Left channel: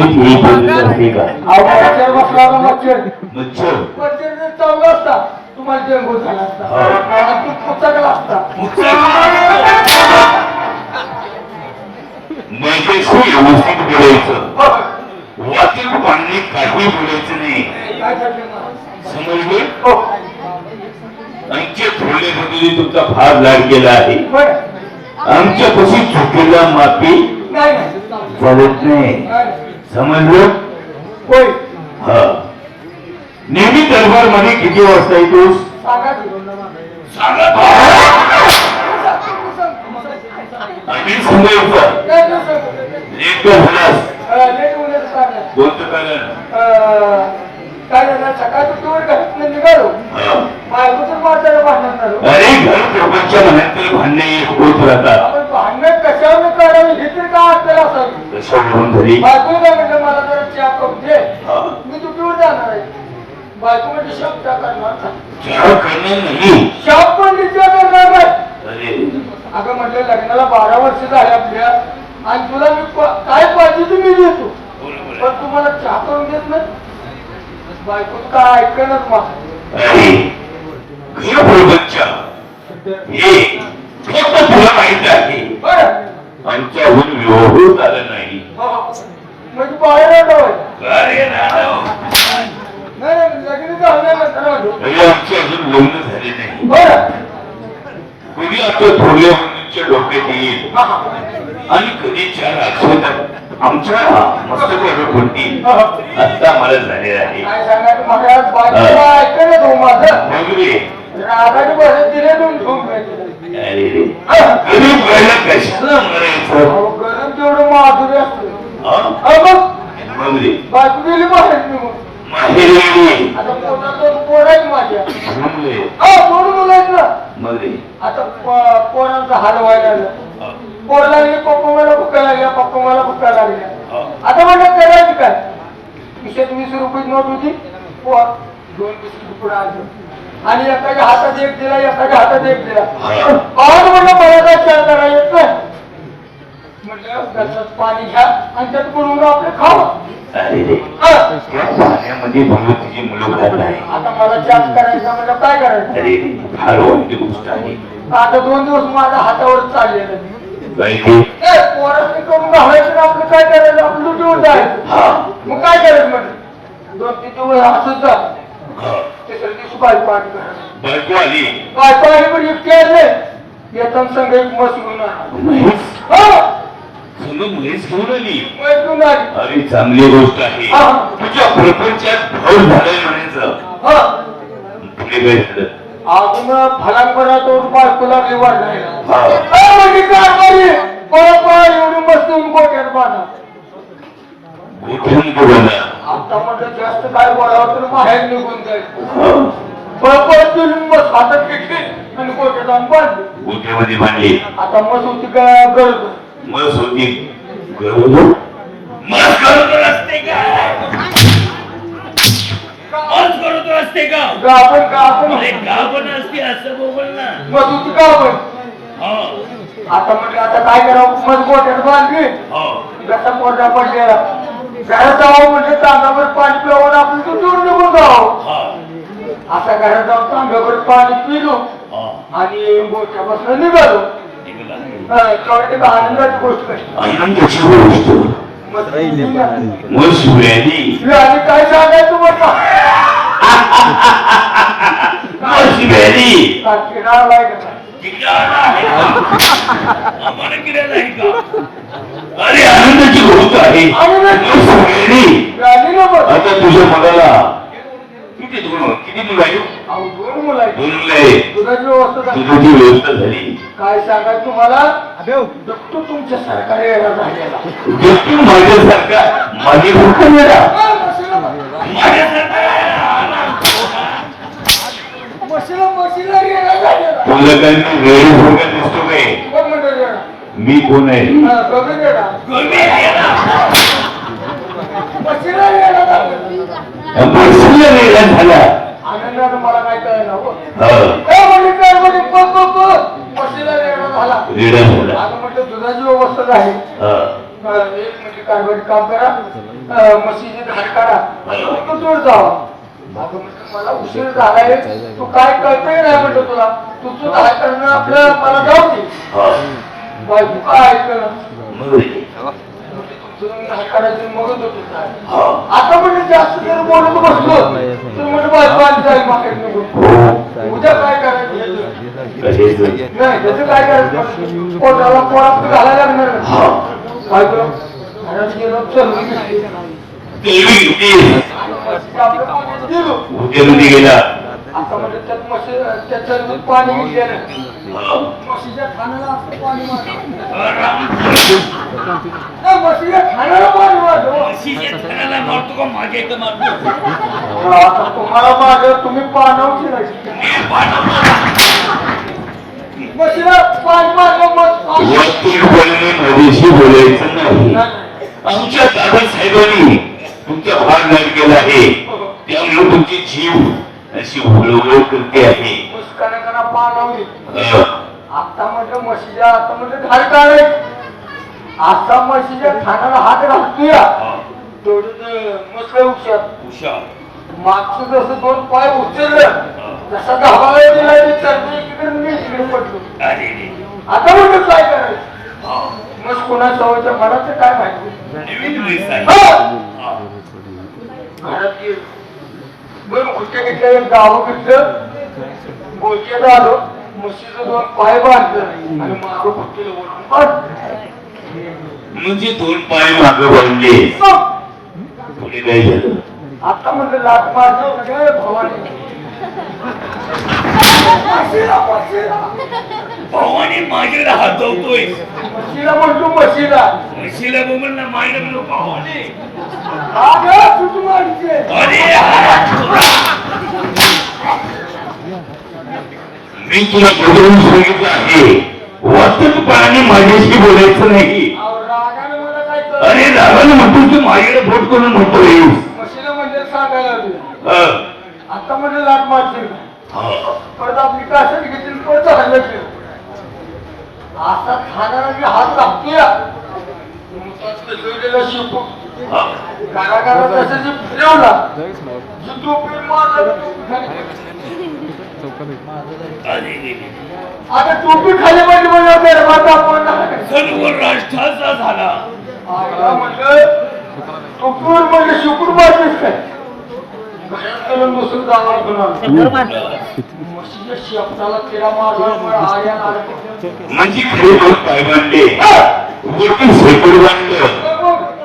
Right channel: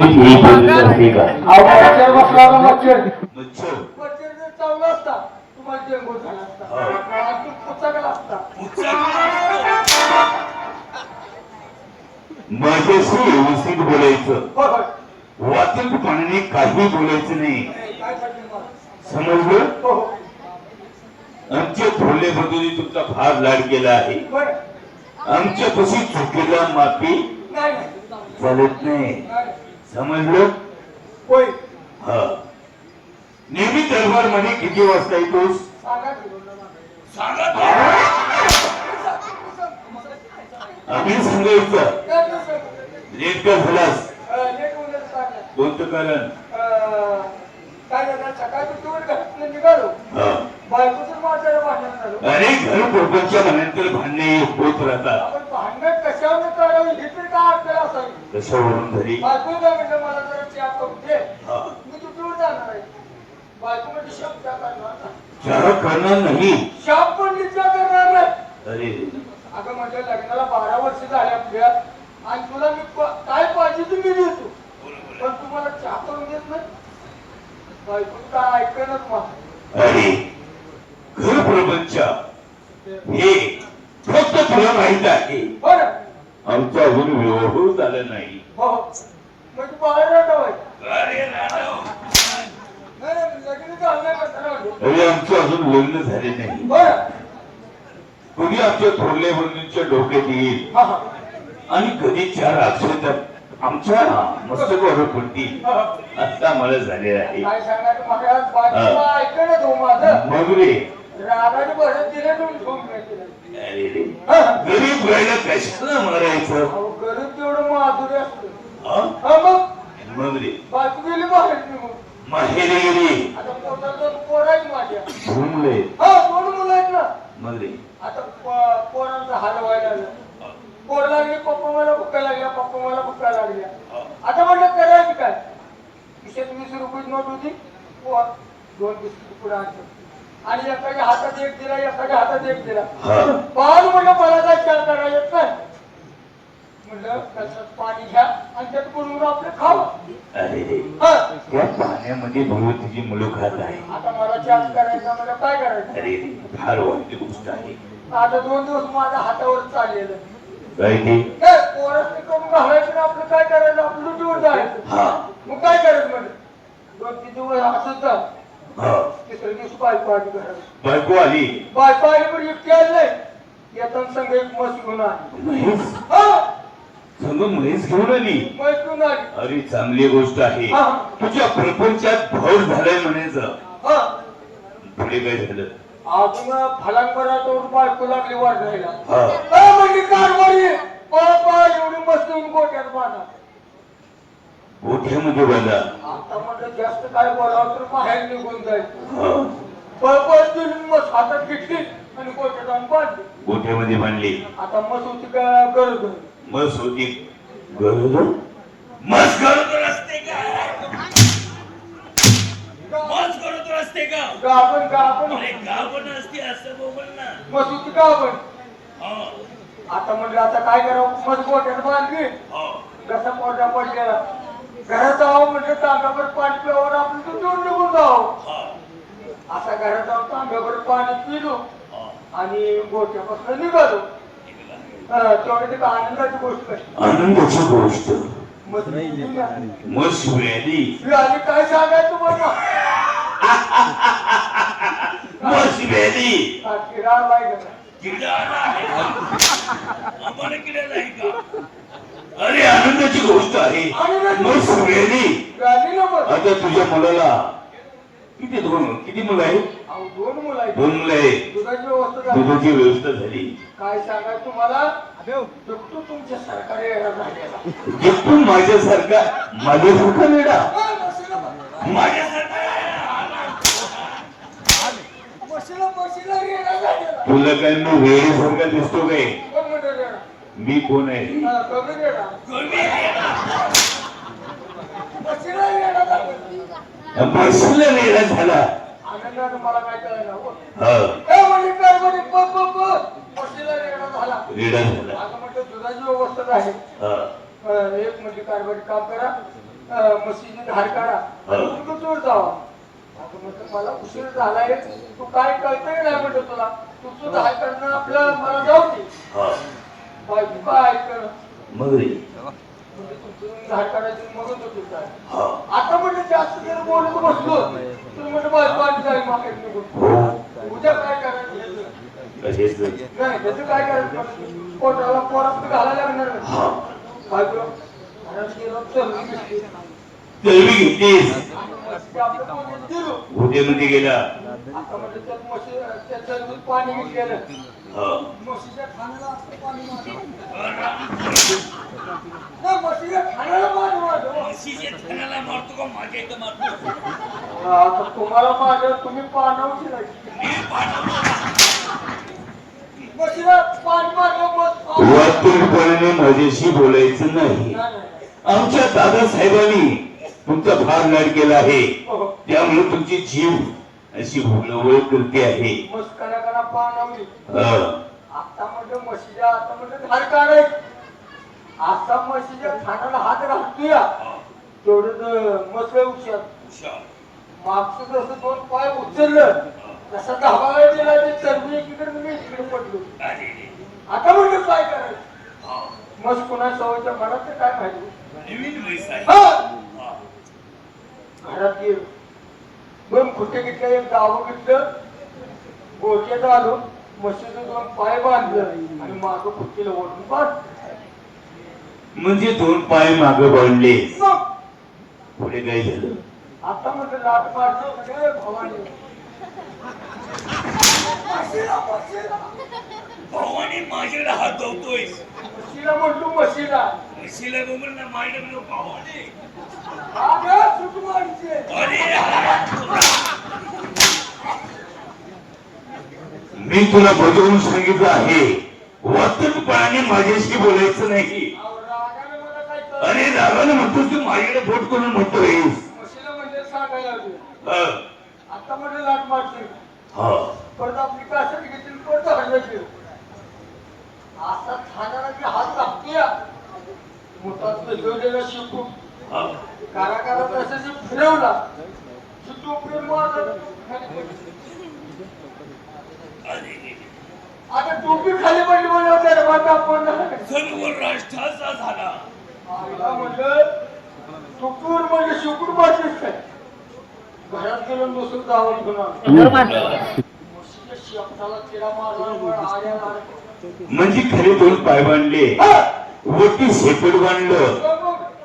नेहमीच ही पद्धत असते का? मच्छर बसला ना मच्छर मच्छर मच्छर जर चावला असता तुम्हाला डेंगू झाला असता आणि तू पुचकला असता मैत्रीशी व्यवस्थित बोलायचं, वाचून पाणी काही बोलायचं नाही, काय झालं मला? समजलं? हो. आमच्या थोरल्या बद्दल तुमचा फार लाड केला आहे. बरं. आमच्या कशी चुकीला माफी नाही नाही. चालत नाही, नाही. समजलं? होय. हा. नेहमी दरबार मध्ये किती वाजता येतोस? सांगा की. आम्ही सांगायचं काय नसतं. लेट का झालास? लेट होण्याचं कारण. कोणतं कारण? काय झालं सकाळी टूर घरातनं निघालो हा. बायकोचं माझ्याला भांडण झालो. अरे घर प्रपंच मनातील भांडणे होत राहतात. आपण भांडण कशावर करावी हे तरी काय आपल्याला असावी. कशावरून झाली? बायको काय म्हटलं मला जरा चहा करून दे. हा. मी टूर जाणार आहे. बायको म्हणजे शब्द करणार नाही. चहा करणार नाही. शॉप पण विचार करणार नाही. अरे अगं म्हटलं लग्नाला 12 वर्ष झाले आपल्या आणि तुला मी काय पाहिजे ते मी देतो पण तुम्हाला चहा करून देत नाही. बायको काय ऐकणच मग. अरे घर प्रपंच हे फक्त तुला माहित आहे. बरं आमचा अजून विवाह झाला नाही. हो म्हणजे बाहेर आलो अरे राव. नाही लग्न झाल्यानंतर आलो. अरे आमचं अजून लग्न झाले नाही. बरं कधी आमच्या थोरल्या मुलींच्या डोक्यात येईल हा हा आणि कधी चार अक्षरात आमच्या मस्तकावर पडतील. आता मला झाले आहे. काय सांगायचं महाराज बायकोला ऐकणच हो माझं. मग रे राधाने बरं दिले दोन ठोक अरे रे गरीब व्हायला कशाला मारायचं? गरम तेवढं माधुरी असतं. मग रे बायको गेली बाहेर निघून. माहेरी गेली. आता पोटात दोन पोरं आहेत माझ्या. म्हणले दोन मुलं आहेत ना. मग रे आता पोरांचा हाल व्हायला लागला. पोर लागली पप्पा मला भुका लागल्या पप्पा मला भुका लागल्या. आता म्हटलं करायचं काय. 20 रुपये नोट होती. पोर 2 बिस्किट पुढे आणलं आणि एकाच्या हातात एक दिला एकाच्या हातात एक दिला. पाहून म्हटलं मला काय विचार करायला येत नाही. म्हटलं गसात पाणी घ्या आणि त्यात बनवून आपलं खावं. अरे रे त्या पाण्यामध्ये भगवतीची मुलं खात आहे. आता मला जास्त करायचं म्हटलं काय करायचं. अरे रे फार वाईट गोष्ट आहे. आता 2 दिवस माझ्या हातावर चाललेलं. काय ते? पोरांनी करून घालायचं आपण काय करायचं आपलं लुटून जायचं. मग काय करायचं म्हणजे 2-3 दिवस असंच झालं. तिसऱ्या दिवशी बायको आली घरात. बायको आली. बायको आली पण इतके आले येताना संघ एक मस घेऊन आला. महेश संग महेश घेऊन आली. मस घेऊन आली. अरे चांगली गोष्ट आहे. तुझ्या प्रपंचात भाऊ झालंय म्हणायचं. पुढे काय झालं? अजून फलांपरातून बायको लागली वाढायला. म्हणजे कारभारी परत एवढी मस्त येऊन गोट्यात बांधा. गोठ्यामध्ये बोला. आता म्हटलं जास्त काय बोलावं तर बाहेर निघून जायचं. परत मस हातात घेतली आणि गोट्यात आणून बांधली. गोठ्यामध्ये बांधली. आता मस होती काय गरज. मस होती गरोदर. मस गरोदर असते का? मस गरोदर असते का? आपण का आपण गाभण असते असं बोल ना. मस होती का आपण. आता म्हटलं आता काय करावं. मस गोट्यात बांधली. कसा पोटा पडलेला घरात जावं म्हणजे तांब्यावर पाणी पिवून आपण दूर निघून जावं. आता घरात जाऊन तांब्यावर पाणी पिलो आणि गोट्यापासून निघालो. तेवढी आनंदाची गोष्ट आहे. आनंदाची गोष्ट. मस व्याधी. आणि काय सांगायचं म्हटलं मस व्याधी. किडा आलाय का. अरे आनंदाची गोष्ट आहे. मस व्याधी. आता तुझ्या मुलाला किती मुलं आहेत? 2 मुलं आहेत. 2 मुलं आहेत. दुधाची व्यवस्था झाली. दुधाची व्यवस्था झाली. काय सांगा तुम्हाला दुखतो तुमच्या सरकारी झालेला. दुखून माझ्यासारखा माझ्यासारखा वेळा तुला काय मी वेळेसारखा दिसतो काय? मी कोण आहे? बसला वेळा झाला. आनंदानं मला काय कळलं रेडा झाला. आता म्हटलं दुधाची व्यवस्था झाली. एक म्हणजे कारभारी काम करा म्हशीची धार काढा तो जोड जावा अगं म्हटलं मला उशीर झालाय तू काय कळतंय नाही म्हटलं तुला तुझं धार करणं आपलं मला जाऊ दे बायको काय ऐकलं म्हणजे तुमचं धार काढायचं मगच होत आता म्हणजे जास्त जर बोलत बसलो तर म्हणजे बायको आली जाईल मार्केट नको उद्या काय करायचं नाही त्याचं काय करायचं पोटाला पोरात घालायला लागणार बायको घरात गेलो चल गेला आता म्हणजे त्यात म्हशी त्याचं दूध पाणी गेलं म्हशीच्या खाण्याला असं पाणी म्हशीच्या खाण्याला पाणी आता तुम्हाला माझं तुम्ही पाणवची नाही म्हशीला पाणी मारलं तुम्ही बोलणे माझ्याशी बोलायचं नाही आमच्या दादासाहेबांनी तुमचा भार नाट केला आहे त्यामुळे तुमची जीव अशी हुळहुळ करते आहे मुस्कानाकडे पाणवली आता म्हटलं म्हशीच्या आता म्हटलं धार काढाय आता म्हशीच्या खाण्याला हात घालतोय तेवढं मस्त हुशार मागचं जसं दोन पाय उचललं जसा धावाला गेला ते चरणी इकडे मी इकडे पडलो आता म्हटलं काय करायचं मग कोणा सवयच्या मनाचं काय माहिती घरात गेलो दोन खुट्टे घेतल्या एक गाव घेतलं गोळक्यात आलो म्हशीचं दोन पाय बांधलं आणि मागं खुट्टीला ओढून काढ म्हणजे दोन पाय मागं बांधले पुढे काय झालं आता म्हटलं लाट मारतो काय भवानी भावाने माझ्याला हातवतोय म्हशीला म्हणतो म्हशीला म्हशीला बोलला मायला म्हणलो भावाने मी तुला बदलून सांगितलं आहे वास्तवपणाने माझ्याशी बोलायचं नाही अरे रागाने म्हणतो तू माझ्याकडे बोट करून म्हणतोय म्हशीला म्हणजे सांगायला आता म्हणजे लाट मारशील परत आपली कासट घेतली परत हल्ल्याची असा खाणारा हात लागतोय मुठात जोडलेला शिवपूट कारागारा तसं जे फिरवला जी टोपी मारला आता टोपी खाली पडली म्हणलं दरबार आपण सर्व राष्ट्राचा झाला आईला म्हटलं टोपीवर म्हणजे शिवपूट मारलीस काय घरात गेलो दुसरं जावं म्हशीच्या शेपटाला किडा मारला म्हणजे खरे दोन पाय बांधले वरती शेपूट बांधलं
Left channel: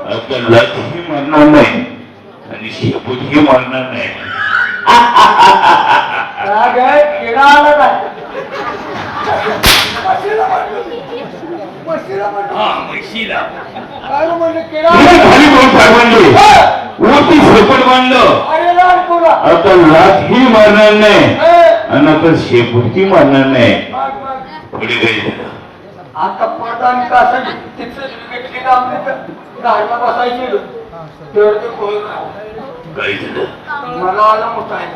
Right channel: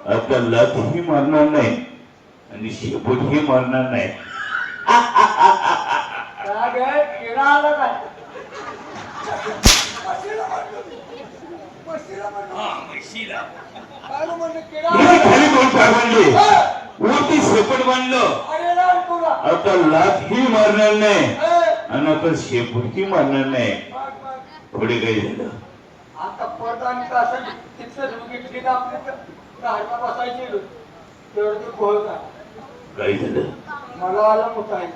आता लाथही मारणार नाही आणि शेपूटही मारणार नाही किडा आला काय म्हशीला काय म्हणलं किडा खाली दोन पाय बांधले वरती शेपूट बांधलं अरे लाल तुला आता लाथही मारणार नाही आणि आता शेपूटही मारणार नाही पुढे काही झालं आता पडदा आणि कासट तिथं घेतली ना आपली गाडीला बसायची तेवढं ते खोल काय झालं मला आला मोठा आहे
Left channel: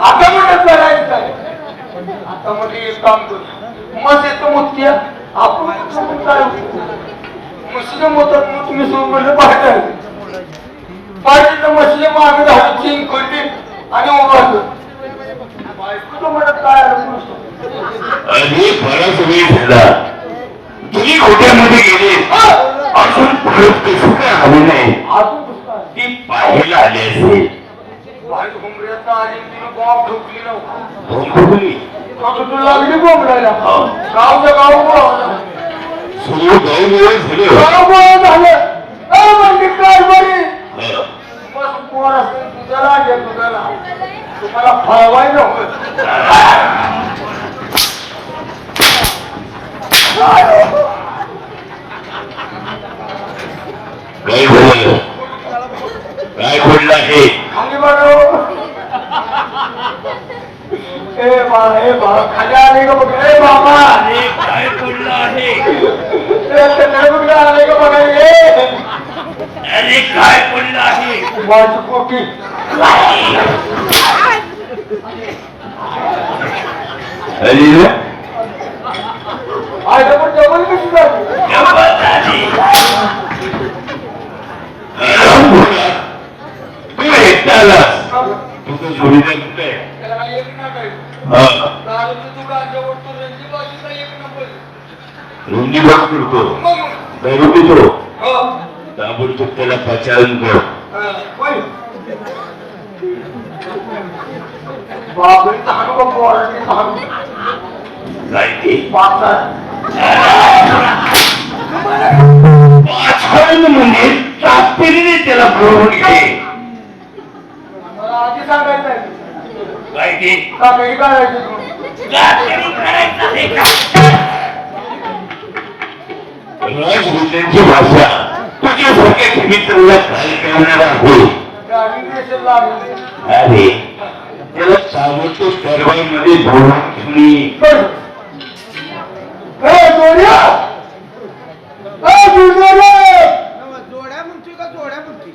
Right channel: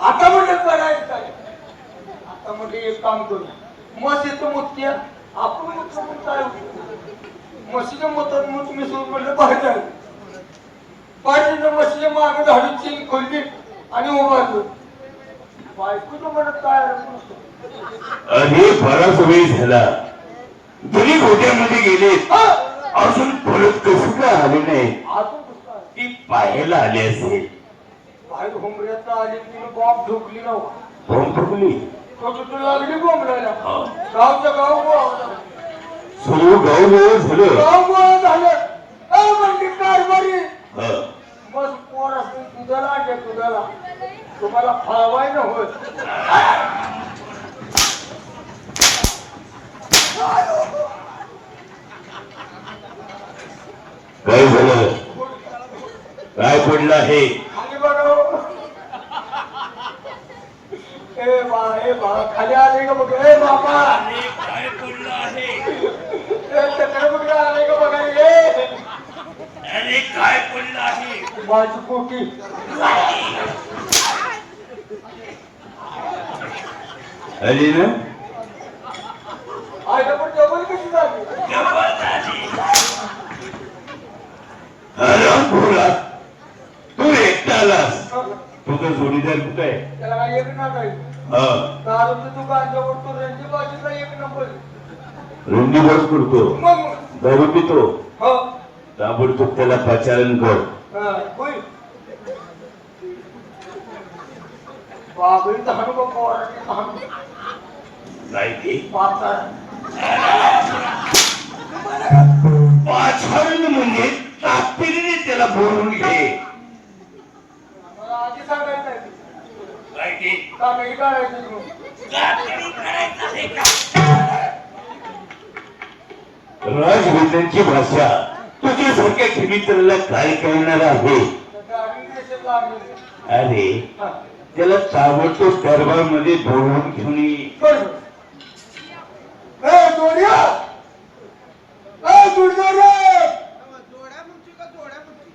आता म्हणत करायचं काय आता म्हणजे एक काम करू मग येतो मुतक्या आपण काय म्हशीच्या मोतात मग तुम्ही सोडून म्हणलं पाहिजे पाहिजे म्हशीच्या मागे झालं चीन खोलली आणि उभारलं बायकोचं म्हणत काय अरे बराच वेळ झाला तुम्ही खोट्यामध्ये गेले अजून परत कसं काय आले नाही अजून कसं ती पाहायला आले असेल बाहेर घुमऱ्यात आली तिने बॉम्ब ठोकली नव्हती भोंगली तू लागली बोंबलायला गावचं गाव बोलावलं सर्व गाव गोळ झालं गाव बोळ झालं म्हणजे काय बरी मग पोर असते तुझ्याला घ्या तुझ्याला तुम्हाला फळवाय नव्हतं काय झालं काय पडलं आहे खाली बघा ए बा खाली आले का बघ ए बाबा काय पडलं आहे आले का बघा अरे काय पडलं आहे माझी कोटी अरे आज आपण डबल कशी झाली एकटा आलास तुझा जोडीदार कुठे आहे? त्याला काही एक नाक आहे. हा दारूचं दुकान जवळ तो रणजीबाजीचा एक नंबर. रुंदी बघ करतो मग दारू पितो हो ताबडतोब त्याला पाचारण कर. होय. बाबरीचा हाणू बघ पोरांचा हाणू. काय ते पाचा. पाचारण म्हणजे तात्पर्याने त्याला बरोबर घे. मला आधी सांगायचं आहे. काय ते का काही करायचं तू? राजवंशांची भाषा तुझ्यासारख्या मित्राला काय करणार आहे? गाडी देशात लागली. अरे त्याला ताबडतोब दरबारमध्ये बोलून घेऊन ये. जोड्या जोड्या म्हणतोय का जोड्या म्हणतोय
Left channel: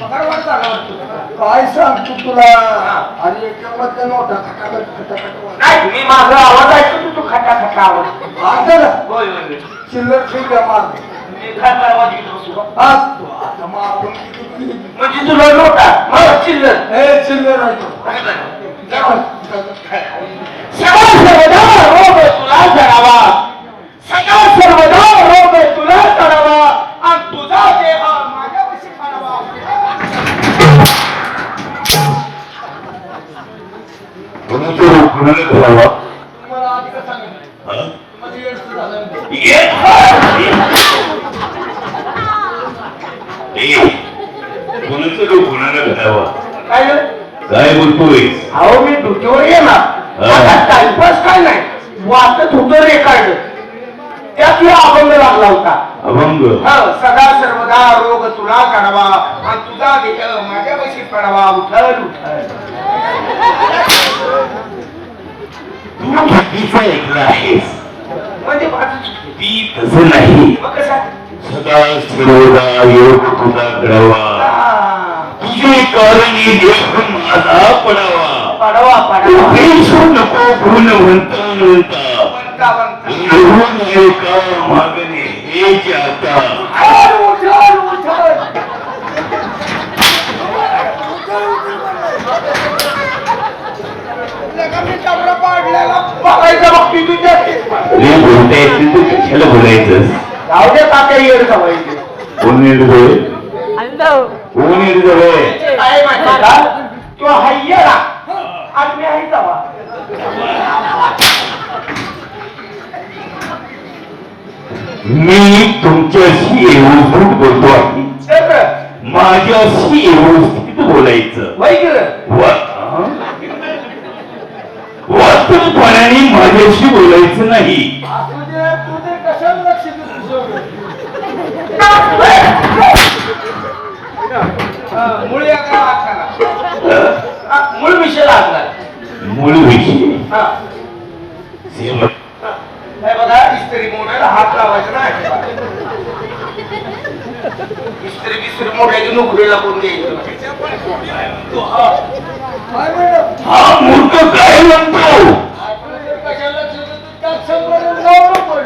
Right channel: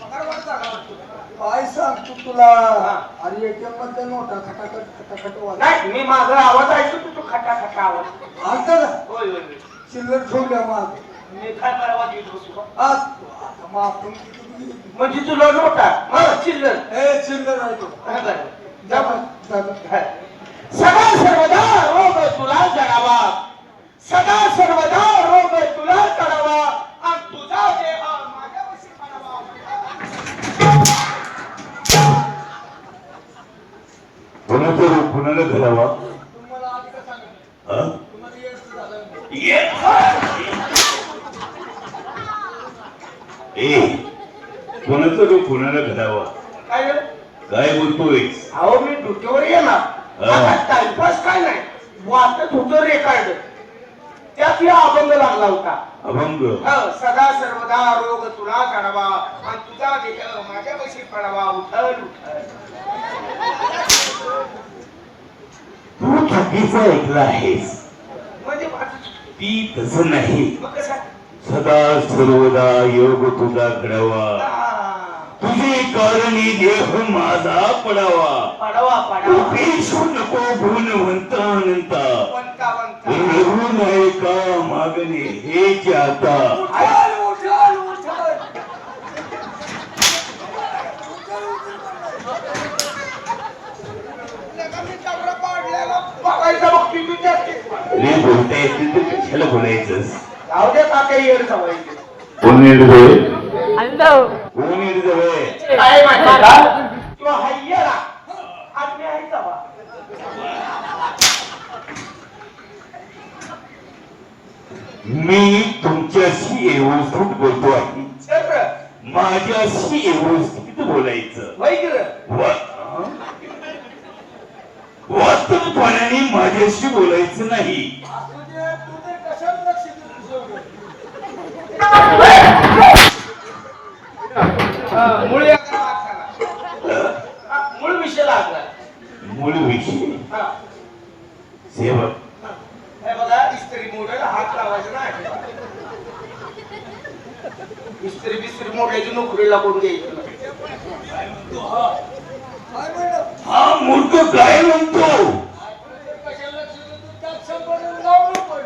पगारवाढ चालला वाटतो. काय सांगतो तुला आणि याच्यामध्ये नोटा खटाखट खटाखट वाजत. नाही मी माझा आवाज ऐकतो तू खटा खटा आवाज आता ना होय होय होय. चिल्लर ठेवून द्या माग. मी खाता आवाज येत बसू आज तू आता मग आपण किती घेतली? म्हणजे तुला नोटा मग चिल्लर ए चिल्लर आहे तो. जा बघ, जा, जा. सदा सर्वदा रोग तुला जडावा सदा सर्वदा रोग तुला जडावा आणि तुझा देह माझ्यापाशी पाडावा. कोणाचा रोग कोणाला करावा? तुम्हाला आधी का सांगितलं? हा? तुम्हाला येडचं झालं. कोणाचा रोग कोणाला करावा? काय रे? काय बोलतोय? अहो मी ड्युटीवर येणार आता टाइमपास काय नाही वाचत होतं रेकॉर्ड त्यात ही अभंग लागला होता. अभंग सदा सर्वदा रोग तुला काढावा आणि तुझा देह माझ्यापाशी पडावा उठल उठल. तू चुकीचं ऐकलं आहेस. म्हणजे माझं चुकलं. ती तसं नाही. मग कसं? सदा सर्वदा योग तुझा करावा तुझे कारणी देह माझा पडावा. पडावा पडावा भेसू नको गुणवंत म्हणता म्हणता म्हणता निघून आहे का मागणे हे जे आता उठल, उठल, उठल. बघायचं बघ तू हे बोलता येतील तर कशाला बोलायचंस? जाऊ दे काका येड सवायचे कोण येडजवळ कोण येडजवळ काय माहिती का तो हाय्यरा आणि मी आहे जावा. मी तुमच्याशी व्यवस्थित बोलतो आहे. माझ्याशी व्यवस्थित बोलायचं. वय गेलं वास्तवपणाने माझ्याशी बोलायचं नाही. असू दे, तू ते कशाला लक्ष देतो? मूळ या गावात मूळ विषय लागला. मूळ विषय हा. सेवक हे बघा इस्त्री मोडायला हात लावायचा ना अजिबात. इस्त्री बिस्त्री मोडायची नोकरीला कोण द्यायचं. काय म्हणलं? हा मूर्ख काय म्हणतो? आपण जर कशाला लक्ष देतो, त्यात संपर्क लावलं पण.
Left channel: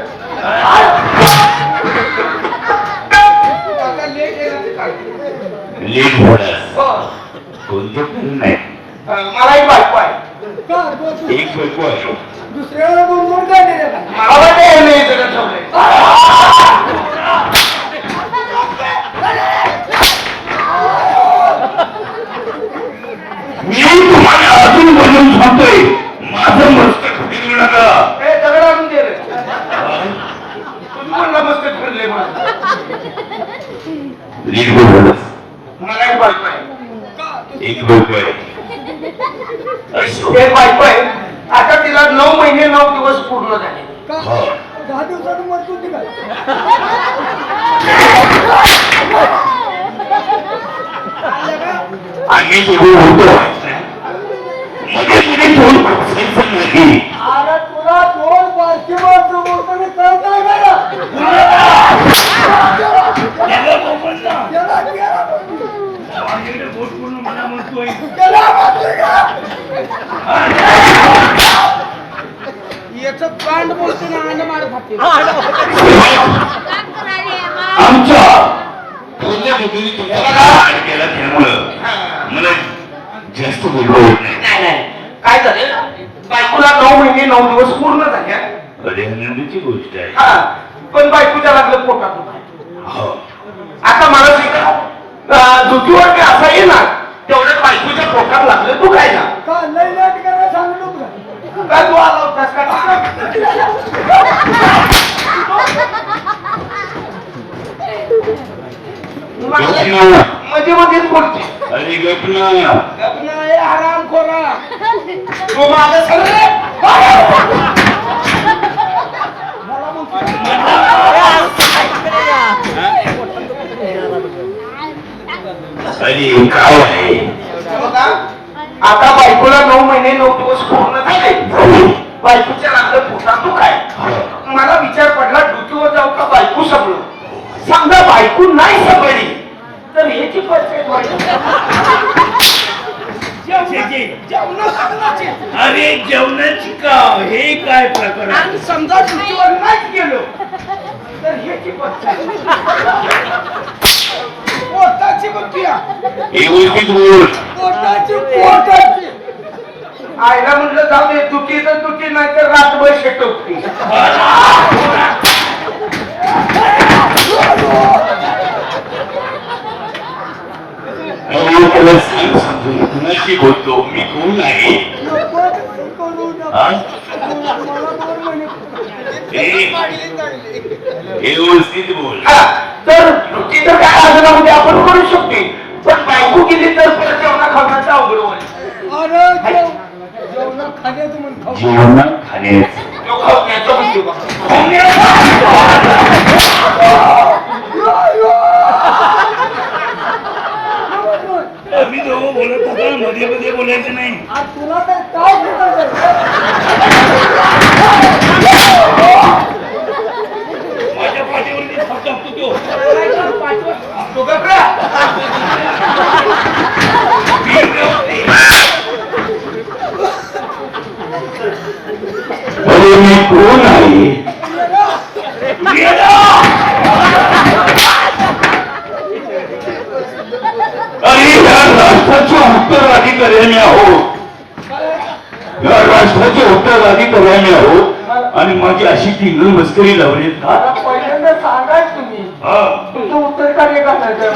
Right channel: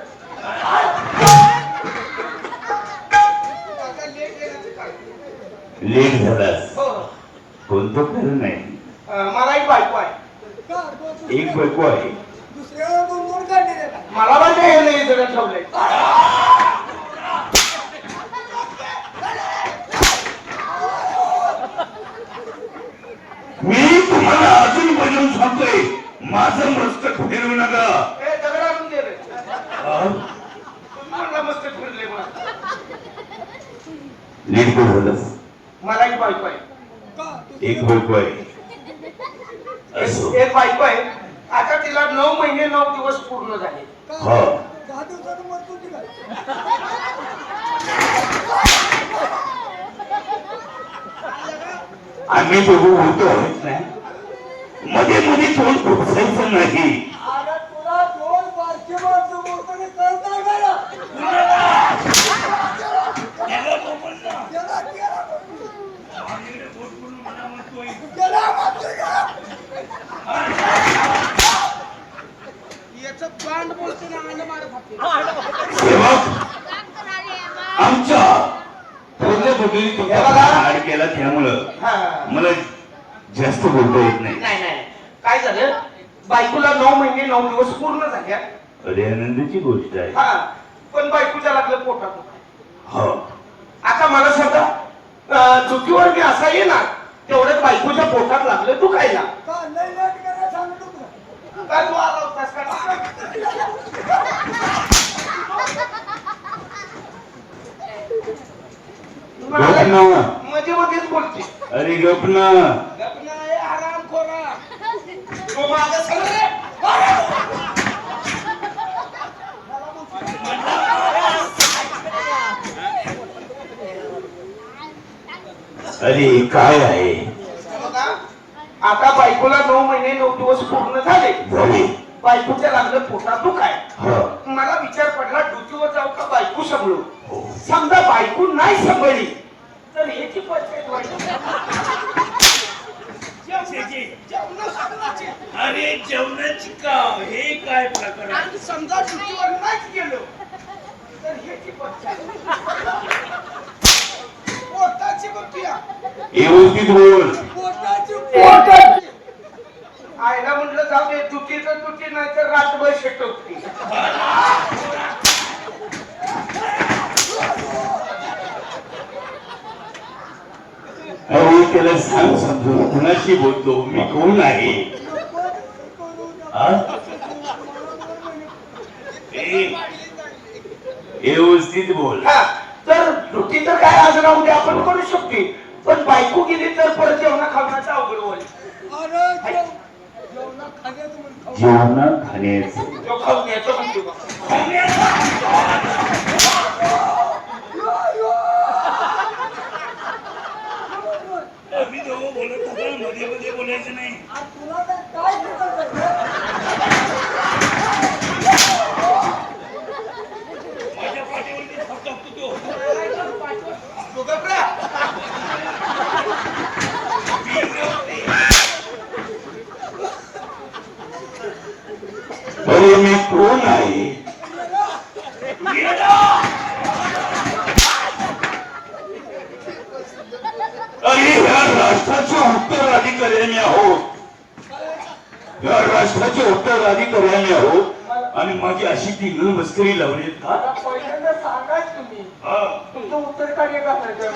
आता लेट येणार ते काय? लेट झालास हो. कोणतं कारण आहे? मला एक बायको आहे. का? तू एक बायको आहे. दुसऱ्याला दोन दोन काय दिले का? मला वाटतं हे नाही जरा ठेवलंय. मी तुम्हाला अजून बोलून सांगतोय माझं मस्तक फिरवू नका. हे दगड आणून दे रे. तुम्ही म्हणला मस्त फिरले मला. लेट झालास. मला एक बायको आहे. एक बायको आहे. असो. एक बायको आहे. आता तिला 9 महिने 9 दिवस पूर्ण झाले. का? हा. 10 दिवसात मरतो ती काय? आम्ही दोघे होतो मध्ये मध्ये तोंड खुपसायचं नाही. अरे तुला दोन बारकी माणसं बोलताना कळत नाही का रे? गेला, गेला. गेला, मारतोय का? याचं कांड बोलते ना अंड मार खाते. आमच्या पूर्ण बुद्धीने तुमचा हे बघा. आड केला त्यामुळं हा. मला जास्त बोलता येत नाही. नाही नाही काय झालं बायकोला 9 महिने 9 दिवस पूर्ण झाल्या अरे आनंदाची गोष्ट आहे. हा पण बायकोच्या लागलं पोटात दुखायला. हो आता मला सांगा जुतीवर मी असा येणार तेवढ्यात बायकोच्या पोटात लागलं दुखायला का लय लेट करायला सांगू नको का? काय तू आला होतास का गपना. मध्ये मध्येच बोलते अरे गपना. गपना हे हराम खोरा तू माझं सगळं अरे काय आहे बघा, आता बायकोला 9 महिने 9 दिवस पूर्ण झाले बायकोच्या लागलं पोटात दुखाय मला विचार पडला डुटीवर जाऊ का बायको सांभाळू समजा बायको नाही सांभाळली तर ह्याची परिस्थिती अरे जेवणाची का हे काय प्रकार आहे? आणि समजा डुटीवर नाहीच गेलो तर ह्याची परिस्थिती पोटाची बघूया व्यवस्थित बोल. पोटाची आईला म्हटलं जाऊ दे दुखी तर दुखी नाही तर रातभर शेटवती अरे त्याला सांग समजून कुणाशी बोलतो मी कोण आहे हा? ए, व्यवस्थित बोल. तर दुखी तर काय असं उद्या आपण करू शकते पण बायको गेली तर परत जेवणा खाण्याचं अवघड होईल अरे जेवणा खाण्याचं म्हण खाऊ जेवण खाण्याचं तो खाण्याचं म्हणतो का आम्ही दोघं बोलत होतो मध्ये मध्ये बोलायचं नाही. आज तुला तर काय करत माझ्या पाठीवरती हात टाकतो तो. तो गप्रा. अरे मी कोण आहे अरे या राष्ट्राचे उत्तराधिकारी आम्ही आहोत या राष्ट्राचे उत्तराधिकारी आम्ही आहोत आणि माझी अशी टिंगल मस्करी लावली का पहिल्यांदा सांगाय तुम्ही हा. तुमचं उत्तर कार्य करायचं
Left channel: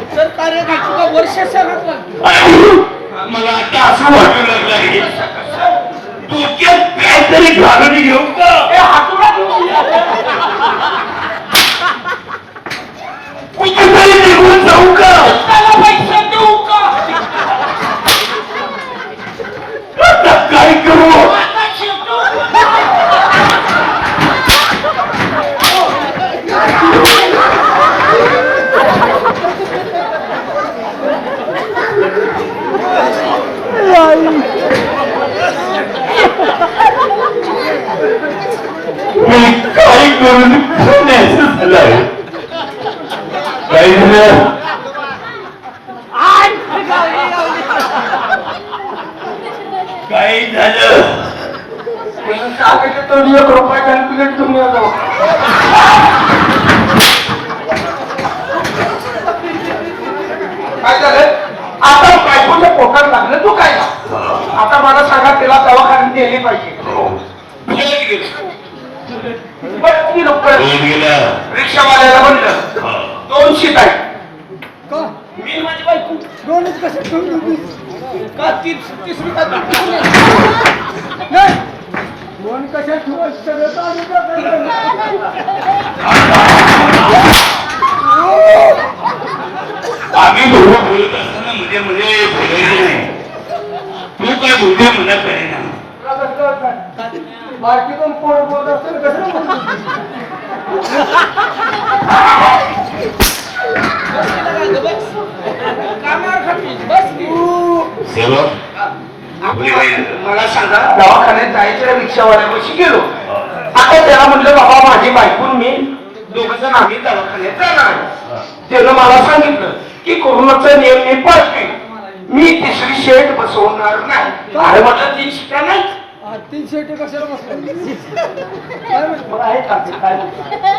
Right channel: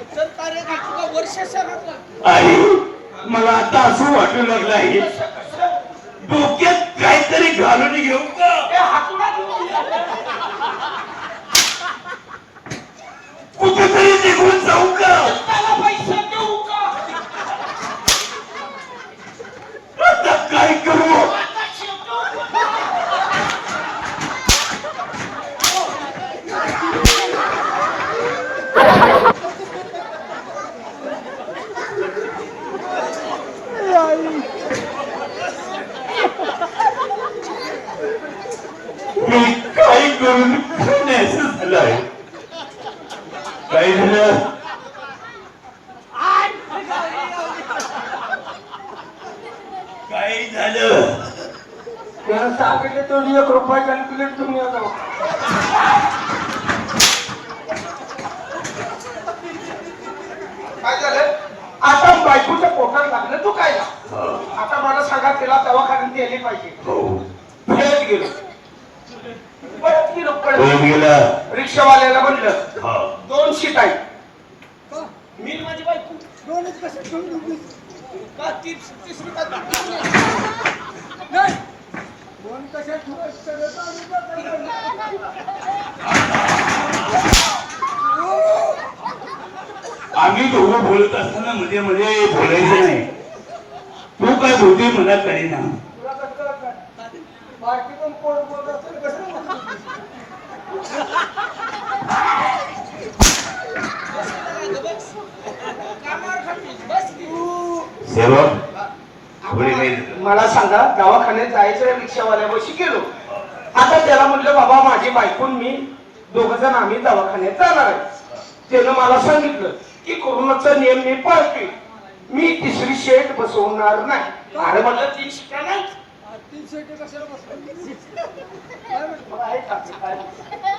उत्तर कार्य करतो का वर्ष सगळं लागतं आणि मला आता असं वाटू लागलं आहे डोक्यात काहीतरी घालून घेऊ का कुठेतरी निघून जाऊ का आता काय करू मी काय करून पुण्याचं झालंय काय झालं काय झालं त्यानं सांगितलं तो 1 रुपया कॅल्क्युलेट तुम्ही जाऊ काय झालं आता बायकोच्या पोटात लागलं तू काय आता मला सांगा त्याला दवाखान्यात नेली पाहिजे घेऊन गेलो कोण गेला रिक्षावाल्याला म्हणलं हा. 2 शीट आहे का मी आणि माझी बायको दोनच कसे ठेवून का तिसरी का नाही दोन कशा ठेवायचं सगळं चालू आम्ही दोघं बोलत असताना मध्ये मध्ये बोलायचं नाही तू काय बोलते मला कळेना बाकी पण पोट बोलत असेल कसं सेवक बोले काय मला सांगा दवाखान्यात जायच्या रिक्षावाल्यापाशी गेलो आता त्याला म्हटलं बाबा माझी बायकून मी 2 जण आम्ही दवाखान्यात जाणार आहे. त्यानं मला सांगितलं की कोरोनाचा नियम मी पाळतोय मी 3री शेड बसवणार नाही अरे म्हटलं 3 शिटा नाही तीन शेट कशाला बसला काय म्हणतो मग आहे का ते काय?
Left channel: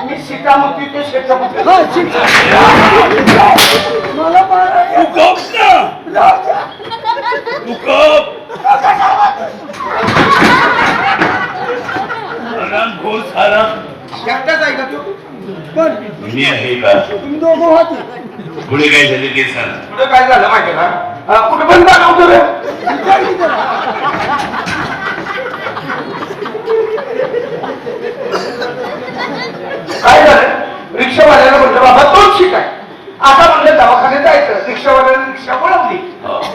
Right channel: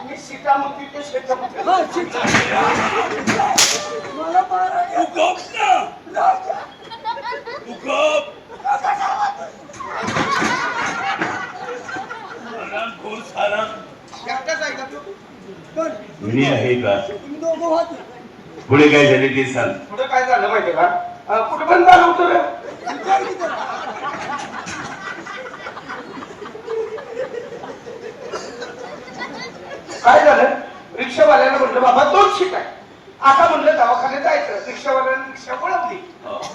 मी सीटा म्हणते ते शेट म्हणते. हा शिट मला मारा तू गप ना तू गप आराम घोष आराम एकटाच आहे का तू? पण मी आहे का तुम्ही दोघं होते पुढे काय झाले ते सांग. पुढे काय झालं माहितीये का? कुठे पण झालं होतं रे? विचार की त्याला काय झालं? रिक्षावाल्याला म्हटलं बाबा तोच शिक आहे. आता म्हणलं दवाखान्यात जायचं. रिक्षावाल्याने रिक्षा वळवली.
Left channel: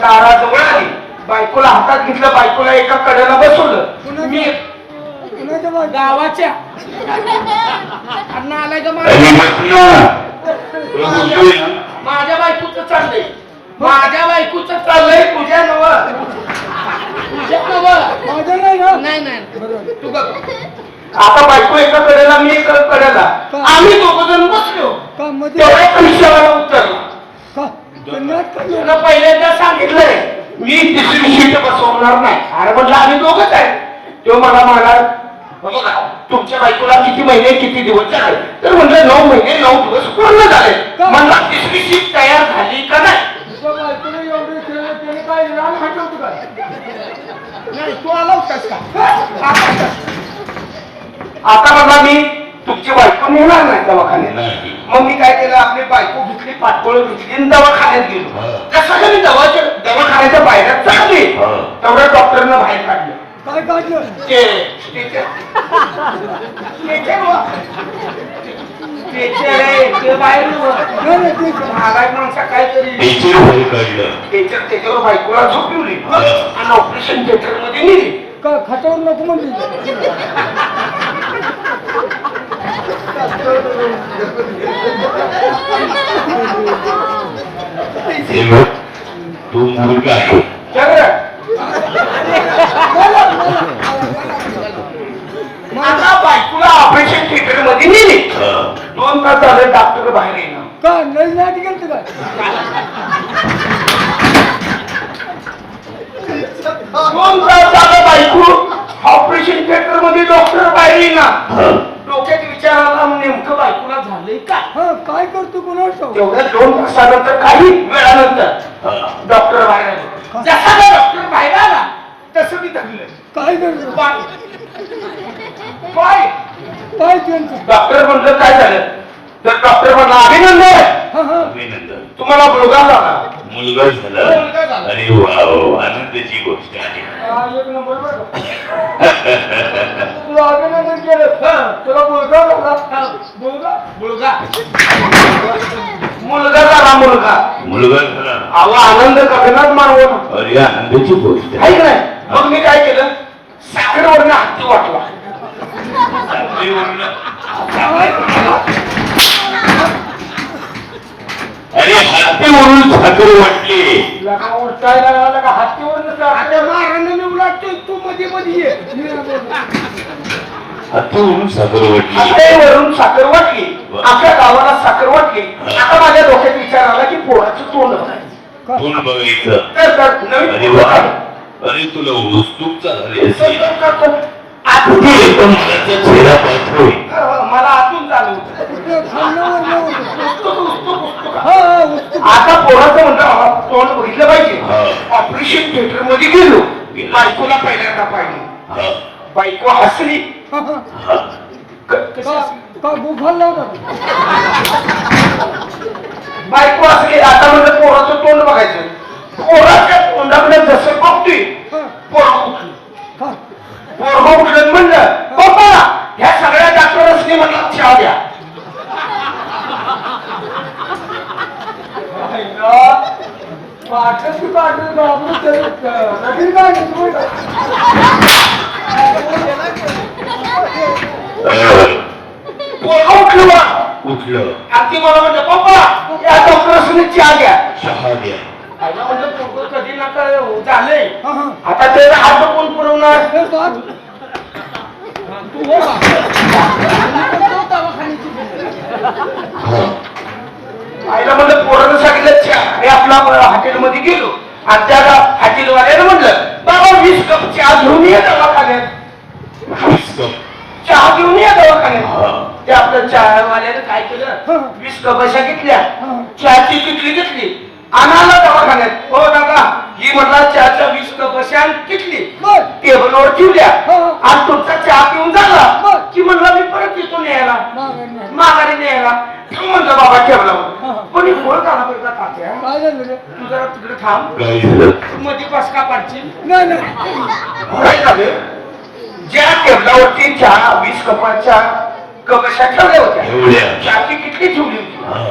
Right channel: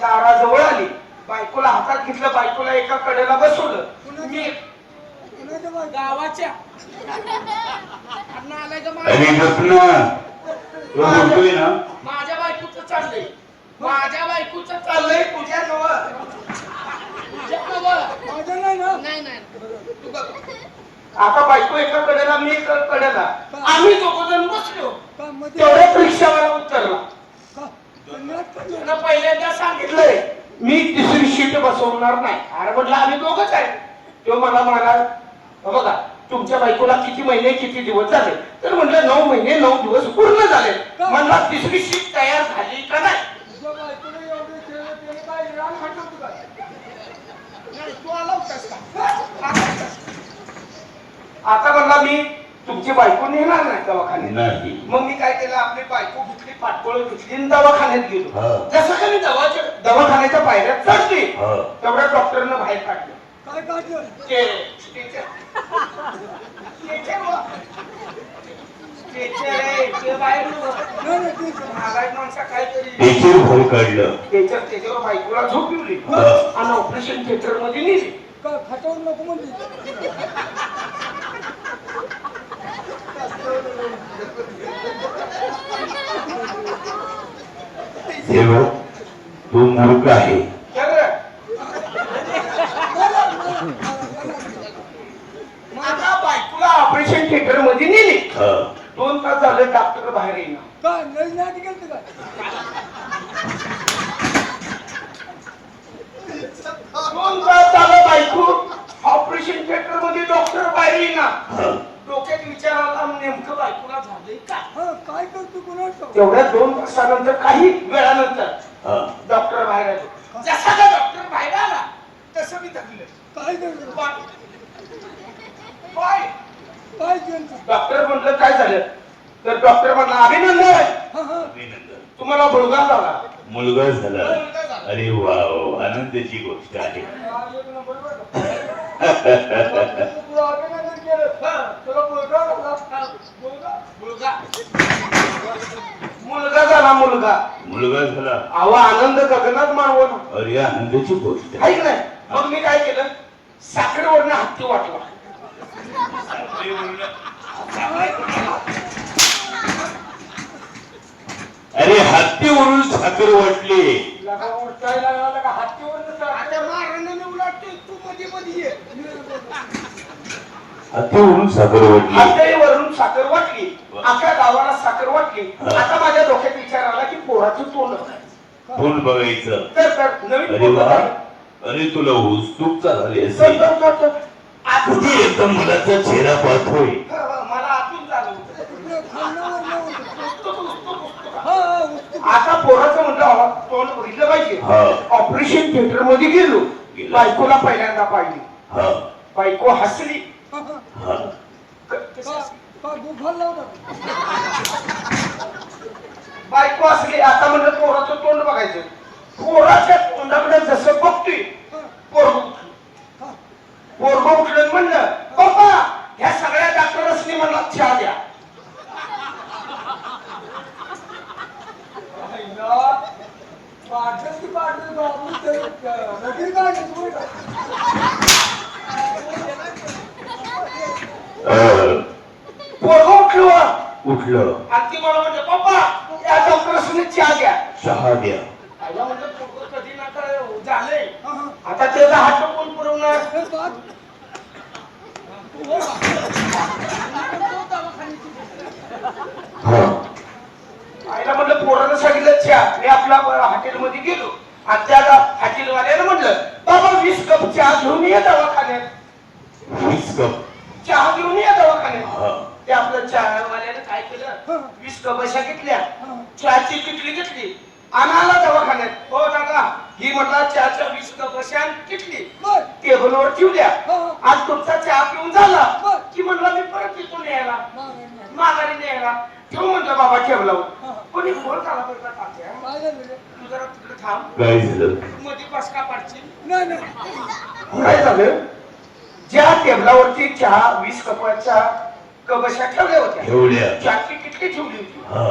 दाराजवळ आली. बायकोला हातात घेतलं. बायकोला एका कडेला बसवलं. मी कुणाच्या बाजूला? गावाच्या आलाय का अरे बस ना. तो बोलतोय ना. माझ्या बायकोचं चाललंय. माझ्या बायकोचं चाललंय तुझ्या नव तुझ्या नव माझ्या नाही ना नाही नाही बरोबर तू बघ. आता बायको एका कडेला मी एका कडेला आम्ही दोघ जण बसलो. का मध्ये तेवढ्या रिक्षावाला उतरला. का कन्यात काढलं त्यानं पहिल्यांदा सांगितलंय मी तिसरी सीट बसवणार नाही. अरे म्हटलं आम्ही दोघच आहे. तो मला म्हणाला बघा तुमच्या बायकोला किती महिने किती दिवस झाले? तर म्हटलं 9 महिने 9 दिवस पूर्ण झाले. म्हणला तिसरी सीट तयार झाली का नाही? तुझ्या बायकोने एवढे खेळले त्याने काय रान हटवतो काय नाही तू आला होतास का? आता बघा मी तुमची बायको नेणार नाही दवाखान्यात. नाही. मग मी काय केलं आपली बायको घेतली पाठपोळ घेतली आणि दवाखान्यात गेलो. हा. जसं का मी दवाखान्याच्या बाहेर चढली हा. तेवढ्या डॉक्टरनं बाहेर काढलं. काय काढलं ते बाहेर नाही नाही ते महागाई माणसा काहीतरी टीचर बाहेर काढलं. त्याच्यावर बायकोला झोपवली हा. आणि ऑपरेशन थिएटर मध्ये नेली. का खाटावर नको म्हणते हे बघ, तू मूर्ख आहे. तर आता बायकोला ऑपरेशन थिएटर मध्ये नेली. हा. 2 तास झाले डॉक्टर बाहेर येणार. का नाही नाटी गेलं काय 2 तास झालं बायको ऑपरेशन थिएटर मध्ये डॉक्टर बाहेर येणार. हा. डोक्यात विचार आला नेमकं बायकोला झालंय काय? हा काय करतो कोणाला ठाऊक? तेवढ्या 2 तासानंतर काही वेळानंतर हा. डॉक्टर बाहेर आले. जसा का डॉक्टर बाहेर आला तसं मी धरलं काय करतो पाय पाय. काय त्यांचं डॉक्टर म्हटलं काय झालं? तर डॉक्टर म्हणला अभिनंदन हा हा अभिनंदन. तुम्हाला मुलगा झाला. मुलगा झाला. मुलगा झाला. अरे वा वा, आनंदाची गोष्ट आहे. हा, एक नंबर बरं का? तुला अभिनंदन केलं तुला मुलगा झाला मुलगा मुलगा मुलगा झाला. मुलगा झाला. अहो आनंद गगनात मानव ना. अरे आनंदाची गोष्ट आहे. आहे की नाही? मग मी काय केलं साखरेवरनं हत्ती वाटला. अरे हत्तीवरून साखर वाटली. लगा उलटायला लागला का हातीवर आता महाराजांना मी उलटतोय तू मध्ये मध्ये ये. हत्तीवरून साखर वाटली. हत्तीवरून साखर वाटली. अख्या गावाला साखर वाटली. आता माझ्या डोक्यात विचार आला की पोराचं तोंड बघायचं. तोंड बघायचं. तर नवीन अरे पोरं वा, आहे. अरे तुला उत्सुकता झाली तर- असेल. तर- तर- तर. तुझे एकदम मुलाचा चेहरा पाहतोय. मला आतून चालू होतं. खाल्ल्यावर पुस्तक, पुस्तक, पुस्तक. हा हा उत्तम. आता पोराचं म्हणलं बाबा तोंड बघितलं पाहिजे. हा. ऑपरेशन थिएटर मध्ये गेलो. बायकोला पहिल्यांदा पाहिली. हा. बायको हसली. हा, हा. हा. कशी का हसली? का गुफाला होता बायको हसली. आता म्हणलं पोराचं तोंड बघायचं. पोराच्या तोंडाकडे जसं बघतोय पोरग उठलं. हा पोरग उठलं म्हणलं पप्पा ह्या सगळ्या डॉक्टरसनी म्हणला चहा द्या. पाठच तू काढलं बाबू नवीन काय घेतो पोरग उठलं उठलं. आणि ती मला म्हणलं पप्पा या डॉक्टरसनी चहा द्या. चहा द्या. आईला म्हणलं पोरग कधी नका झालंय. हा हा आता त्याचा हात कोण पुरवणार? हे बात तू हो बा दवाखान्याची हा. आईला म्हणलं पोरानं सांगितलं चहा. मी आपला हॉटेलमध्ये गेलो आणि त्या हॉटेलवाल्यानं म्हणलं बाबा 20 कप चहा घेऊन ये दवाखान्यात. 20 कप. चहा घेऊन ये दवाखान्यात. हा. ते आपल्या चहावाल्यानं काय केलं 20 कप अशा घेतल्या, चहाची किटली घेतली, आणाला दवाखान्यात. हो दादा, ही म्हटला चहाच्या 20 कप अशा किटली टेबलवर ठेवल्या आणि तुमचा चहा पिऊन झाला की म्हणला मी परत येतो न्यायला, माघारी न्यायला. ठेव म्हणलं बाबा टेबलावर. पण गोळ झाला बरं का तात्या. काय झालं रे? तू जरा तिकडे थांब, काय झालं? मध्ये बसका पाडशील. नाही नाही. काय झालं, ज्या टेबलावरती चहा 20 कपाच्या कपशा ठेवल्या होत्या, एवढ्या चहाची किटली ठेवली होती हा.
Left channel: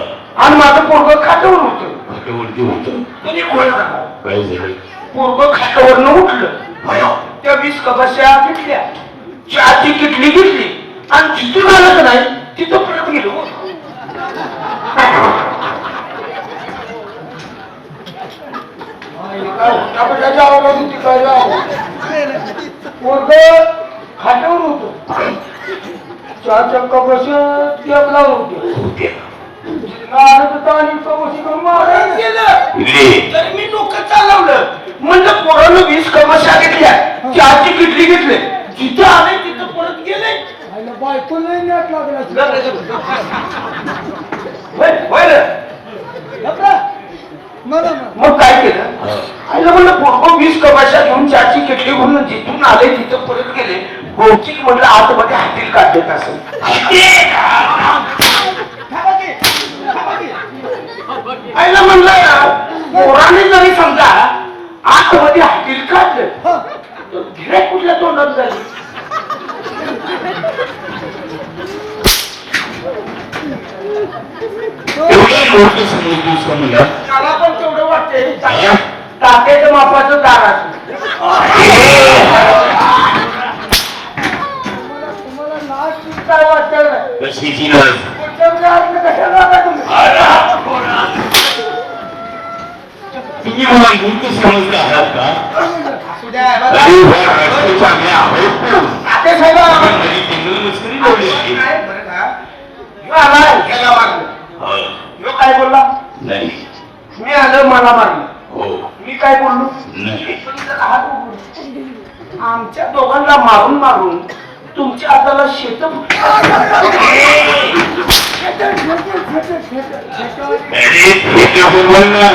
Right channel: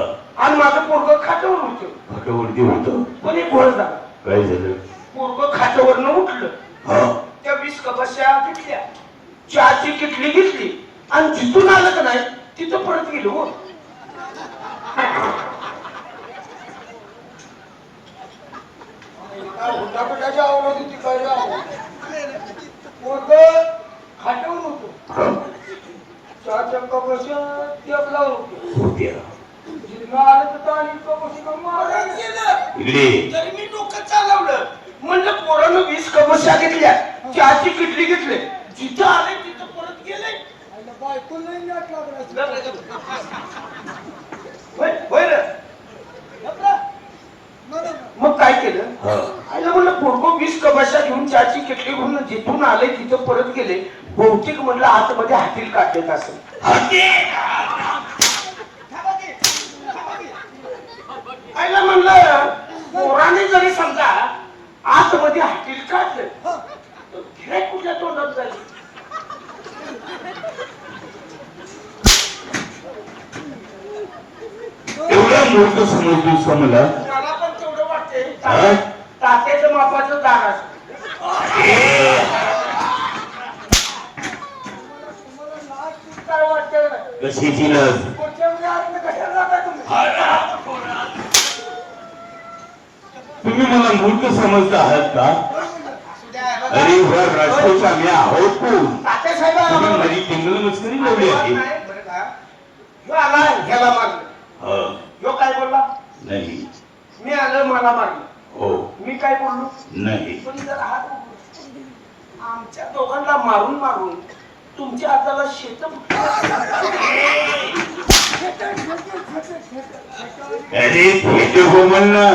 आणि माझं पोरग खात्यावर होतं. खाटावरती होतं. कोणी गोळ झाला, काय झालं? पोरग खात्यावरनं उठलं. हा. त्या 20 कपाशा घेतल्या, चहाची किटली घेतली आणि जिथून आलं का नाही तिथं परत गेलो. हो. खाट्यावर होतो, चहाच्या कपशा टेबलावर होते. होत्या. आलं तर ताणी कपशी करून मारायला गेलं. इकडे तरी मी डोकं चालवलं, म्हणलं पोरानं 20 कपाशा घेतल्या, चहाची किटली घेतली, जिथे आले तिथं परत गेले. आईला बायको लई नाट लागला. होय रे. मला मग काय केलं, हा. आईला म्हणलं पोरगं 20 कपाशा घेऊन चहाची किटली घेऊन जिथून आले तिथं परत गेले. बहुतेक म्हणलं आतमध्ये हातील काढलेत असेल. आईला म्हणलं पोराने जरी समजा आतमध्ये हातील काढलं तर गिऱ्हाईक कुठल्या तोंडात झाली. एवढा मूर्ख समजतोस का मला? मला पण तेवढं वाटतंय. हा? तात्याच्या मापाचं दार असं. तुम्हाला लाज काय वाटत? कशीची लाज? कशाला आता तुम्ही? तुम्ही मला मूर्ख समजत आहात का? अरे ह्या राष्ट्राच्या आम्ही आहोत कोण? तात्या साहेब तुम्ही माझी टिंगल मस्करी लावली आहे. ह्याला मारलं. हा. ह्यो काय बोलला, नाही. मी आलं मला मारलं. हो. मी काय बोललो, नाही. पण जरा हात उघडून. आमच्या दोघांना मारून मारून तुमच्या हाताला शेत अरे फेटे बोल ना.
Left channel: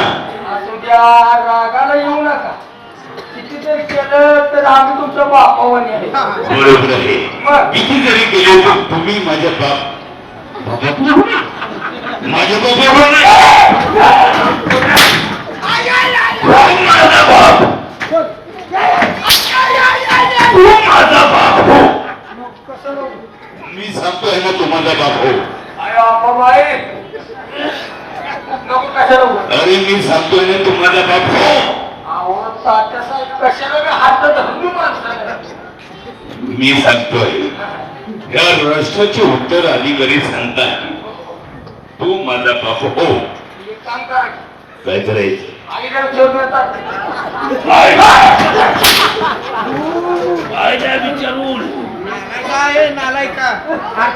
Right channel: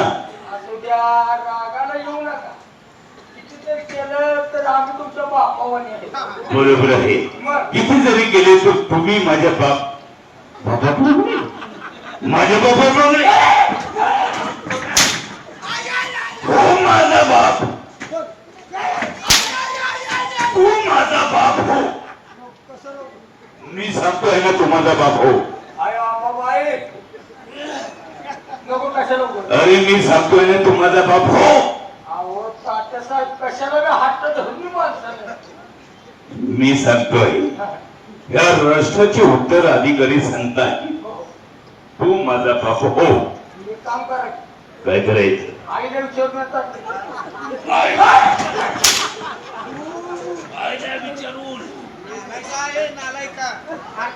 असू द्या, रागाला येऊ नका. किती जर केलं तर आम्ही तुमच्या बापावाने आहे. बरोबर आहे. किती जरी केले तर तुम्ही माझ्या बाप माझ्या बापावर नाही. हो माझा बाप, तू माझा बाप हो. कसं नको? मी सांगतोय ना तू माझा बाप हो. अरे बाई, नको कशाला उघड? अरे मी सांगतोय ना तू माझा बाप हो. अहो तात्या साहेब, कशाला बी हात धरून माणसाला? मी सांगतोय या राष्ट्राचे उत्तराधिकारी सांगताय तू माझा बाप हो. एक काम करा, काय करायचं? आईला विचारून येतात. आईला विचारून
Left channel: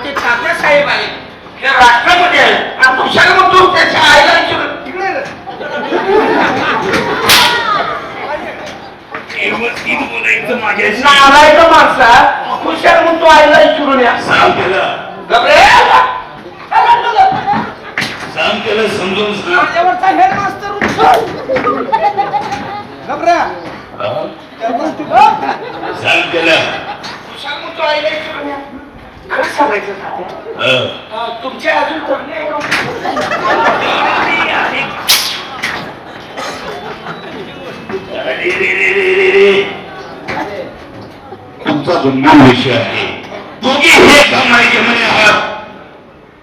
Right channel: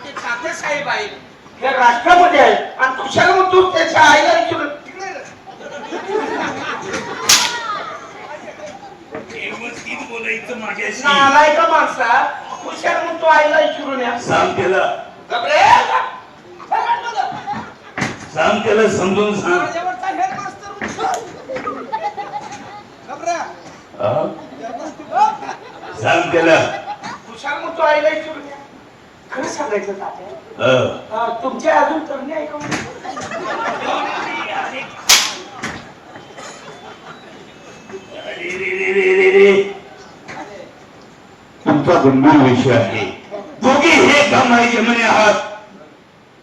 ते तात्या साहेब आहेत, हे राष्ट्रामध्ये आहेत आणि तुझ्याला मग तू त्याच्या आईला विचारून तिकडे रे. व्यवस्थित बोलायचं माझ्याशी. नालायक माणसा, हुशार मग तू आईला विचारून या. सांग त्याला, गबरे, सांग त्याला समजून सांग. माझ्यावरचा हेडमास्तर गबऱ्या, हा? सांग त्याला. हुशार मग तू आईला विचारून या. खरं सांगायचं तात्या, हा. तुमचे अजून तरुणी आहे का? अरे रे रे रे रे रे. तुमचा गंभीर विषय आहे. दोघे हे कामाचे म्हणे आहात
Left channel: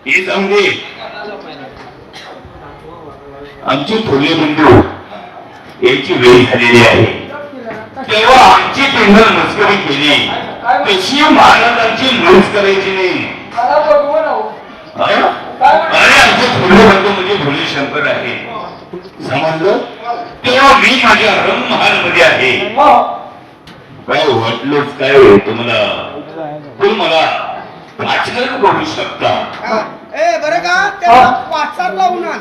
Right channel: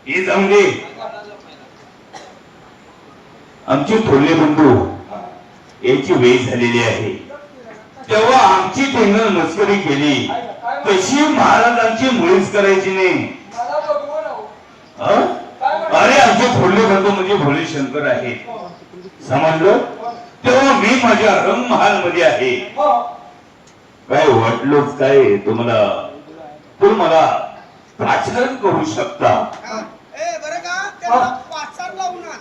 हे जाऊन दे. आमचे थोरले बंधू याची वेळ झालेली आहे. तेव्हा आमची टेंडर मस्करी केली तशी महाराजांची मुळीच करायची नाही. मला बघवून आहो. हा? अरे आमचे थोरले बंधू म्हणजे भोळे शंकर आहे. समजलं? तेव्हा मी माझ्या रंगमहाल मध्ये आहे. काय वाटलंच काय तुम्हाला? तुम्हाला पाचन करू शकता. बरं का, त्याला पाचार लावून आण.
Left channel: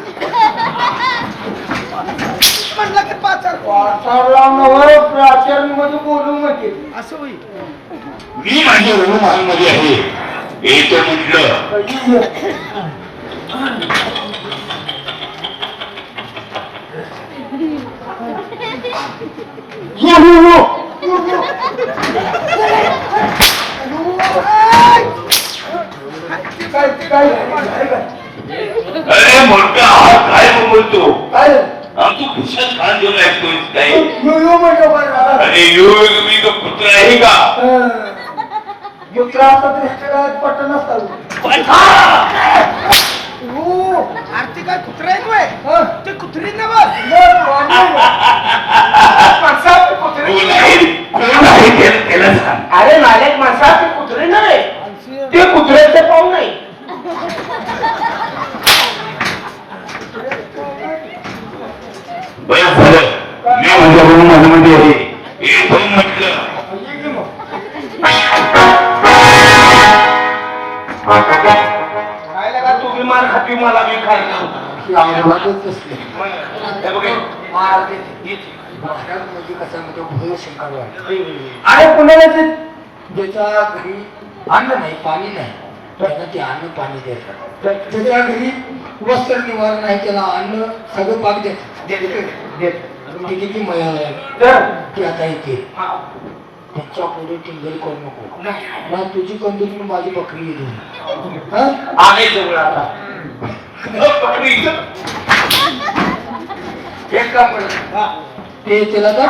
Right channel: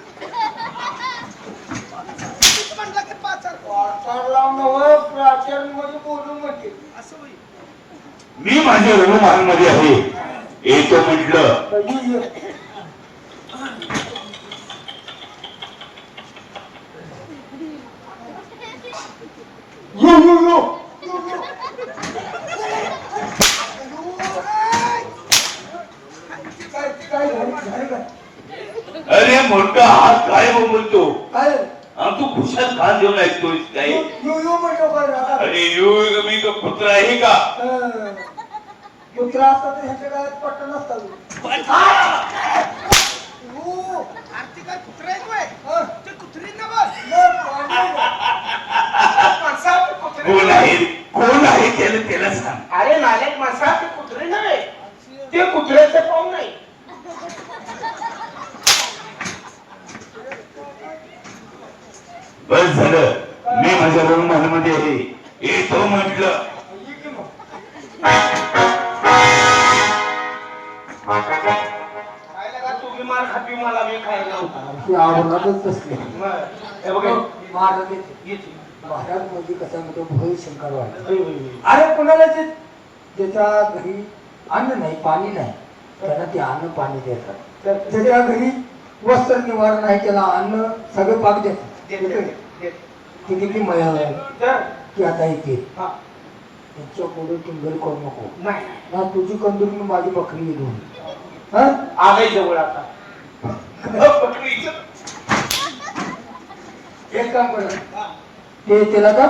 म्हटलं की पाचार वाचार लावून प्राचार्य मध्ये गेली. असं होईल. मी माझ्या रणमहाल मध्ये आहे येतो म्हटलं. कधी ये. यो, यो, यो. यो, यो. काय काय झालं? काय? अरे मोठा हा काय बोलतो काय तू खुशात खान देऊन ऐकतोय काय? यो यो म्हणतो काय झालं? अरे यो मी का कुत्रा आहे का? युत्रा असता तर ह्याच्या काळात पट्ट नसतात. हो. आरती काय कुत्रा आहे काय? हं. ते कुत्री ना बघ. मग वाढलं. माणसा ते कुत्रे कोण आहे कोण आहे त्याला सांग. अरे नालेक माणसा ते कुत्रे नव्हे, ते कुत्र्याचे पाहू नाही. बस झालं मी माझ्या रणमहाल मध्ये आहे येतो म्हटलं. ये की मग. खायला का तू बी मार खाती मला बी खायला ही आवडतच नसते. हे बघ हे. महाराज येते. महाराज म्हणजे कसं म्हणजे भोय शंकर वाटत. अरे कुणालाच ज्याच्या घरी अन्न नाही पाणी नाही त्यांना ते अन्न पाणी देतात. ज्याच्या घरी वस्त्र निवारण आहे त्याला अन्न सगळं पाक देतात. ते किती मिळालं तर ते आता येते. हा. त्यांच्या पुढे टिंगल करू नको. नाही ना तुझी कंदूर माझी बकरी येईल. हा आले जवळ आता बकरीचं. एक काम कर ते त्याला तर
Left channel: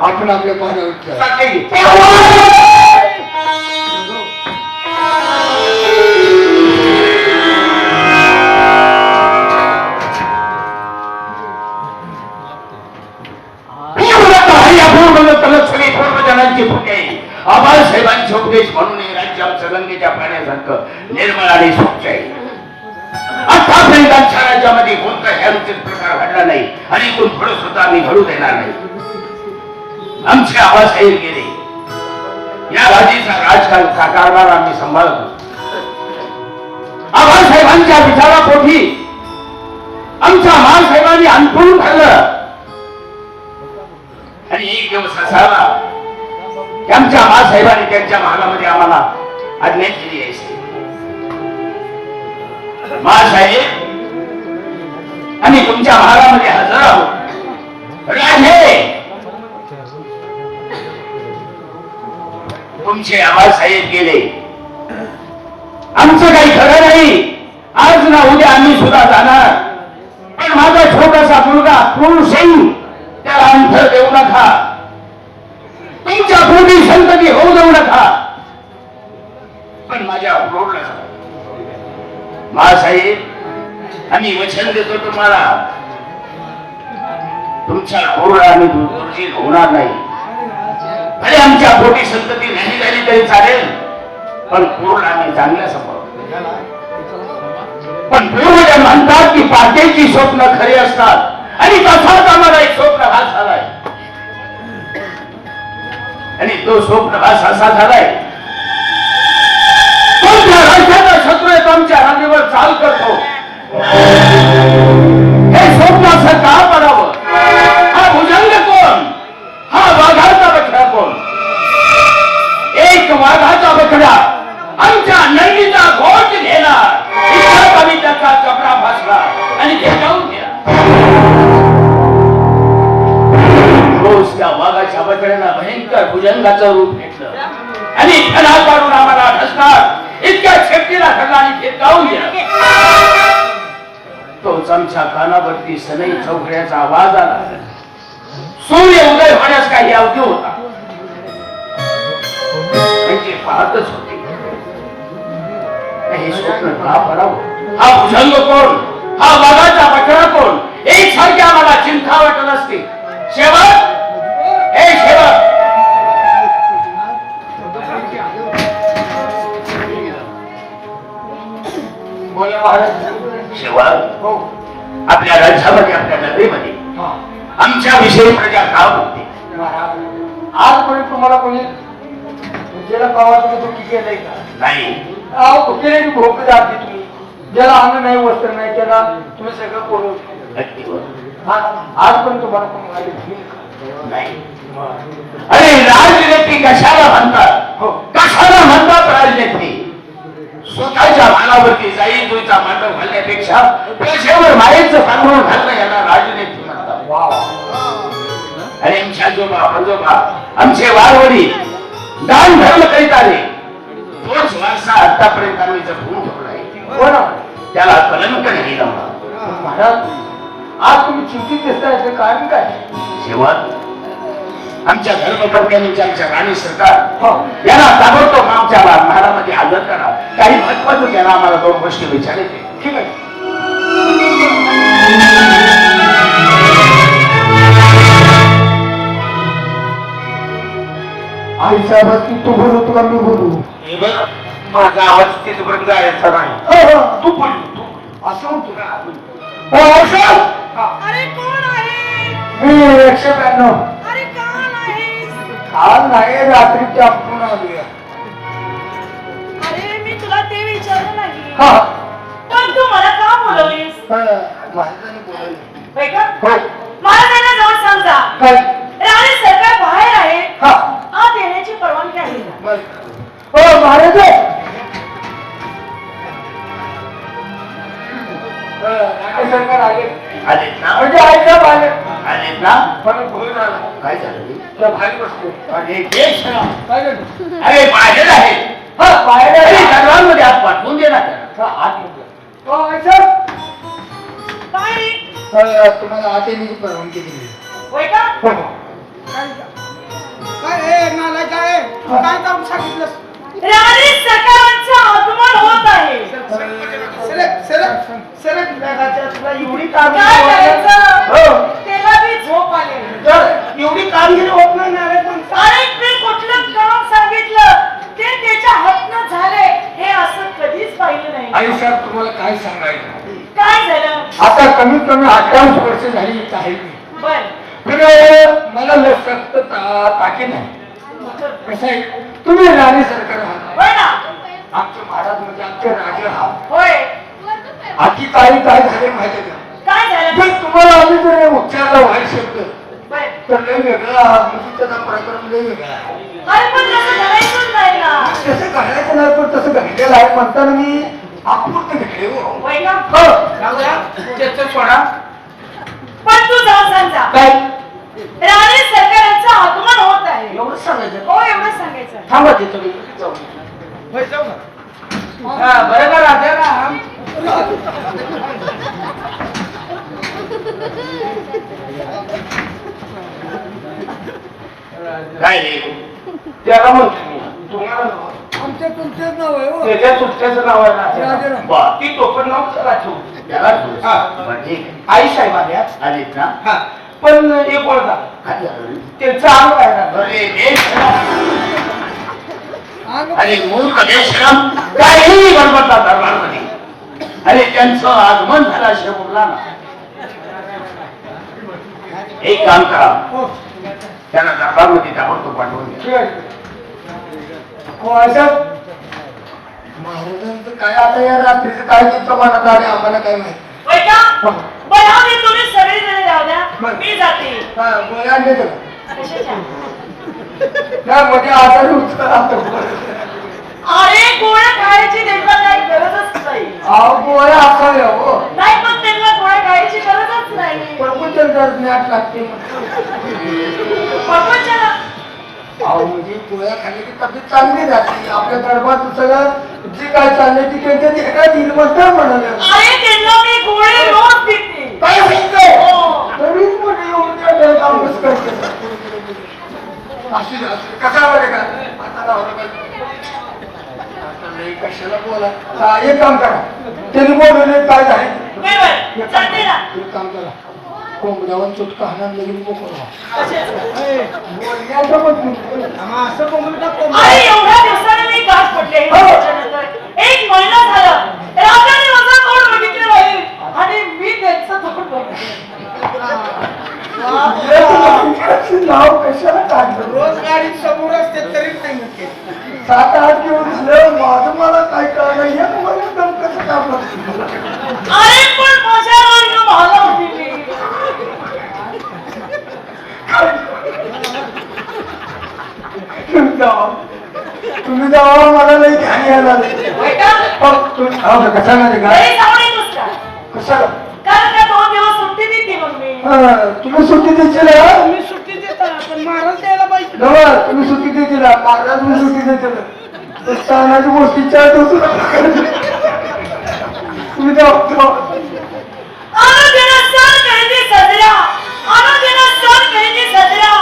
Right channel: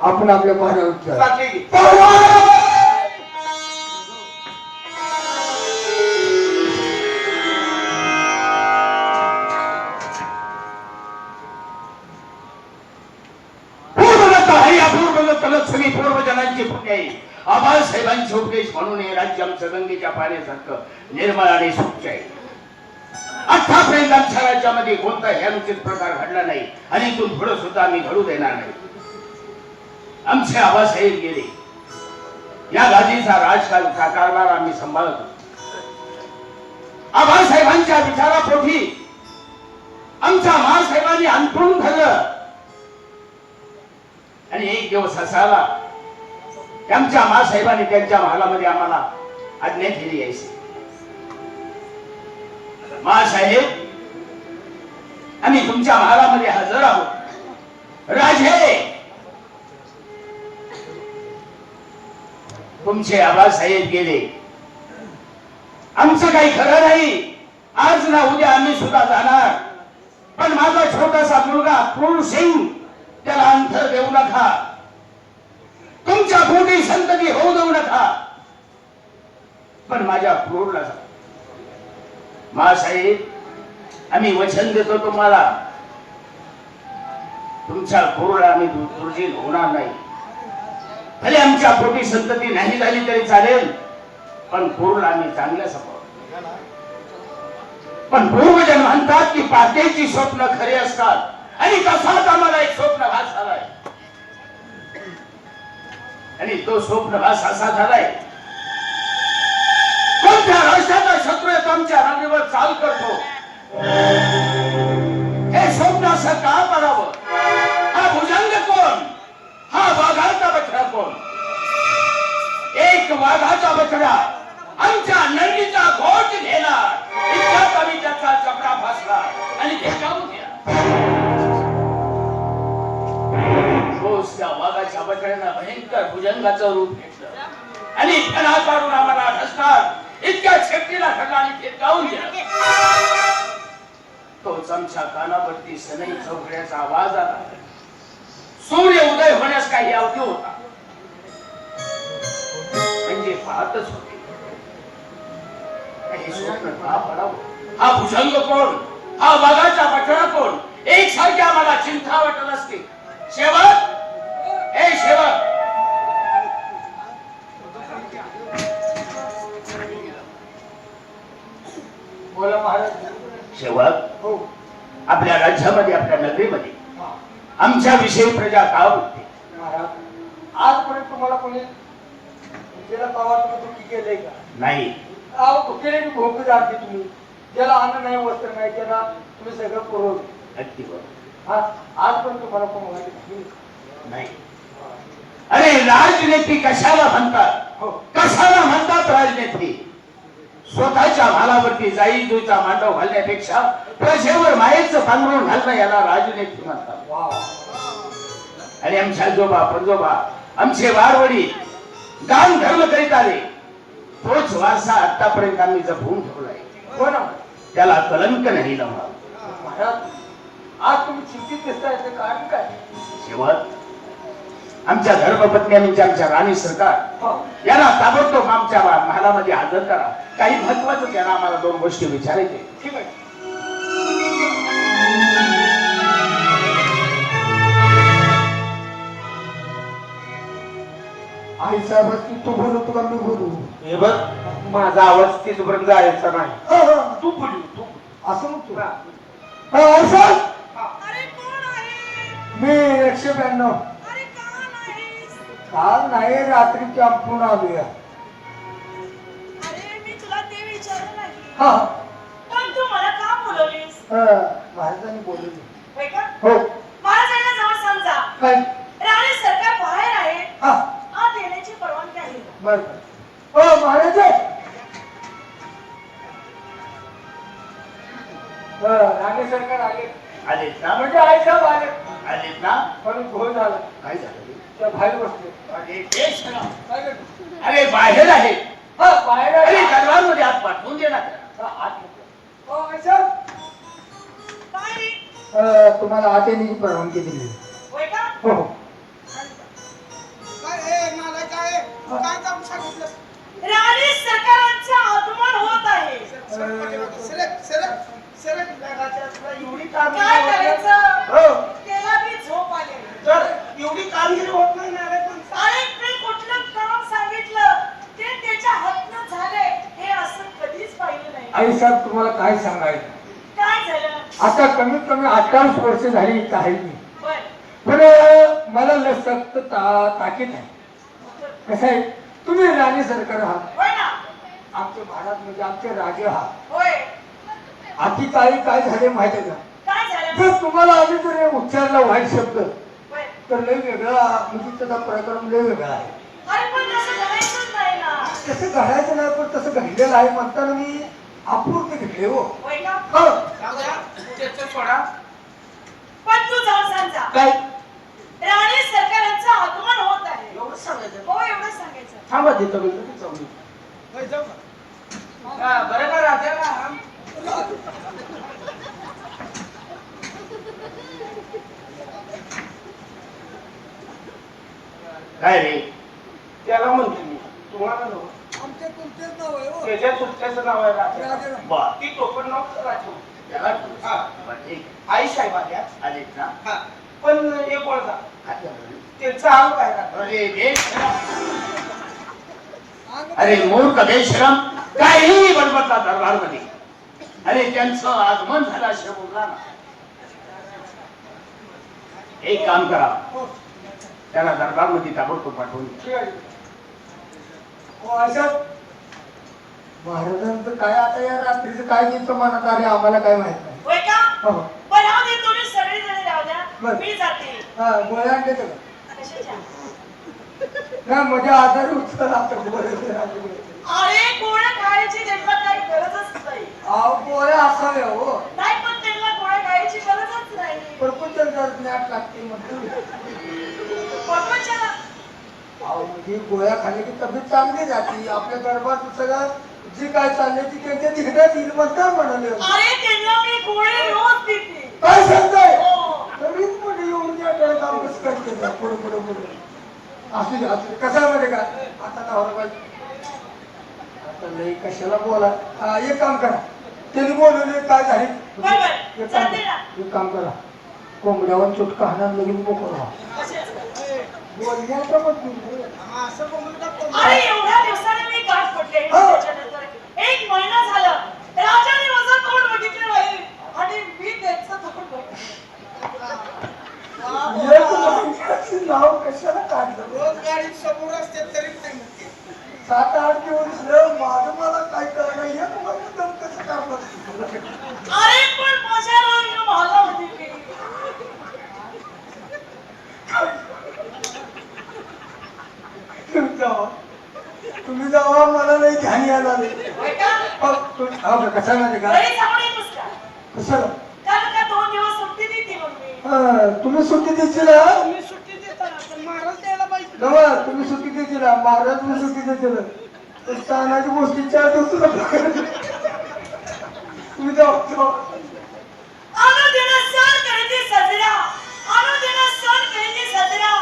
आपण आपल्या पाण्यावर उठतात. साखे घे. आबासाहेबांचे उपदेश म्हणून हे राज्य आमचं गंगेच्या पाण्यासारखं निर्मळ आणि स्वच्छ आहे. आतापर्यंत आमच्या राज्यामध्ये कोणताही अनुचित प्रकार घडला नाही आणि इथून पुढे सुद्धा आम्ही घडू देणार नाही. आमचे आबासाहेब गेले या गादीचा राजकारणाचा कारभार आम्ही सांभाळतो. आबासाहेबांच्या विचारापोटी आमच्या महासाहेबांनी अंतरून ठरलं आणि एक दिवस असा आला की आमच्या महासाहेबांनी त्यांच्या महालामध्ये आम्हाला आज्ञा केली आहे. महासाहेब आम्ही तुमच्या महालामध्ये हजर आहोत. राजे तुमचे आबासाहेब गेले आमचं काही खरं नाही. आज ना उद्या आम्ही सुद्धा जाणार. पण माझा छोटासा मुलगा क्रूर सिंग त्याला अंतर देऊ नका. तुमच्या पोटी संतती होऊ देऊ नका. पण माझ्या क्रूरला महासाहेब आम्ही वचन देतो तुम्हाला तुमच्या क्रूरला आम्ही दुर्जील होणार नाही. अरे आमच्या पोटी संतती नाही झाली तरी चालेल पण क्रूरला आम्ही चांगल्या सांभाळू. पण पूर्वज म्हणतात की पाटेची स्वप्न खरे असतात आणि तसाच आम्हाला एक स्वप्न भास झालाय आणि तो स्वप्न भास असा झालाय कोणत्या राज्याचा शत्रू आहे तो आमच्या रांगेवर चाल करतो. हे स्वप्न असं का पडावं? हा भुजंग कोण? हा वाघाचा बछडा कोण? एक वाघाचा बछडा आमच्या नंदीचा घोट घेणार इतका कमी त्याचा चपडा भासला आणि ते जाऊन गेला. रोज त्या वाघाच्या बछड्याला भयंकर भुजंगाचं रूप घेतलं आणि फणा काढून आम्हाला ढसणार इतक्या शेपटीला ठरला आणि ते जाऊन गेला. तोच आमच्या कानावरती सनई चौकड्याचा आवाज आला. सूर्य उदय होण्यास काही अवधी होता. म्हणजे पाहतच होते हे स्वप्न का पडावं? हा भुजंग कोण? हा वाघाचा बछडा कोण? एक सारखे आम्हाला चिंता वाटत असते. शेवट हे शेवट बोला महाराज. शेवट हो. आपल्या राज्यामध्ये आपल्या नगरीमध्ये हा. आमच्या विषयी प्रजा का बोलते? महाराज आजपर्यंत तुम्हाला कोणी ज्याला कवा तुम्ही दुःखी केलंय का? नाही. केलेली भोग दाखली तुम्ही. ज्याला अन्न नाही वस्त्र नाही त्याला तुम्ही सगळं पुरवलं. अगदी बरोबर. आजपर्यंत तुम्हाला कोणी म्हणाले भील का? नाही. अरे राजनीती कशाला म्हणतात हो. कशाला म्हणतात राजनीती स्वतःच्या मालावरती जाई जुईचा मांडव घालण्यापेक्षा प्रजेवर मायेचं पांघरून घालणं याला राजनीती म्हणतात वा आणि आमच्या आजोबा पंजोबा आमचे वारवडी दान धर्म करीत आले तोच वारसा आतापर्यंत आम्ही जपून ठेवलाय हो ना त्याला कलंक नाही लावला महाराज आज तुम्ही चिंतित दिसताय याचं कारण काय शेवट आमच्या धर्मपत्नी आमच्या राणी सरकार हो. यांना ताबडतोब आमच्या महालामध्ये हजर करा काही महत्वाचं त्यांना आम्हाला दोन गोष्टी विचारायचे ठीक आहे आई साहेबांची तू बोलू का मी बोलू हे बघ माझा आवाज तिथपर्यंत जायचा नाही तू बोल तू असं म्हणतो का हो, आई साहेब अरे कोण आहे मी 192 अरे का नाहीस आज नाही रात्री आपण आलोया अरे मी तुला ते विचारलं नाही हा पण तू मला का बोलवलीस महाराजांनी बोलवलं होय का हो महाराजांना जाऊन सांगा काय राणी सरकार बाहेर आहे हा आत येण्याची परवानगी आहे का? बर हो महाराज राणे सरकार आले आलेत ना म्हणजे आई साहेब आले आलेत ना पण घोळ झाला काय झालं त्या भारी बसले अरे देश ना. काय झालं अरे बाहेर आहे हा बाहेर अरे आले. दरबारमध्ये हात पाठवून दे ना त्याला. हा, आत मध्ये. हो आई साहेब काय तुम्हाला आत येण्याची परवानगी दिली होय का हो हो राणी सरकारांचं आगमन होत आहे एवढी काय कामगिरी करायचं त्याला बी झोप आले एवढी कामगिरी होत नाही ना रे पण अरे मी कुठलं काम सांगितलं ते त्याच्या हातनं झाले हे असं कधीच पाहिलं नाही आई साहेब तुम्हाला काय सांगायचं काय झालं आता कमीत कमी 28 वर्ष झाली इथं आहे मी बर पण मला लय सक्त ताकीद आहे कसं आहे तुम्ही राणी सरकार आहात होय ना आमचे महाराज म्हणजे आमचे राजे आहात होय आधी काय झाले माहिती आहे का काय झालं जर तुम्हाला आम्ही जर उच्चारला वाईट शब्द बर तर लय वेगळा म्हणजे त्याचा प्रकरण लय वेगळा आहे अरे पण तसं करायचंच नाही ना तसं घडायचं नाही पण तसं घडलेलं आहे म्हणताना मी आपूर्त घेतले हो होय का हो. त्याचं सोडा पण तू जाऊन सांगा काय राणी सरकारांचं आगमन होत आहे एवढं सांगायचं हो एवढंच सांगायचं थांबा तिथं मी लगेच जाऊन येतो. हा, बरं का राजा काय रे त्याला म्हणतो मी तुम्हाला नाव आमच्या तुमचंच नाव आहे हो. त्याच्या सुट्ट्याचं नाव आहे राजा. राजाराम. बा, ती टोपण नाव त्याला ठेवू. त्याला ठेवू. हा. बरं, ठीक आहे. आई साहेब आल्या आलेत ना हा पण एक ओळखा काय झालं? त्यांचं अंग आहे ना अरे देशराम. अरे मूर्ख देशराम काहीही बडबडता दरबारमध्ये. अरे त्यांचं आगमन झालं असे बोलला ना. एक काम करा त्यांना दरबारमध्ये ताबडतोब पाठवून द्या. ठीक आहे. हो असं महाराजांचं काय आता या रात्रीचं काय तिथं मनात आले आम्हाला काय माहित नाही. होय का हो. बरं आधी तुम्ही सगळे जण राहू द्या बरं. मी जाते हा, गोळ्या आणले तुला कशाच्या? नाही म्हणजे आजारी उचल आता अरे गोळ्या खायची त्यांना काही गरजच नाही गोळ्या असाव्या हो नाही पण त्यांना गोळ्या खायची गरजच नाही प्रपंचन जर ज्ञात लागते प्रपंचाला अहो म्हणजे गोळ्या खाल्ल्या की तब्येत चांगली जाते आपल्या दरबार सगळं जी काय चाललंय ती त्यांच्या तिकडे येईल म्हणतात म्हणाले अरे त्यांना मी गोळी रोज देते काय सांगताय हो. तरीच म्हणजे एवढं काय काम कसं करते पुढे पुढे पुढे असू दे कसा बरे का आता लावलं पाहिजे आता लई कशाला बोला एक काम करा त्यांनी बोलवले काय झाले बरोबर चालते ना एक काम करा कोंबड्यावर चुटका हाणून लगेच मोकळा बोलण्याचं पण असं कोंबडा अरे एवढ्या दिवसाने मी गाठ पडले हो. त्याच्यानंतर 1 महिना झाला राजाने माझं तोंड बघितलं नाही आणि मी त्यांचं तोंड बघितलं नाव कशाला काढलं रोज गाडी समोर असते तरी नाही म्हणते 7-8 दिवस झालं माझं मला काय कळलं एक महिना दम कसं काढलं अरे पण माझ्यावर भाला होती मी हो का कसा नाही का घरी जाऊन येतोस का? कशाला कारण का 2 दिवस सुट्टी देते मग मी. तुम्ही सुट्टी द्यायची ना तुम्ही सुट्टी देता पण महाराज द्यायला पाहिजे. नवा तुम्ही सुट्टी द्यायची ना महाराज मी सुट्टी देते ना स्थानाची गोष्टी चार तुम्ही जाऊ अनुदिन सण करीती सजरा, अनुदिन सण करीती सजरा.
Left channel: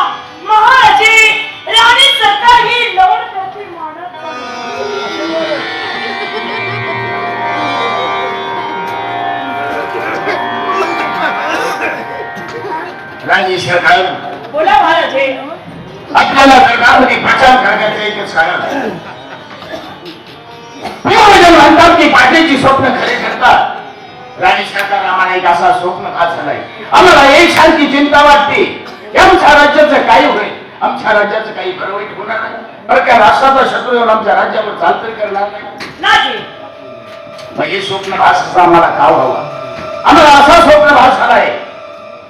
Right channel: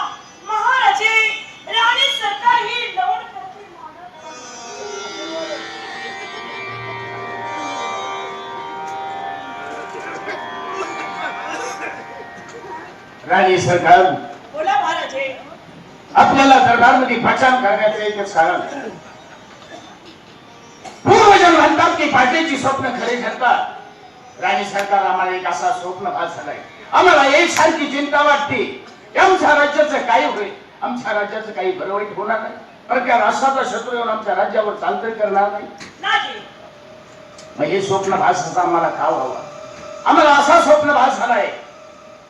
महाराजे राणी सरकार ही लवण करती मानत. राणी सरकार बोला महाराजे. आपल्याला दरबारमध्ये प्रचार करण्याचं एकच कारण आहे. पूर्वजन म्हणतात की पाटलीची स्वप्न खरे ठरतात. राणी सरकार आम्हाला एक असा स्वप्न भास झालाय. आम्हाला एक सारखी चिंता वाटते की आमच्या राज्याचं काही होईल, आमच्या राज्याचं काही बरं वाईट होणार नाही. बरं का राष्ट्राचा शत्रू येऊन आमच्या राज्यावर चालतोय करणार नाही. नाही मग हे स्वप्न भास असा आम्हाला का व्हावा? आम्हाला असा स्वप्न भास झालाय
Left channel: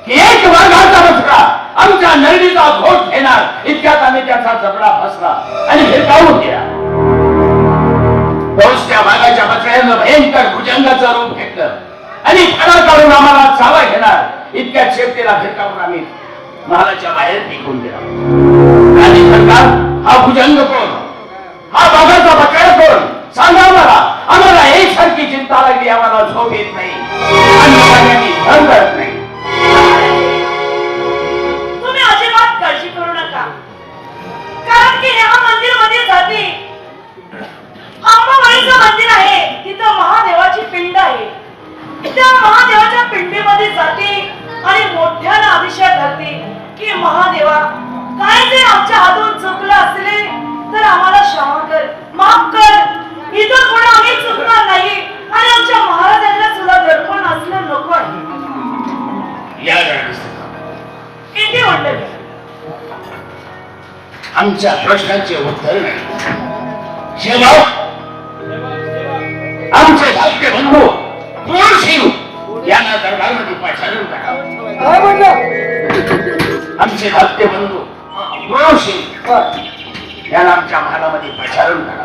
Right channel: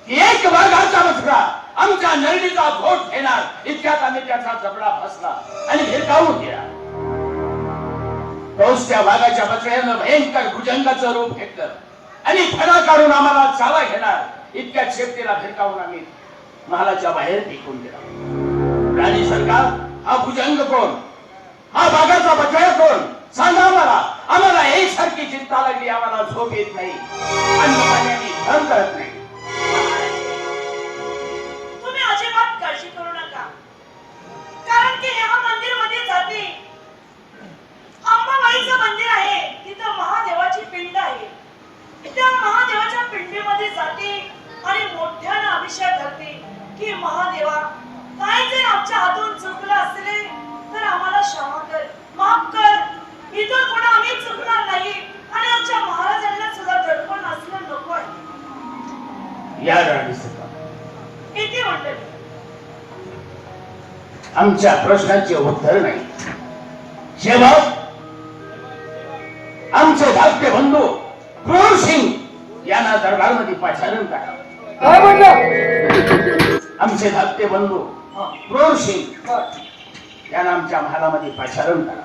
की एक वाघाचा बछडा आमच्या नळीचा घोट घेणार इतक्यात आम्ही त्याचा जबडा फसला आणि हिरकावून गेला. तोच त्या वाघाच्या बछड्यानं भयंकर भुजंगाचं रूप घेतलं आणि फणा काढून आम्हाला चावा घेणार इतक्यात शेपटीला फिरकावून आम्ही महालाच्या बाहेर फेकून दिला. आणि सरकार हा भुजंग कोण? हा वाघाचा बछडा कोण? सांगा आम्हाला एक सारखी चिंता लागली. आम्हाला झोप येत नाही आणि सगळ्यांनी धन करत नाही. तुम्ही अजिबात काळजी करू नका. कारण की ह्या मंदिर मध्ये जाते अंबाबाईचं मंदिर आहे, तिथं महादेवाची पिंड आहे. त्या महादेवाच्या पिंडीमध्ये जाते आणि मोठ्यानं अभिषेक करते की महादेवा काय जे आमच्या हातून चुकलं असले तर आम्हाला क्षमा कर, माफ कर. इथं कोण आम्ही चुकणार नाही आणि आमच्या महाराजांना सुद्धा दडपण असलं नको आहे. या राणी सरकार किती म्हणलं आमच्या प्रश्नाचे उत्तर नाही. शेवट आमचे धाकटे बंधू क्रूर सिंग यांना दरबारमध्ये पाचारण करा. काय म्हणलं आमचे धाकटे बंधू क्रूर सिंग यांना आमच्या महालामध्ये पाचारण करा.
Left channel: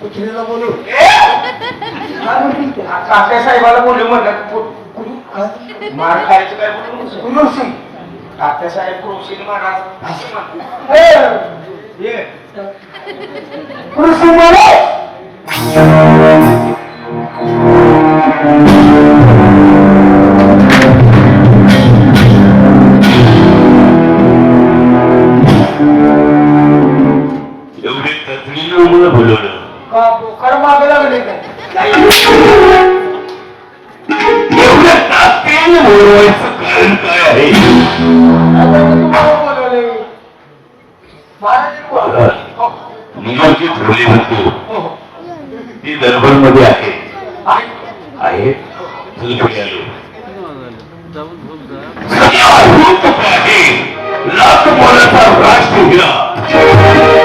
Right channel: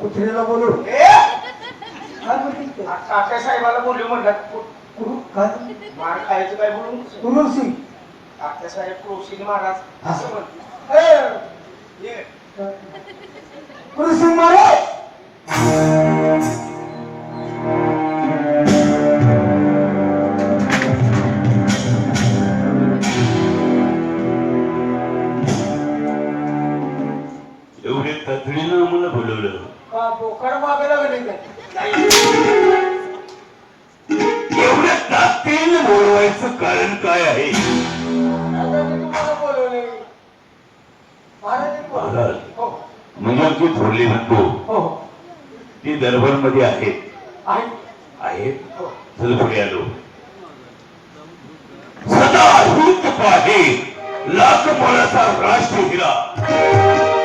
कुत्रीला बोलू काय म्हणतील ते? काका साहेबाला बोलू म्हणलं कुरू काय मार खायचं काय बोलू कुरूर सिंग काका साहेब क्रूर सिंग महाराज असे म्हणतात. कुरूर सिंग महाराज एवढे तत्रीनं मला बोलवलं. का बोकार मागे लागले काय एवढ्या ताकदीने बोलवायचं कारण काय आहे? आता मी तुम्हाला बोलवले महाराज महाराज, हो मुलाची थोरली म्हणतो हो ती दरबारमध्ये आहे. आहे आहे चल पुढे आलो. सदा हिंद पाहे लाख मोलाचा राष्ट्रहिरा,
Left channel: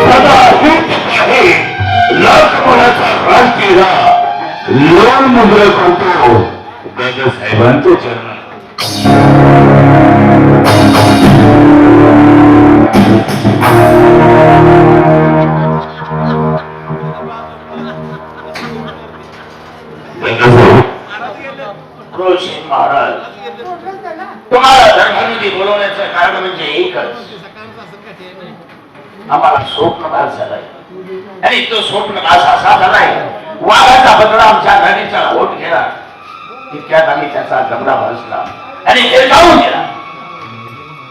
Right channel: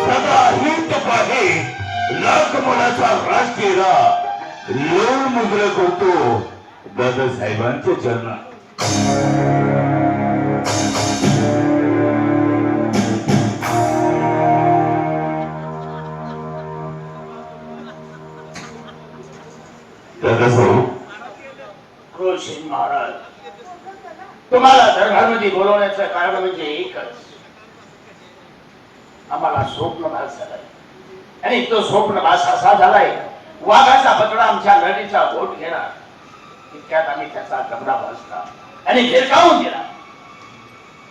सदा हिंद पाहे लाख मोलाचा राष्ट्रहिरा लोण मुद्रा करतो दादासाहेबांच्या चरणात. दादासाहेब क्रूर सिंग महाराज तुम्हाला दरबारमध्ये बोलवण्याचं कारण म्हणजे एकच. आम्हाला स्वप्नभास झालाय आणि तो स्वप्नभास असा झालाय वाघाचा बदला आमच्या नदीचा ओठ गेला इतक्यात आम्ही त्याचा जमडा भासला आणि हिरकावून गेला.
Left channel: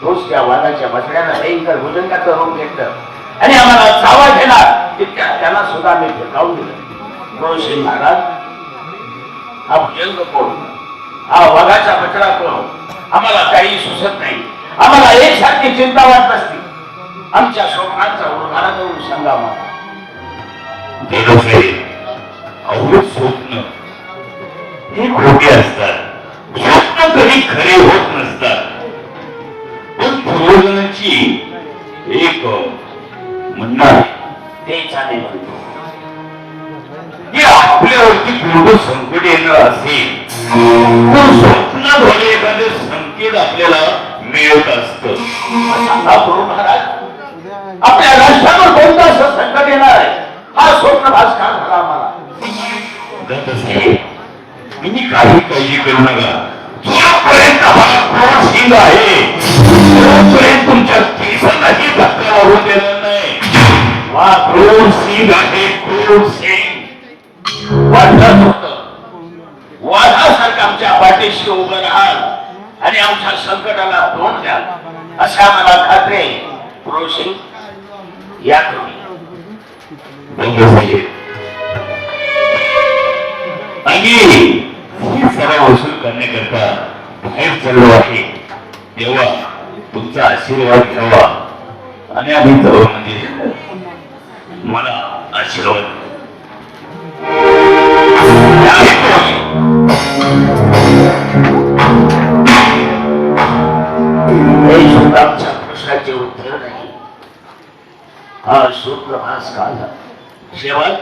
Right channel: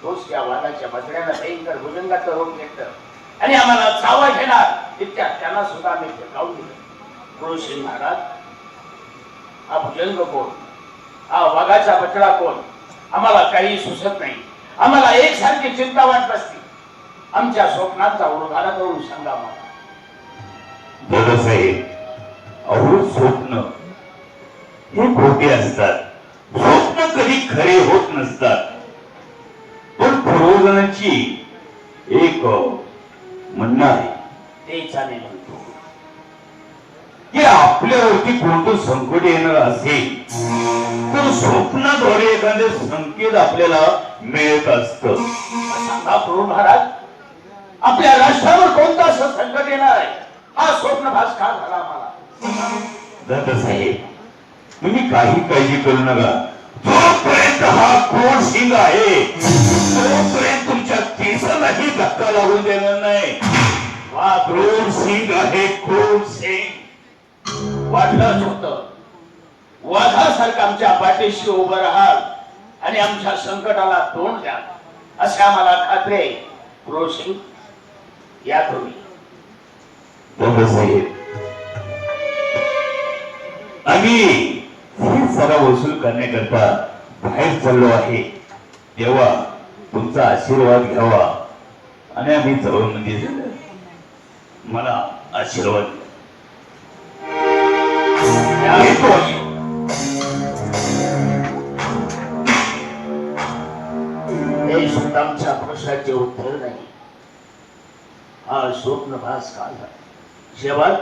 तोच त्या वाघाच्या बछड्यानं भयंकर भुजंगाचं रूप घेतलं आणि आम्हाला चावा घेणार इतक्यात त्यांना सुद्धा आम्ही हिरकावून दिलं. क्रूर सिंग महाराज हा भुजंग कोण? हा वाघाचा बछडा कोण? आम्हाला काही सुचत नाही. आम्हाला एक सारखी चिंता वाटत असते. आमच्या स्वप्नाचा उलगडा करून सांगा मला. दादासाहेब अहो स्वप्न हे खोटे असतात. स्वप्न कधी खरे होत नसतात. पण पूर्वजनांची एक म्हणणं आहे तेच आम्ही म्हणतो. की आपल्यावरती कोणतं संकट येणार असेल तर स्वप्नाद्वारे एखादं संकेत आपल्याला मिळत असतं. सांगा प्रभू महाराज आपल्या राष्ट्रावर कोणतं असं संकट येणार आहे हा स्वप्नभास का झाला आम्हाला. दादा साहेब, तुम्ही काही काळजी करू नका. जोपर्यंत हा क्रूर सिंग आहे तोपर्यंत तुमच्या केसालाही धक्का लागून देणार नाही. हा क्रूर सिंग आहे, क्रूर सिंग. वाटत होतं वाघासारखं आमच्या पाठीशी उभं राहाल आणि आमच्या संकटाला तोंड द्याल अशा मला खात्री आहे. क्रोशिंग या तुम्ही. दादा साहेब, आम्ही सराव वसूल करण्याकरता बाहेर चाललो आहे. तेव्हा तुमचा आशीर्वाद घ्यावा आणि आम्ही जाऊ. म्हणजे मला आशीर्वाद हे सुद्धा आमच्या प्रश्नाचे उत्तर नाही. हा स्वप्नभास का झाला. शेवट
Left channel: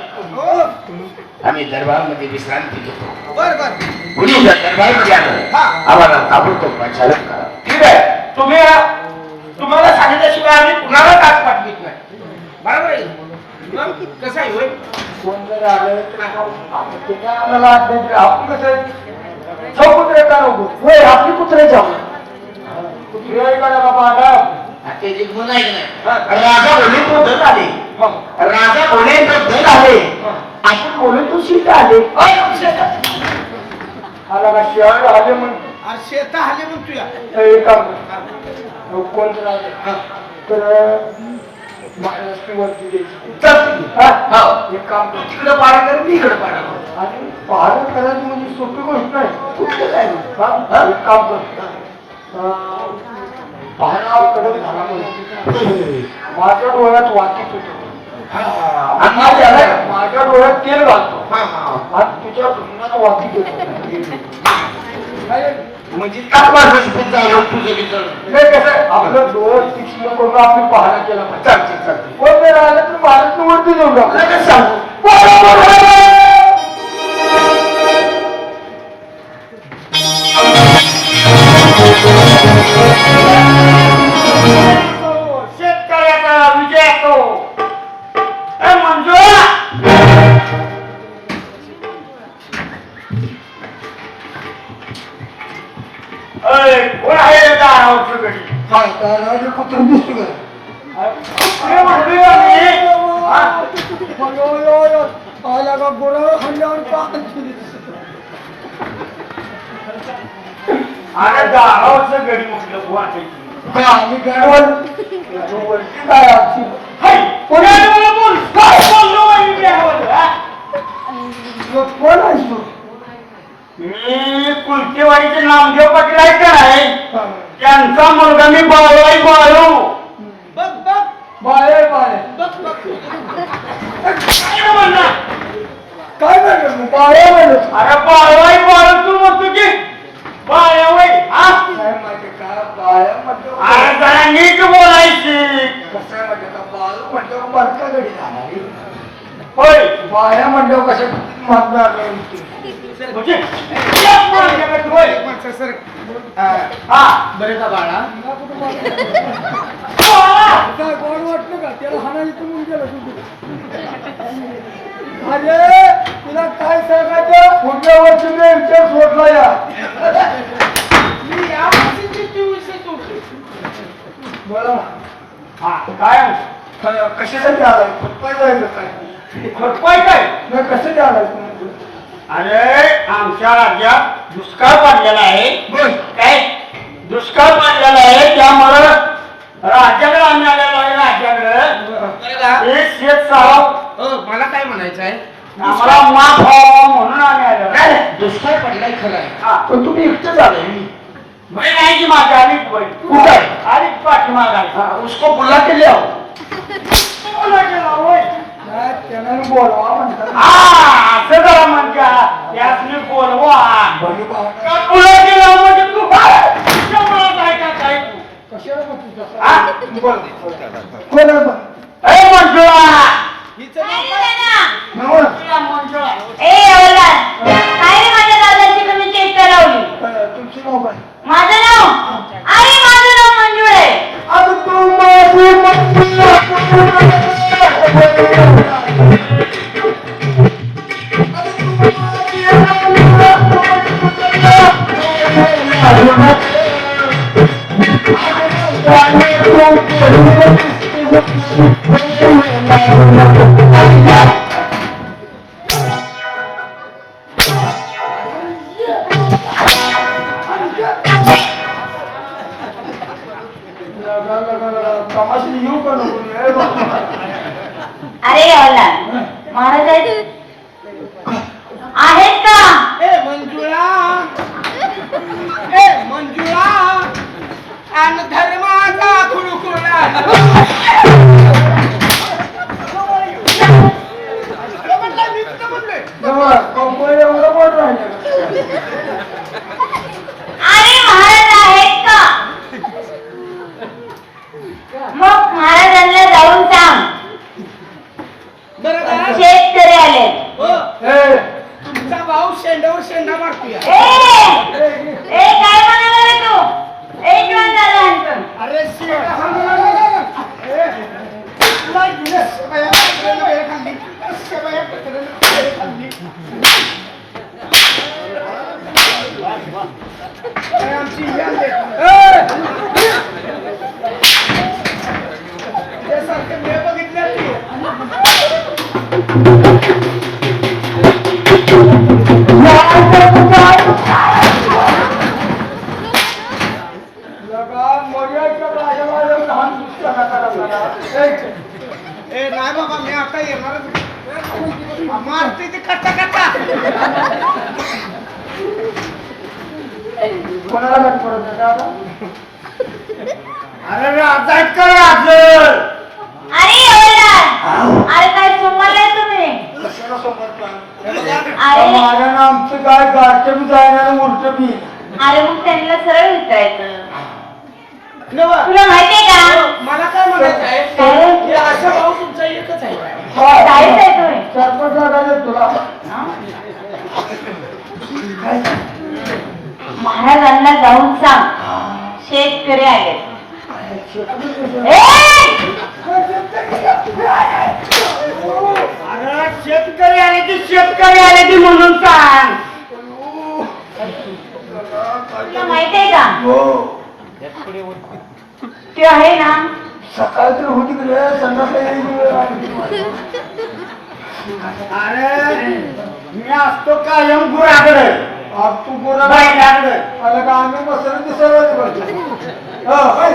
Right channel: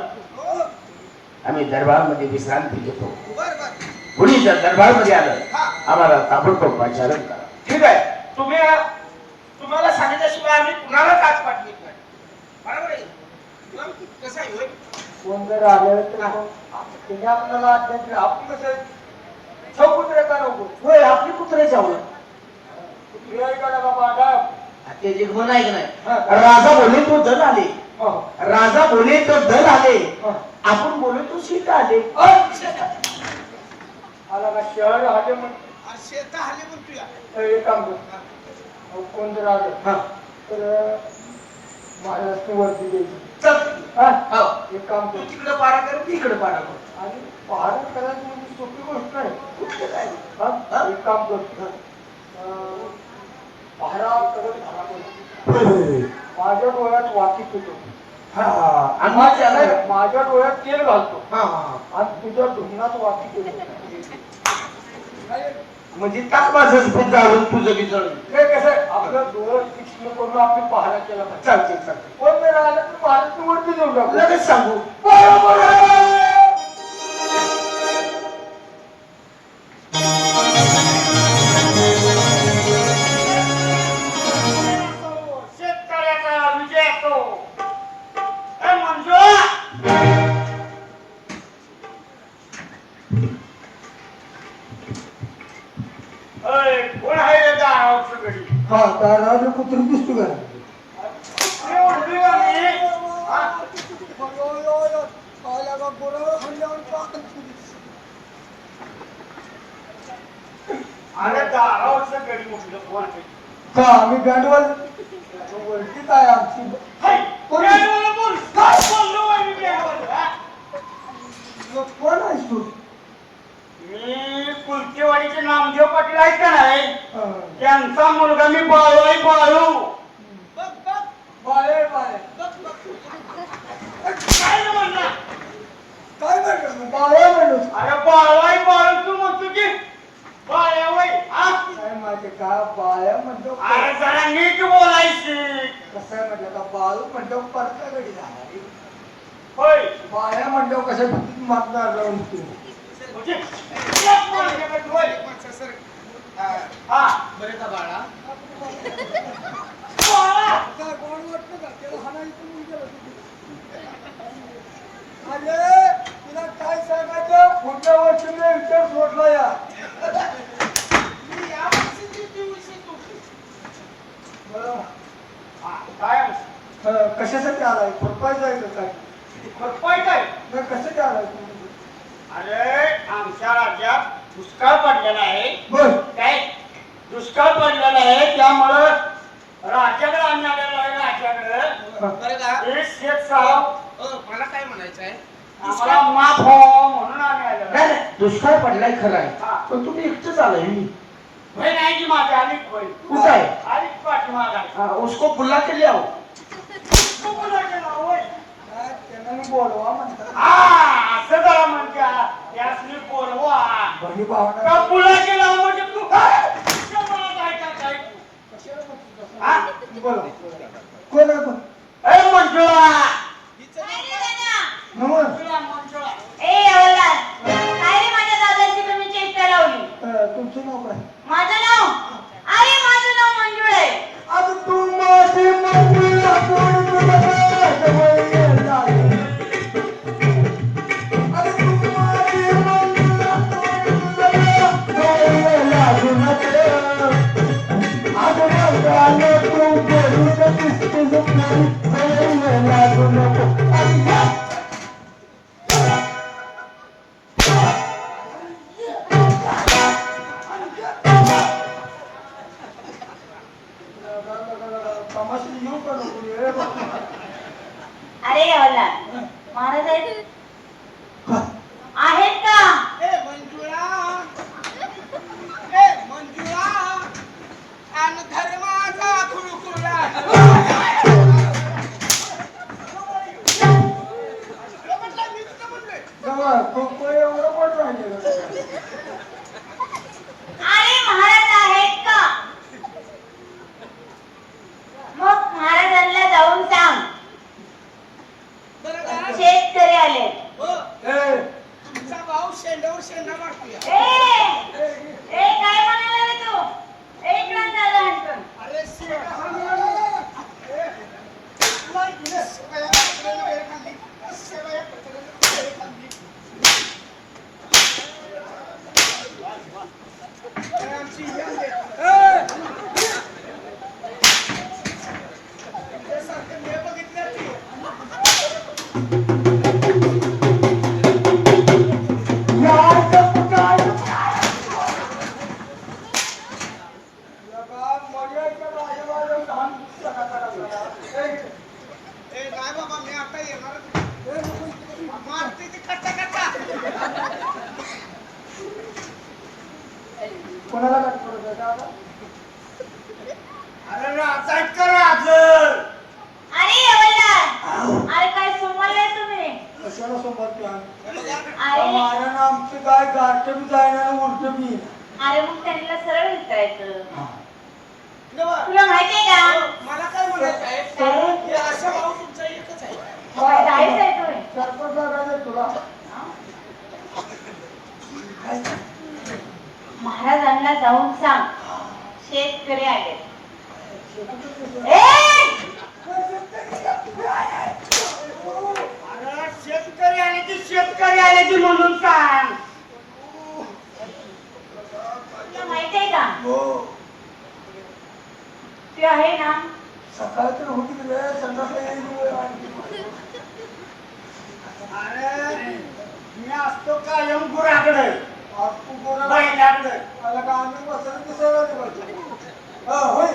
आम्ही दरबारमध्ये विश्रांती घेतो. कुणी जर दरबारमध्ये आलं आम्हाला ताबडतोब प्रचारण करा. ठीक आहे. तुम्हाला सांगितल्याशिवाय आम्ही कुणाला काच पाठवित नाही. बरोबर आहे. कसं आहे होय? कोण जर आलं तर त्याने आपल्याला अभ्यास दिला. आपण कसं कुत्रे का नको होय आपली कुत्रे जाऊ कुत्रे आहे का बाबा आता ते जे गुण आहे की नाही, राजा बोले तो दल आले. राजा बोले तो दल आले. आपण बोले तो शीत आले. आला का शहर आले म्हणतो शेता आले मग तुया एक काम कर. कोण जर आलं तर महाराष्ट्रावरती द्यायची. एक काम कर, तिकडे पाडा कर, मी इकडे पाडा कर. आणि पहाड करायची म्हणजे सोपी गोष्ट नाही. कुठलं काय नाही. एक काम कर, पहाडा कडक झाला म्हणजे माझ्या डोळ्यात वाकीत होतो आणि माझ्या डोळ्यात तेल घालतो आणि तुझ्या धुमनात वाकीत होतो. म्हणजे ताक माझं झालं तुझं बी जळून. नाही कसं आपलं डोळं तीक्ष्ण करून आपली पहाडा केला पाहिजे. चालते. कोण जर आलं तर भारत वरती जाऊन टाकू. लगेच सांगू. शेतकऱ्याचा विजय असतो. मंजू कोण आहे दारावरची गडी? हा दारावरची कुत्री दिसतो का? अरे दारावरचं गडी म्हटलं कोण आहे? आम्ही गाडवाल काय आमची कोण आहेस तू? मी कुलतेवाडीचे नामदेव पाटील आहे का नाही त्यांचा मुलगा. मी बाळू आहे. बाळू बाळे बाळे काय म्हणणार काय म्हणणार बाळे म्हणत. अरे बाळू आहे. बाळू तू म्हणतो की बाळ्या वय काय माहिती का बाळ्या म्हणतो. अरे जरा नीट बोलायची. कसं आहे माहिती का बाळू म्हणतो बरका गडी जाणार होय. बाळ्या म्हणतो कसं मागणार नाही बरे का बाळा काय गोड वाटलं का त्याला हाणायचं म्हणून गेलं अरे तुला काय सांगायचं पुढल्या वर्षी मी विचार सोडला या. मी या वर्षीची 24 बोला काय कशासाठी आलाय? खुरपाय जायचं काय? खुरपाय काय नाही कशासाठी आलाय? अरे आमच्या राज्यात दुष्काळ पडलेला आहे. बोल काय दुष्काळ पडलेला आहे त्यामुळं राज्याकडे आम्ही आलेलो आहे. राज्याकडे एक शेत साराव मला काय म्हणायचं आहे आम्हाला माफ व्हावं म्हणून आम्ही आलेलो आहे. दुष्काळ पडलाय खरं आहे पण तुम्ही एकटंच आलाय. भाई नाही की माझ्या आली कुठं आहे? आली पाठीमाग आहे. उसको बुला के ले आओ. त्यांना बोलवा म्हणतात. असं जरा म्हणत्या त्यासनी बोलवा तुला गेला म्हणजे तू काय तू कशाला बोल कोण मंजुळा तुमचं नाव काय? माझं नाव अरे माझं नाव मंजूळ आहे. आता तू माझी मंजुळा एवढं मोठं राहिलं अरे महाराज आहेत का? मग महाराजांना जाऊन सांग बरं का? शेतकरी आले. हो, ए, तुमचा भाऊ शेंडावर शेंडा मारतोय. ए काय म्हणाला रे तू? एक मिनिट झालं आणतो. अरे शेंडा हा म्हणाला. ए, तुला घेऊन शेवया पत्रानं वेळ खाल्ली. शेवया पत्रानं वेळ खाल्ली. काय आमची ही आली. त्यासारखे वेळ बघितल्या की. ए नाही बाबा मी आता येणारच मारते ते कट्टा कट्टा. कोणाला गाठ पडत नाही का आता? अरे राजात का राजर अरे एवढा अरे काय सोमवार तुम्ही? कशाला सोबत नाही? अरे महाराज आमचं काय गाठं बी जायना उलट बी. अरे मग त्यांना सरळ विचारायचं. नवा. तुला माहितीये का? मला काय म्हणायचं आहे हे अशा भाऊ तुमचा एकच आहे. जायचं आहे तुम्ही. सरपंच लागायला तुला. महाराजांना जाऊन सांग शेतकरी आले. अरे शेतकरी आले की शेतकरी आले की म्हणून सांग. तुला माहितीये का हो. ते आहे ना सकाळी तर होती की रे, संध्याकाळी येईल. अरे मी असतो कायम गुराकडे आज तू बोला बैलाकडे. आला का आम्ही मसाला दिसायला पाहिजे. हा, होय.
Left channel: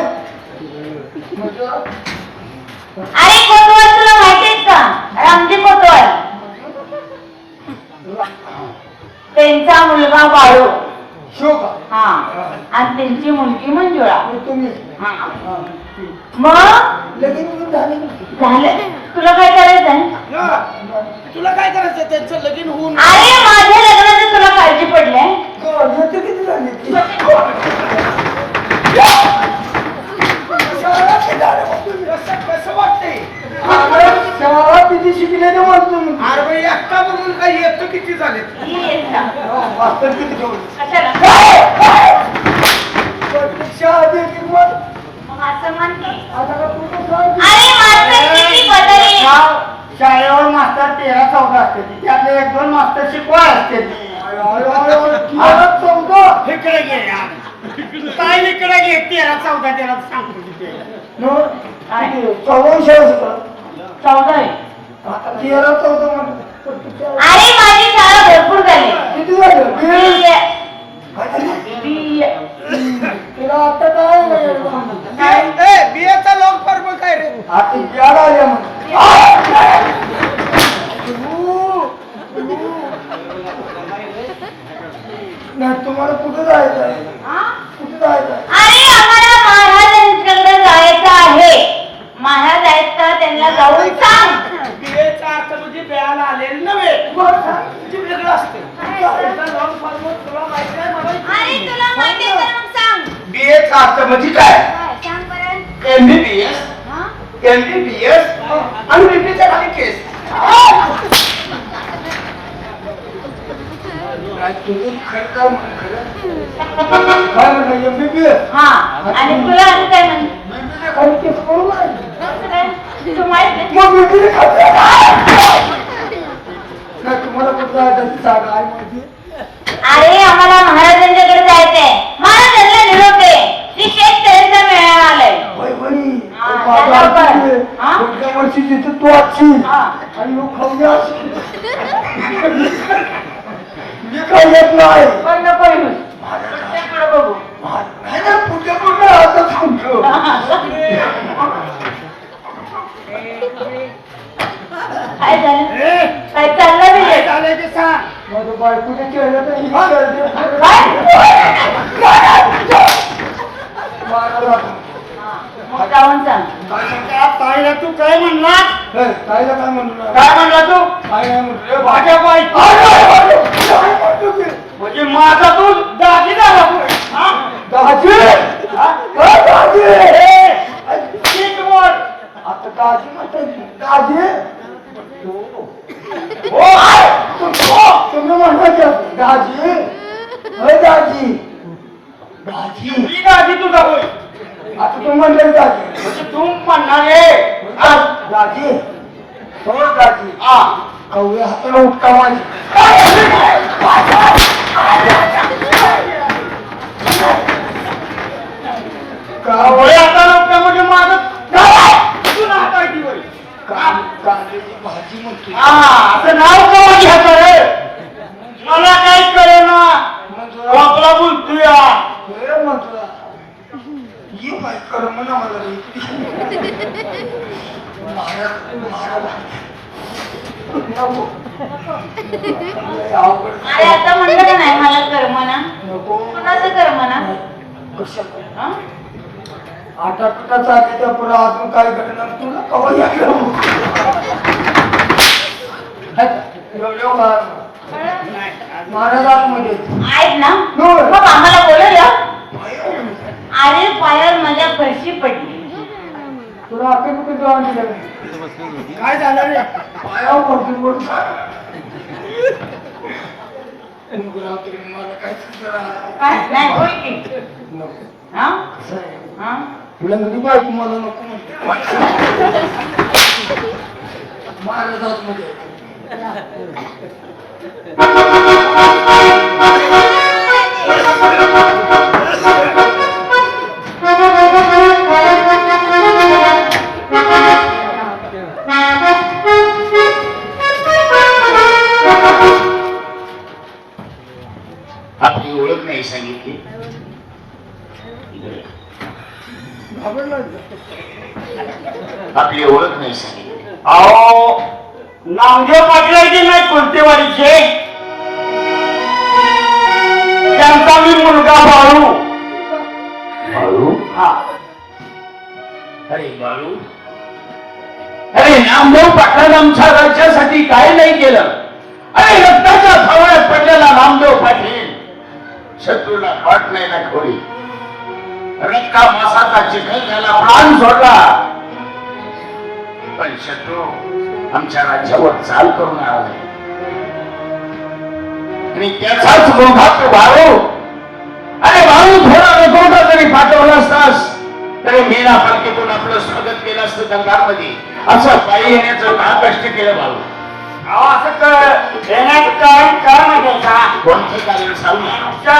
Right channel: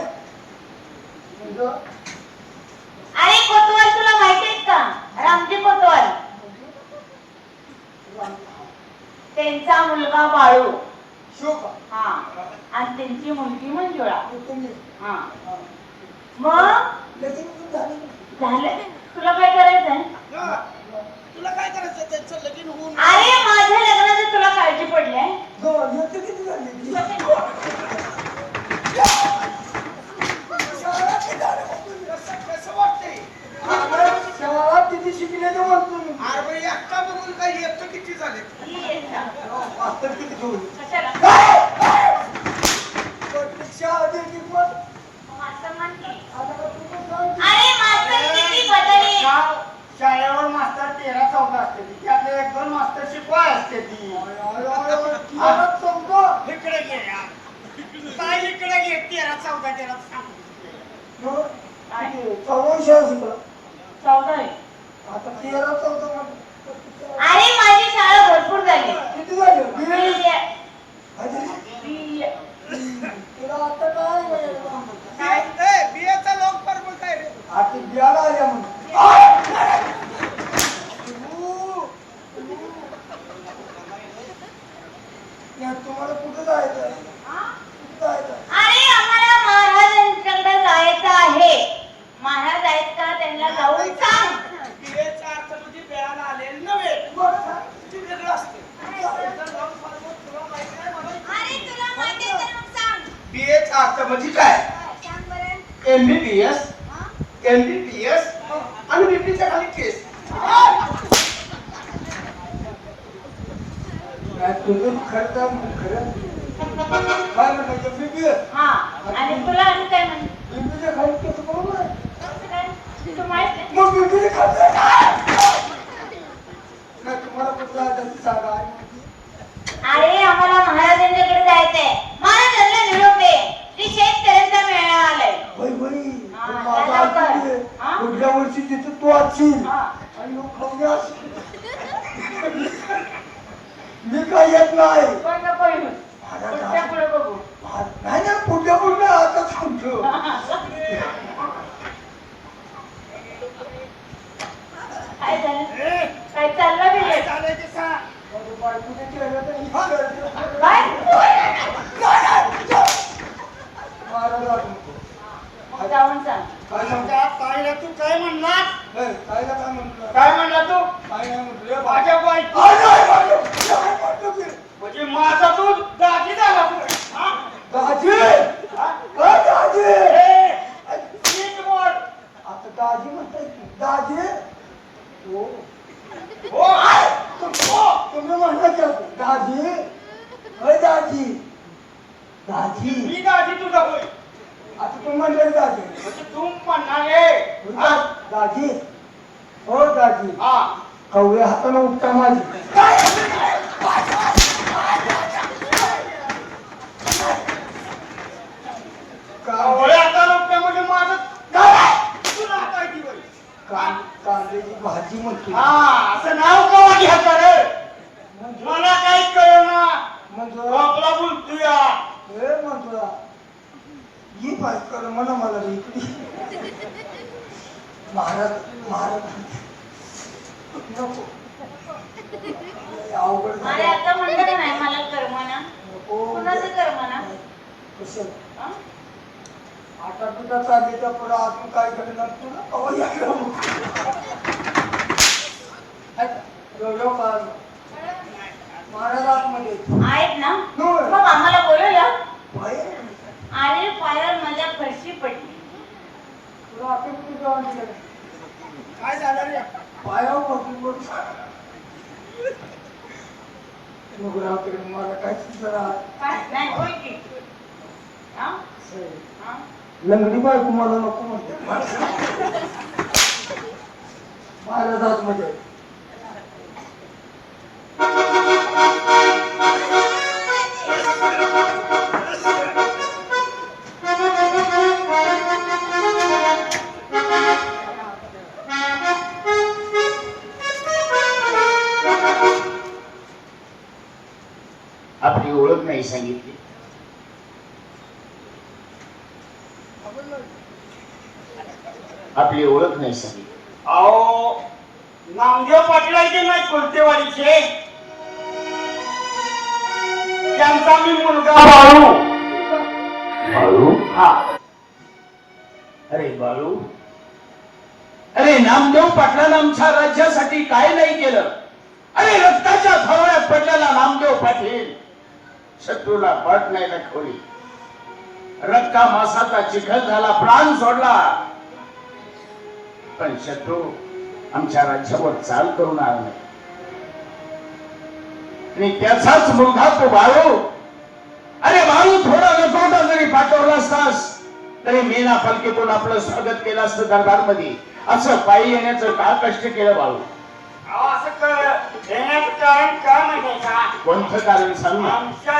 म्हणजे अरे कोतवाल तुला माहितीये का? रामजी कोतवाल त्यांचा मुलगा बाळू. शो का? हा आणि त्यांची मुलगी मंजुळा. आणि तुम्ही हा हा. मग लगीन झाले ना? झालं. तुला काय करायचंय? नवा. तुला काय करायचं त्यांचं लगीन होऊन अरे माझ्या लग्नाची तुला काळजी पडली. हो, याचं किती झाली ती? कसं वाटतंय अरे, शाळा किती शिकले ते म्हणतो मी. अरे बाई एकटा बघून काय येतं किती झाले हो, मास्तर किती घेऊन कशाला? परीक्षा आधी येतील मग. मग असं म्हण की. आता का तू तर सांग. अरे मास्तर किती बदलली. शाळेवर मास्तर 13-14 असते ती. त्यातले 1-2 मास्तर शिकवा असते ती. अरे, तेरा, 14. इकडे घे यार. काय इकडे घे 13-14 त्याला सांगतो तिथे. नो, किती? 14 शाळा होता. 14 आहे. आता 13, 14 म्हणतो. अरे माझी शाळा भरपूर झाली. किती झालं? बी ए. काय झालं? बी ए. तिला आता काय बियाचा लॉक फॉर्म काय रे आता बियाला आल्या म्हणून. नाही तुम्हाला कुठं जायचं आहे? हा? कुठं जायचं आहे? अरे आम्हाला महाराजांच्याकडे जायचं आहे. महाराज आहेत का त्यांना जाऊन सांग. बियाचा अर्थ म्हणजे बियाला आलेले नव्हे म्हणजे वेगळं असते लॉक फॉर्म तुला माहिती आहे मला अरे तुला माहिती आहे तर मग सांग. बीएचा अर्थ म्हणजे काय? काय? सांग बरं. एमबीबीएस हा? एमबीबीएस आणि बीपीच्या खाली केस. नाही, तुझं खरं काय म्हणून खरं? काय म्हणलं MBBS? हा आणि तुला आणि काय म्हण? MBBS खाली केस बरोबर आहे. कसं काय? तू माहित नाही? मग MBBS खाली नाही, तुम्हाला कुठं जायचं आहे? सांगा, आहे माहिती? अरे आम्हाला महाराजांच्याकडे जायचंय. महाराजांना निरोप दे की शेतकऱ्यांचा मेळावा आलाय. बाई, बाई, हा, माझं त्या लवकर. आजी आहे. हा? पुढच्या वर्षी तिथं तू असशील. हा. आणि मग खाऊया असशील. मी काय येत नाही. पण नको येऊस. पुढच्या पुढे बघू. नाही ना, पुढच्या पुढे आताच सांगतो. काय झालं? काय चाललं नाही? चालेल ते सांग. माझं बायकोच्या चेहऱ्यात ही करते. काय? मारा जातो. मग जाऊन सांग. ताईला तू काय म्हणला ताईला काय म्हणलं काय म्हणला तू काय नाही म्हणलं माझ्या बायको म्हणजे माझा तू दागी झाला तू. हा? दाजी हा? दाजी नीट बोल. आता दाजी म्हणतात दाजी हो आहे. तुम्ही म्हणता दाजी होय दाजी दाजी ही दागी तुझा होय आता तुम्ही म्हणलं दाजी म्हणजे तू म्हणणार आहे. हा? दाजी हो दाजी हा. कवळे हाताला उपटा माझी होय आता लोक म्हणजे माझं तू नाकायची होय. कांद्याची भाजी म्हणतो हा असं नाव का माझ्या हातावर मला काय कळेना आपला बोलतोय म्हणतो ही बायकर म्हणा मला महाराज महाराज नको अवघड अरे आता म्हणलं का नाही मला कर म्हणा. नको कुणाचं कर म्हणा. कशाला हा? आटा पिटा चालले त्या पुढे अजून काय घडणार तुला कवा महाराजांमध्ये आहेत ना होय. मग आम्हाला बोलवलं. बाहेर अरे पायावर माझ्या फरशी पडली. तुला आपली कुठे जेवण दिलं काय झालं रे पायावर पडतील बोलून रात्री मला काय सुचलं काय नाही बोल की. हा? हा? लंगडी बायको मला नको म्हणते महाराजात मध्ये आपली ओळख नाही सांगितली. आपली ओळख नाही सांगितली. अहो नामदेव पाटलाचे नाही कोणतेवाडीचे त्यांचा मी मुलगा बाळू. बाळू? हा अरे बाळू, अरे नामदेव पाटलांनी आमच्या राज्यासाठी काय नाही केलं. अरे रक्ताच्या थावण्यात पडलेला नामदेव पाटील शत्रूला पाठ नाही दाखवली. रक्का मासाचा चिखल झाला, प्राण सोडला, पण शत्रू आमच्या राज्यावर चाल करून आला नाही. आणि त्याचाच मुलगा तो बाळू. अरे बाळू थोडा रजोटा जरी पाठवला असतास तरी मीना पालखीतून आपलं स्वागत केलं असतं दरबारमध्ये. असं पायी येण्याचं का कष्ट केलं बाळू? अहो असं येण्याचं कारण काय माहिती का कोणतं कारण सांग ना. आमच्या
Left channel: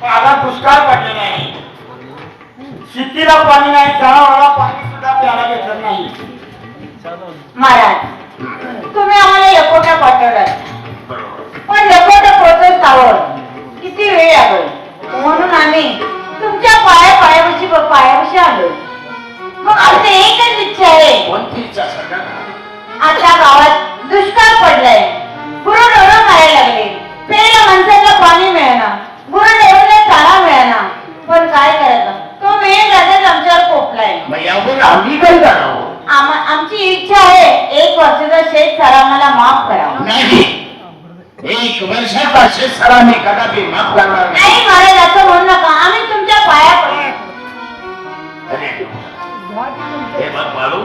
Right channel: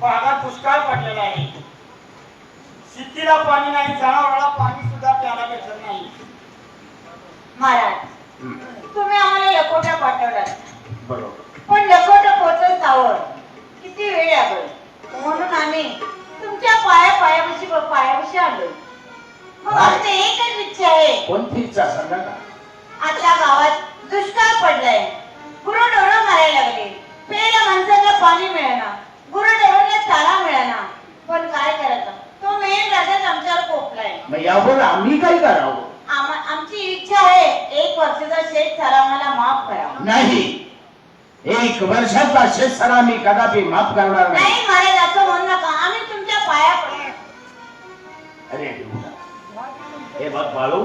भागात दुष्काळ पडलेला आहे. शेतीला पाणी नाही, जनावराला पाणी सुद्धा प्यायला भेटत नाही. महाराज तुम्ही आम्हाला लकोटा पाठवलात बरोबर. पण लकोटा प्रोसेसवर किती वेळ लागेल म्हणून आम्ही तुमच्या पायापाशी आलो. मग आमची एकच इच्छा आहे. कोणती इच्छा सांगा ना. आता गावात दुष्काळ पडलाय, गुरुढोरं मारायला लागले, प्यायला माणसाला पाणी मिळेना, गुरुढोरांना चारा मिळेना. पण काय करायचं, तो मेन राजाच आमच्यावर कोपलाय. मग यावर आम्ही काय करावं? आमची इच्छा आहे 1 वर्षाचा शेत सारा आम्हाला माफ करावा. नाही, 1 वर्षाचा शेतसारा मी कदापि माफ करणार नाही. नाही महाराज असं म्हणू नका, आम्ही तुमच्या पाया पडू. अरे हे बघ बाळू,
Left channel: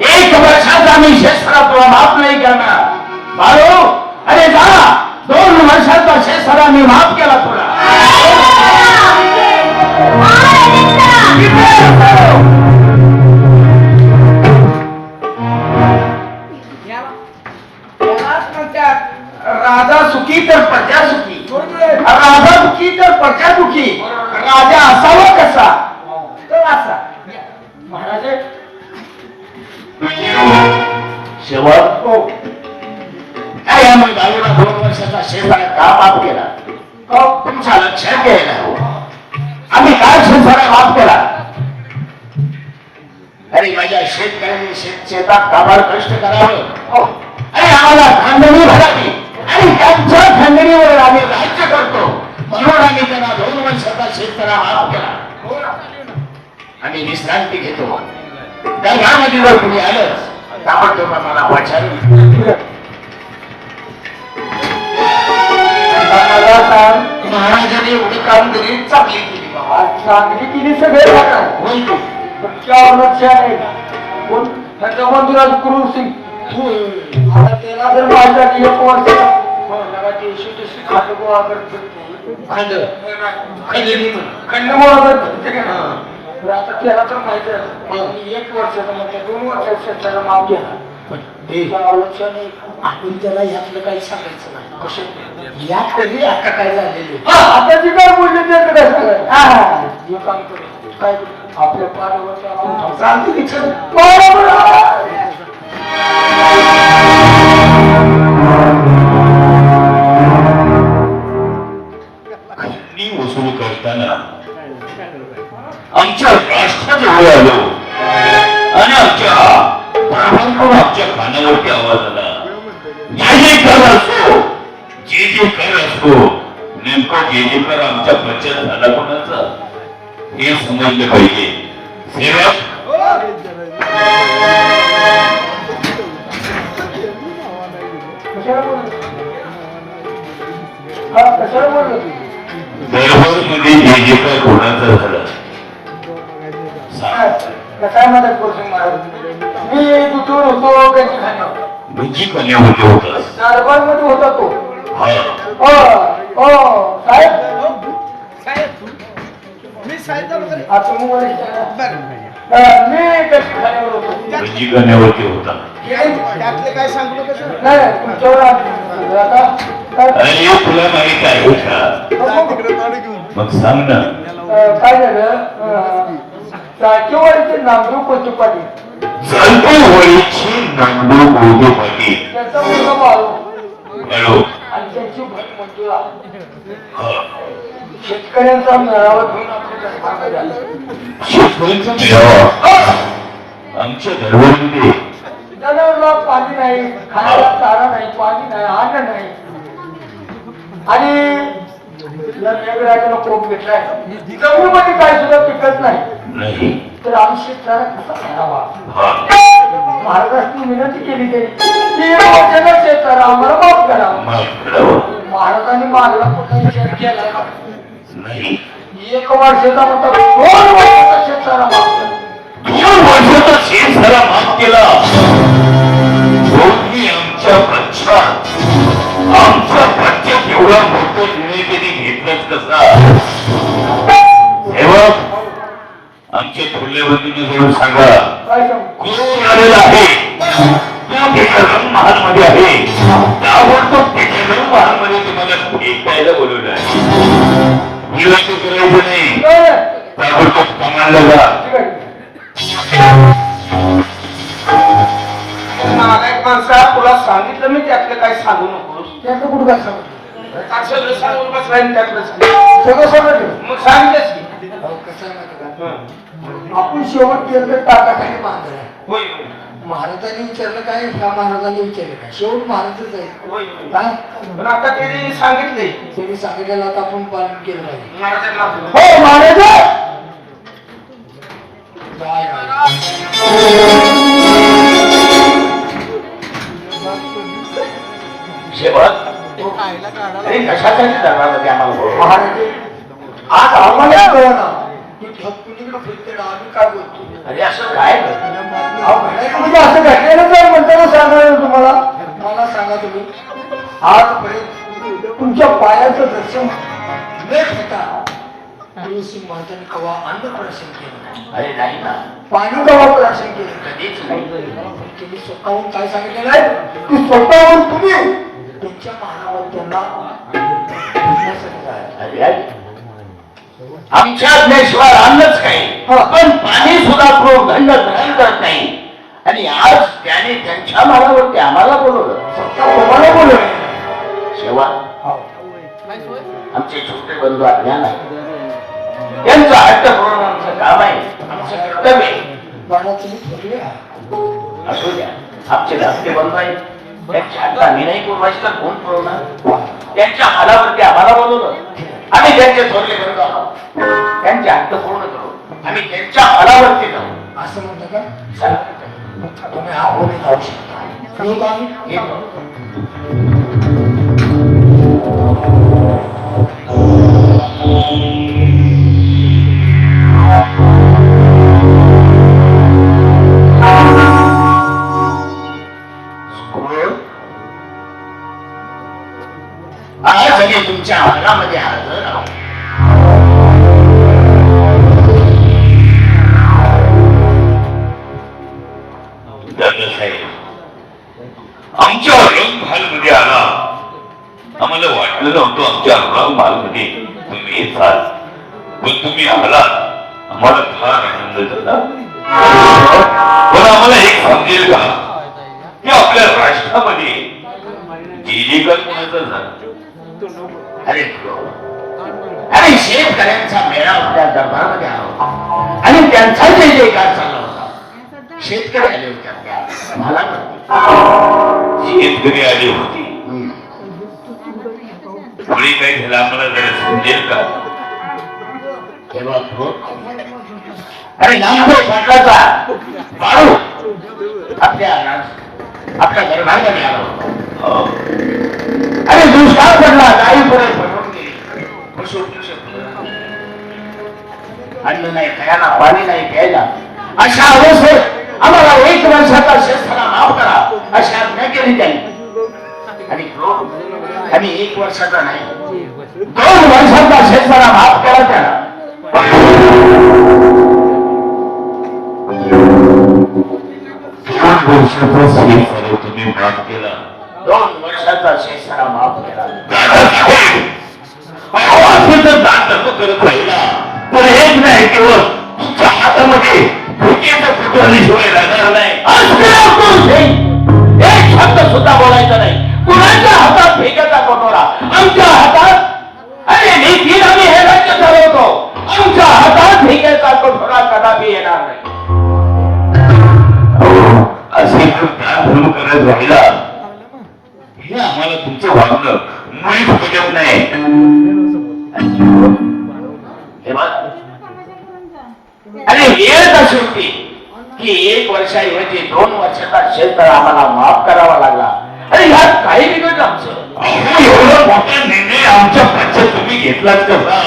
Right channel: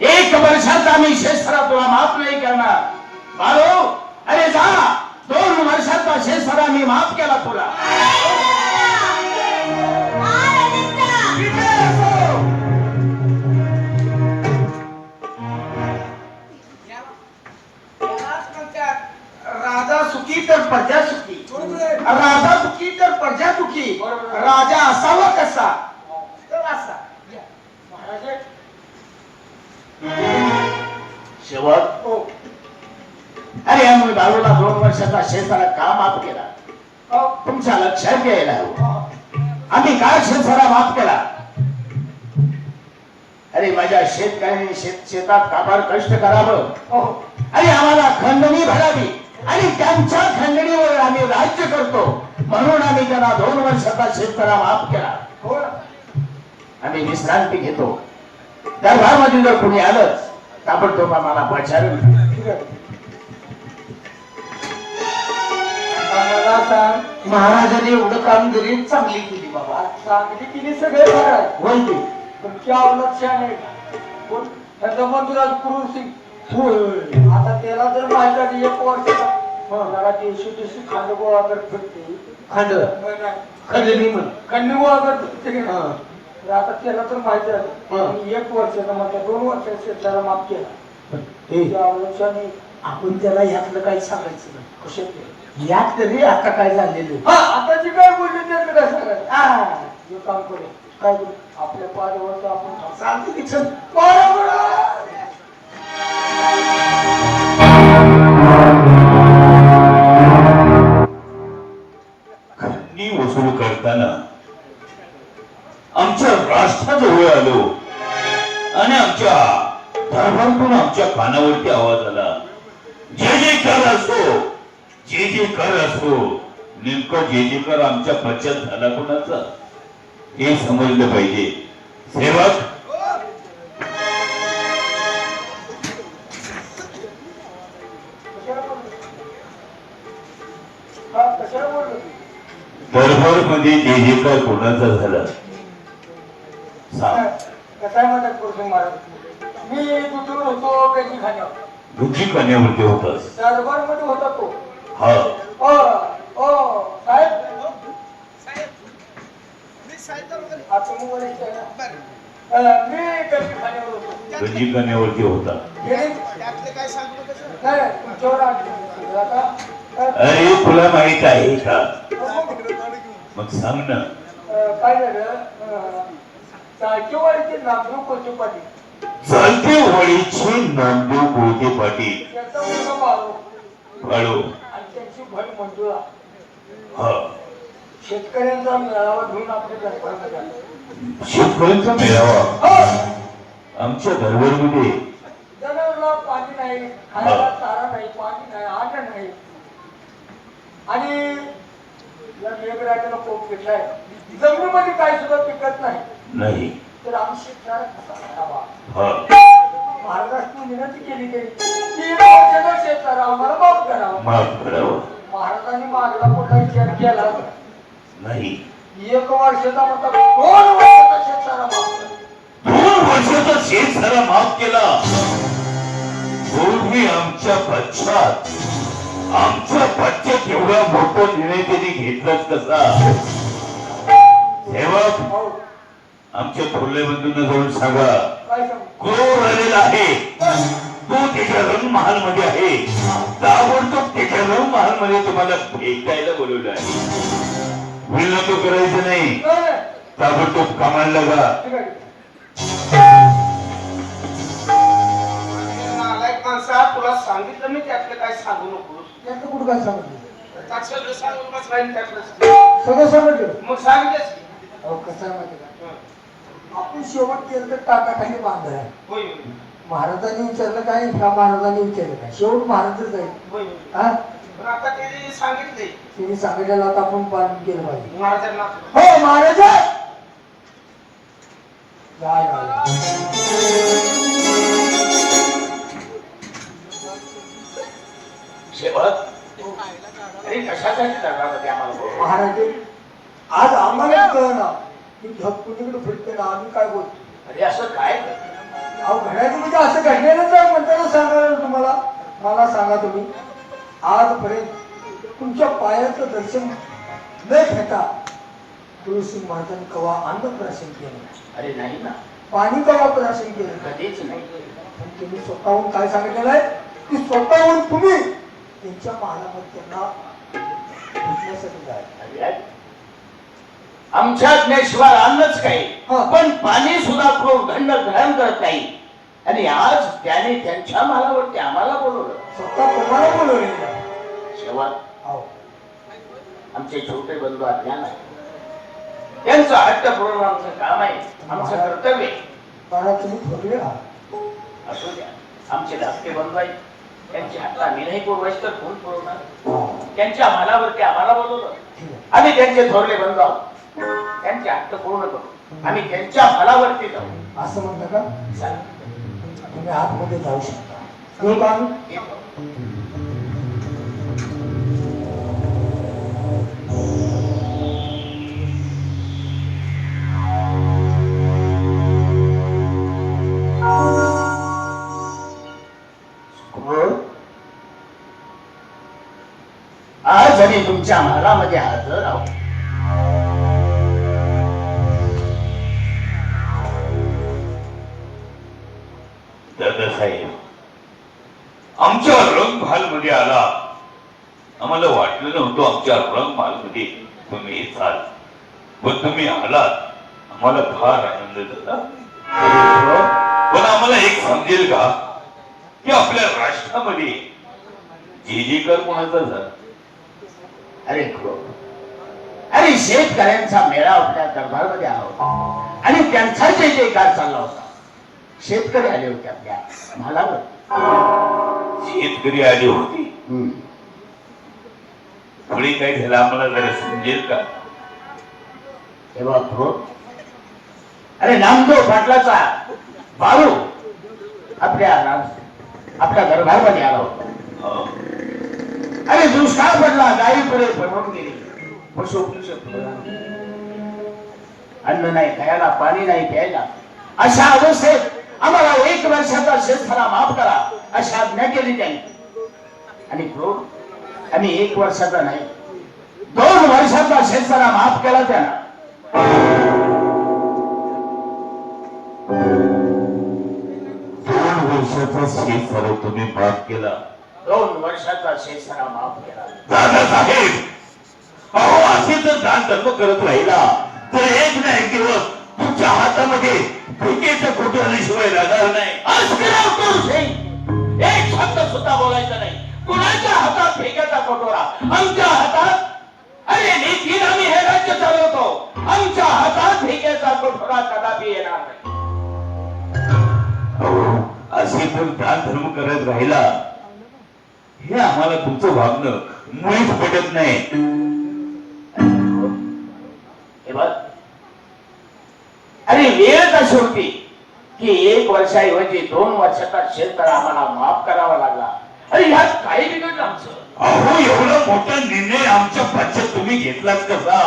1 वर्षाचा मी शेतसारा तुला माफ नाही करणार. बाळू, अरे जा, 2 वर्षाचा शेतसारा मी माफ केला तुला. त्यालाच म्हणतात राजा सुखी तर प्रजा सुखी, राजा दुखी तर प्रजा दुखी. राजा असावा कसा तर असा. महाराज शेवट हो अरे आम्ही बाळूला 2 वर्षाचा शेतसारा का माफ केला? तुमच्या लक्षात घ्यायला हवं. आम्ही काय शेतसारा माफ केला? अरे माझ्या शेतकऱ्यांनी शेतात काबाड कष्ट करावं आणि आम्हाला खंडणी भरावी आणि त्यांच्या खंडणीवर आम्ही राज्य करतो म्हणून आम्ही त्यांना 2 वर्षाचा शेतकऱ्या माफ केला. आणि विश्रांती घेतो. दरबारमध्ये जर कुणी आलंच ताबडतोब आम्हाला वाचार. मला सांग, महाराजांनी एवढं कामगिरी चांगली केली बाबा. आज चांगली केली सगळे करणार होय की? पण क्या लक्षात आहे कोण ह्याचा मंदिरात क्रूर सिंग आता त्याला जर माझ्या एक वर्ष मला देशी देशी खांड गोळा करत फिरते खंड गोळा करत फिरते का? तर आता त्याला तर माहिती आहे आणि 1 वर्षाचं म्हटलं 2 वर्षाचं शेतकऱ्याला माफ केला लक्षात नाही. आपण त्याला यातलं काही सांगायचं नाही. कसं यात तरी आता काय झालेले आता जी काय बोलले त्याचं काय सांगायचं जे काम करू काय करू आपल्या पाण्यावरचं आपण चालते की चल. खंडणी वसूल करताना आमच्या राष्ट्राजवळ आलो आणि आमच्या दरबारातून आमच्या कानावरती आवाज आला, जे जे कर असो, जे जे कर असो, नेमकं जे जे कर आमच्या पंचायत झाला कोणाचा हे समजलं पाहिजे. सेवक कशाला बोललो कशाला बोललो दरबार मध्ये जे जे काय कोणाचा झाला सांग. काय मदत करू महाराज मी दुटून होतो कधी खाण्यावर बुद्धी कन्यामध्ये होतास. दरबार मध्ये होता तो हा साहेब मी साहित्य वगैरे आता तुम्ही वरिष्ठ आहे ना? मी कधी खाण्यावर होतो बुद्धी कन्यावरती होता. त्यातले काय सांगू नका सर. नाही तुमच्यावर आता अरे तुला माहित आहे का? मग सांग ना. काय झालं चाकीवाडीचे नामदेव कोणते पाटील चालते वळीची नांदू गोदे पाटील त्यांचा मुलगा बाळू हॅलो. आणि त्यांची भट मंजुळा हा शेतकऱ्यांचा मेळावा घेऊन आपल्या दरबारमध्ये आले. शेतकऱ्यांचा मेळावा आमच्या दरबारमध्ये. जनावरला पाणी नाही, खाण्याला चारा नाही, पाणी नाही, अन्न नाही आणि मेघराजानं कोप घेतलाय. जमिनीमध्ये काय सुद्धा पिकत नाही तर आम्ही शेतकऱ्याला कसा करावा. महाराष्ट्राने विनंती केली की वचनं शेतकऱ्या आम्हाला माफ करावा. माफ करावं महाराजांनी मागला कुठला विचार केला नाही. 1 वर्षाचा म्हणतात 2 वर्षाचा शेतकऱ्या माफ करा. 2 वर्षाचा शेत झाला माफ केला. तुम्ही आमच्या पश्चात आमच्या पश्चात एवढा मोठा निर्णय त्यांनी घेतलाच कसा? सेवक आमच्या थोरले बंधूंना जवळ सांगा, काय सांगू क्रूर आलेला आहे तो त्याच्या रंग महाल मध्ये आहे. ताबडतोब त्याच्या रंग महाल मध्ये तुम्हाला भेटायला बोलवलं आहे. विलंब करायचं नाही. ताबडतोब कामाला जा. ठीक आहे. नालायक माणसा, तुला सांगितलं मी त्यातलं काय सांगू नकोस. त्याचं कुठं काय सांगितलं सगळं सांगून बस राहील त्यातलं सांग. सगळं सांगितलं मग सांगितलंच की. कसं आहे माहिती का आपण शेवट केलं तर टाकाखाली बांधणार आहे. होय महाराजांनी विचारलं काय ह्या महाराजांनी विचारलं काय शेवट महाराजच आहे. होय हा पण आता त्यांनी सांगितलंय त्यांनी सांगितलेलं आता आपण पालन केलं पाहिजे. महाराजांना. हो महाराज जय राम. शेवट अरे कशासाठी दरबारमध्ये आम्हाला बोलवलं? महाराज आज आम्हाला कळना की कुणीकडे फिरते ना आम्ही काय बोलतो. अरे असं काय अहो घडायचं म्हणजे असं घडलेलं जर म्हणताना सांगायला तुम्हाला मला सांगा तुम्ही आजपर्यंत तुमच्या पायाचं दर्शन न घेता गुरुसिंग महाराजांनी कवा अन्न प्राशन केलं, अरे नाही ना, पाणी कवा प्राशन केलं कधीच नाही. पण त्यांनी स्वतःहून काय सांगितलेलं आहे की स्वतःहून तुम्ही त्यांच्या महाराजांना त्यांना भेटण्यासाठी जायचं. अरे अरे. आमच्या ज्ञानेश्वर अन्नच काही हा. पण पाणी सुद्धा ग्रहण करत नाही. आणि आज त्याने त्यांच्या मालावरती आम्हाला बोलवलं. स्वतः तुम्हाला बोलवलेलं शेवा हो. आमचे छोटे बंधू अज्ञान आहे, त्यांचा हट्ट पूर्ण आमचं काम आहे, आमचं कर्तव्य आहे. बाळा तुम्ही ठरले आहात. असू द्या, आमचे धाकटे बंधू आहेत, त्यांची हट्ट आम्ही नाही पुरवायची तर कोण पुरवणार? त्यांच्या मालावरती आम्हाला बोलवलं. आम्ही त्यांचे थोरले बंधू आहोत. त्यांचे हक्क पूर्ण करू. आम्ही त्यांच्या फलावरती जाऊ. असं म्हणता का चला. तुम्ही आंबोली खाऊ शकता येऊ का आम्ही येतो. आज आम्ही तुमच्या महालामध्ये हजर आहोत. दादासाहेब आमच्या रंगमहाल मध्ये आला. आम्हाला वाटलं नव्हतं आमच्या रंगमहाल मध्ये तुम्ही येताल, पण तुम्ही आलात. आम्हाला फार आनंद झाला. पण आम्हाला एक समजेल का की आपल्या राष्ट्रामध्ये जे काय कोणाचा झाला. अरे अरे शेतकऱ्यांचा मेळा आपल्या दरबारमध्ये आला होता आणि त्यांचा जे जयकार चालला होता. शेतकरी आले होते आपल्या महालामध्ये. शेतकरी आले होते. पुढे काय झालं आम्हाला जरा समजेल का. तेव्हा क्रोध अरे नामदेव पाटलाचा बाळू आपल्या दरबारमध्ये आला होता. अरे दुष्काळ पडला. गाई पुढे पडून गेली. अन्न नाही खायला, पाणी नाही प्यायला. अशा अवस्थेत आम्हाला 1 वर्षाचा शेतकऱ्या माफ करा अशी आज्ञा केली त्यांनी. आणि क्रोध आणि 1 वर्षाचा नाही 2 वर्षाचा शेतकऱ्या माफ केला त्याला. 2 वर्षाचा शेतकरी तुम्ही माफ केला. 2 वर्षाचा शेतकऱ्या माफ केला. दादासाहेब अहो असे जर दान धर्म करत राहिला तर एक नाही केवळ तुमच्या हातामध्ये भुकेचं कुठल्याशिवाय राहणार नाही. एक शब्द सुद्धा बोलायचा नाही. कुणाच्या हातात फेकायचा कटोरा. आमच्या हातात अरे नीती आम्ही हे राज्य चालवतो. आमच्या हातात फेकायचा कटोरा कदापि येणार नाही. असे जर दान धर्म करत राहिला हे आम्हाला तुमचं वागणं मुळीच पटत नाही. हे बघ अरे वेळ अशी होती की 1 वर्षाऐवजी 2 वर्षाचा शेतकरी आम्हाला माफ करावा लागला. अरे ह्यात काही बिघडलं आमचं. अहो एवढा मोठा निर्णय आमच्या पक्षात तुम्ही घेतलाच कसा.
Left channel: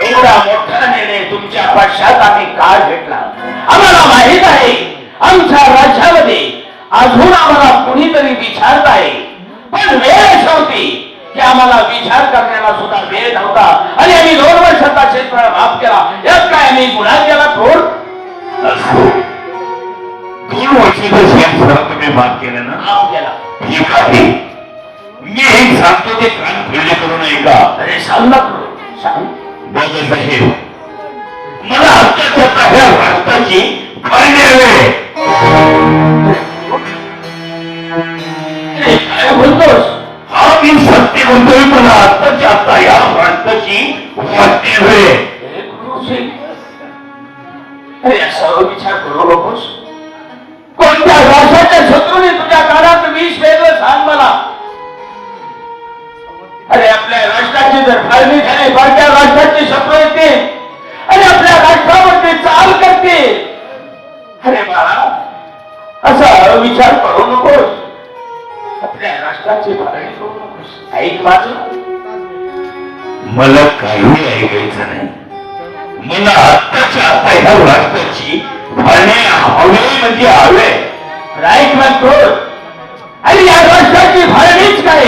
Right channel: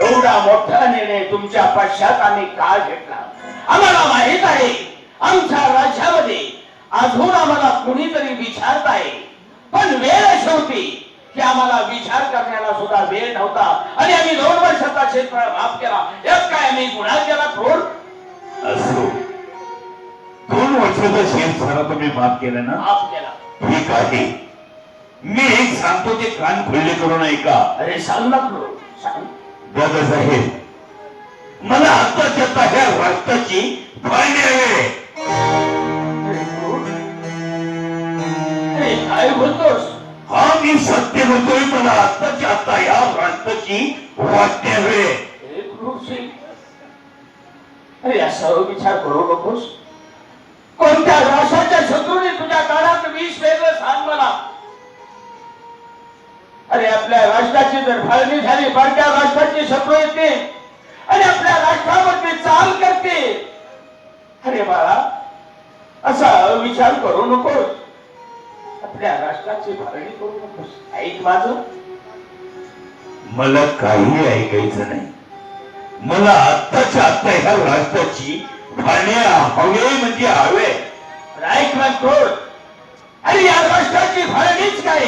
एवढा मोठा निर्णय तुमच्या पक्षात आम्ही का घेतला आम्हाला माहित आहे. आमच्या राज्यामध्ये अजून आम्हाला कुणीतरी विचारत आहे. पण वेळ अशी होती की आम्हाला विचार करण्याला सुद्धा वेळ नव्हता. आणि आम्ही 2 वर्षाचा शेतकरी माफ केला. यात काय आम्ही गुन्हा केला थोड. असो 2 वर्षाचा शेतकऱ्या तुम्ही माफ केलं ना. माफ केला. ठीक आहे. मी एक सांगतो ते कान खुले करून ऐका. अरे सांग ना करू. सांग. दादासाहेब मला आत्ताच्या ह्या राष्ट्राची फायदे हवे. अरे काय बोलतोस. हा मी सत्य म्हणतोय. मला आत्ताच्या आता या राष्ट्राची वाटते हवे. अरे असा विचार करू नकोस. कोणत्या राष्ट्राच्या शत्रूने तुझ्या कानात विष वेगळं सांग मला. अरे आपल्या राष्ट्राची जर फाळणी झाली कोणत्या राष्ट्राची शत्रू येतील आणि आपल्या राष्ट्रावरती चाल करतील. अरे बाळा असा विचार करू नकोस. आपल्या राष्ट्राची फाळणी करू नकोस. ऐक माझं. मला काही ऐकायचं नाही. मला आत्ताच्या आता ह्या राष्ट्राची फाळणी हवे म्हणजे हवे. राईट म्हणतो. आणि या राष्ट्राची फाळणीच काय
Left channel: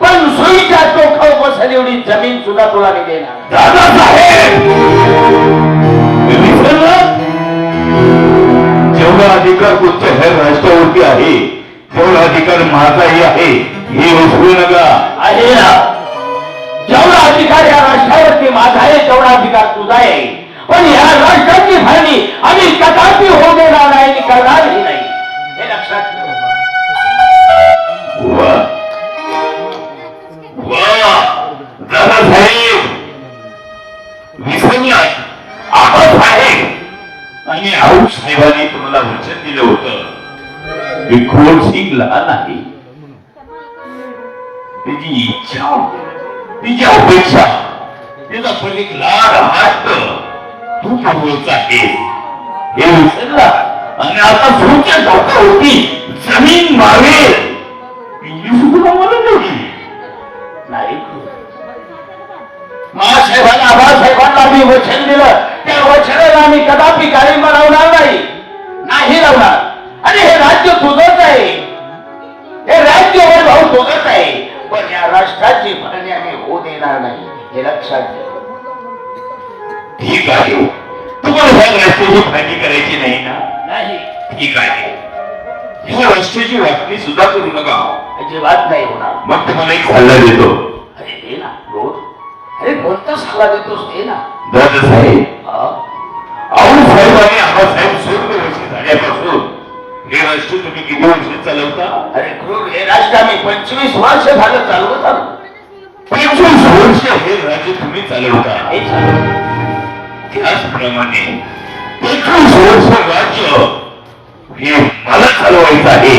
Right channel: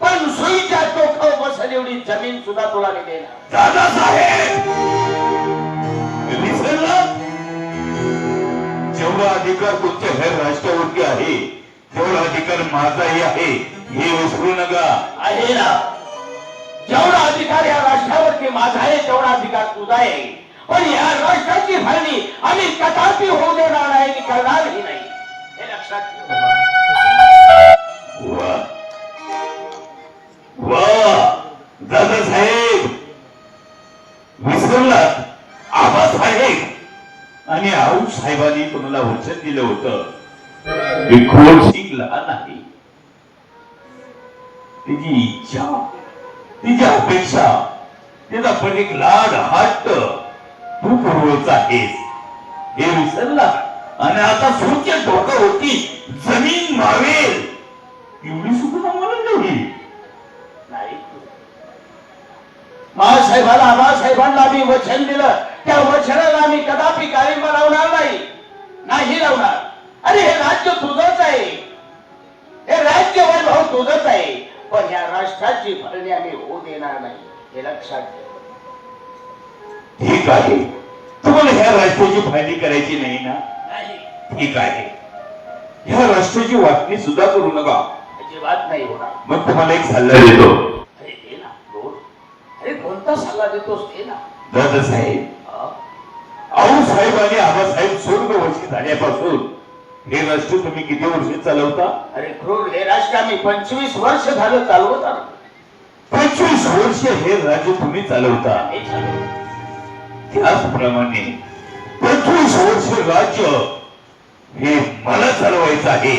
पण सुईच्या चोखावर बसेल एवढी जमीन सुद्धा तुला मी देणार. दादासाहेब मी विसरलं. जेवढा अधिकार तुमच्या ह्या राष्ट्रावरती आहे तेवढा अधिकार माझाही आहे हे विसरू नका. आहे ना. जेवढा अधिकार या राष्ट्रावरती माझा आहे तेवढा अधिकार तुझा आहे. पण या राष्ट्राची फाळणी आम्ही कदापि होऊ देणार नाही आणि करणारही नाही. हे लक्षात ठेव. वा वा दादासाहेब विसरला. आबासाहेब आणि आऊ साहेबांनी तुम्हाला वचन दिलं होतं विखोड सिंग लहान आहे त्याची इच्छा तिची अपेक्षा, तिचा पण एक लाड हट्ट तू पुरवत आहेस हे विसरला आणि आता सूच्या डोकं होती जमीन मावेल एवढी सुद्धा मला नाही महासाहेबाला आबासाहेबांना मी वचन दिलं, त्या वचनाला मी कदापि काळिंबा लावणार नाही लावणार. आणि हे राज्य तुझंच आहे, हे राज्य भाऊ तुझंच आहे, पण या राष्ट्राची भरणी आम्ही होऊ देणार नाही हे लक्षात घे. ठीक आहे, तुम्हाला ह्या राष्ट्राची फायदी करायची नाही ना? नाही ठीक आहे, ह्या राष्ट्राची वाटणी सुद्धा करू नका. अजिबात नाही होणार. मग तुम्हाला एक सल्ला देतो. अरे दे ना रोज, अरे कोणता सल्ला देतोस दे ना. दादा साहेब, हा? आऊळ साहेब आणि आबासाहेब स्वर्गवासी झाल्यापासून हे राष्ट्र तुम्ही किती वर्ष चालवता? अरे क्रूर, हे राष्ट्र आम्ही 25 वर्ष झालं चालवत आलो. 25 वर्ष हे राज्य तुम्ही चालवता. हे चालवत. त्याचप्रमाणे 25 वर्ष राज्य हे मला चालवायचं आहे.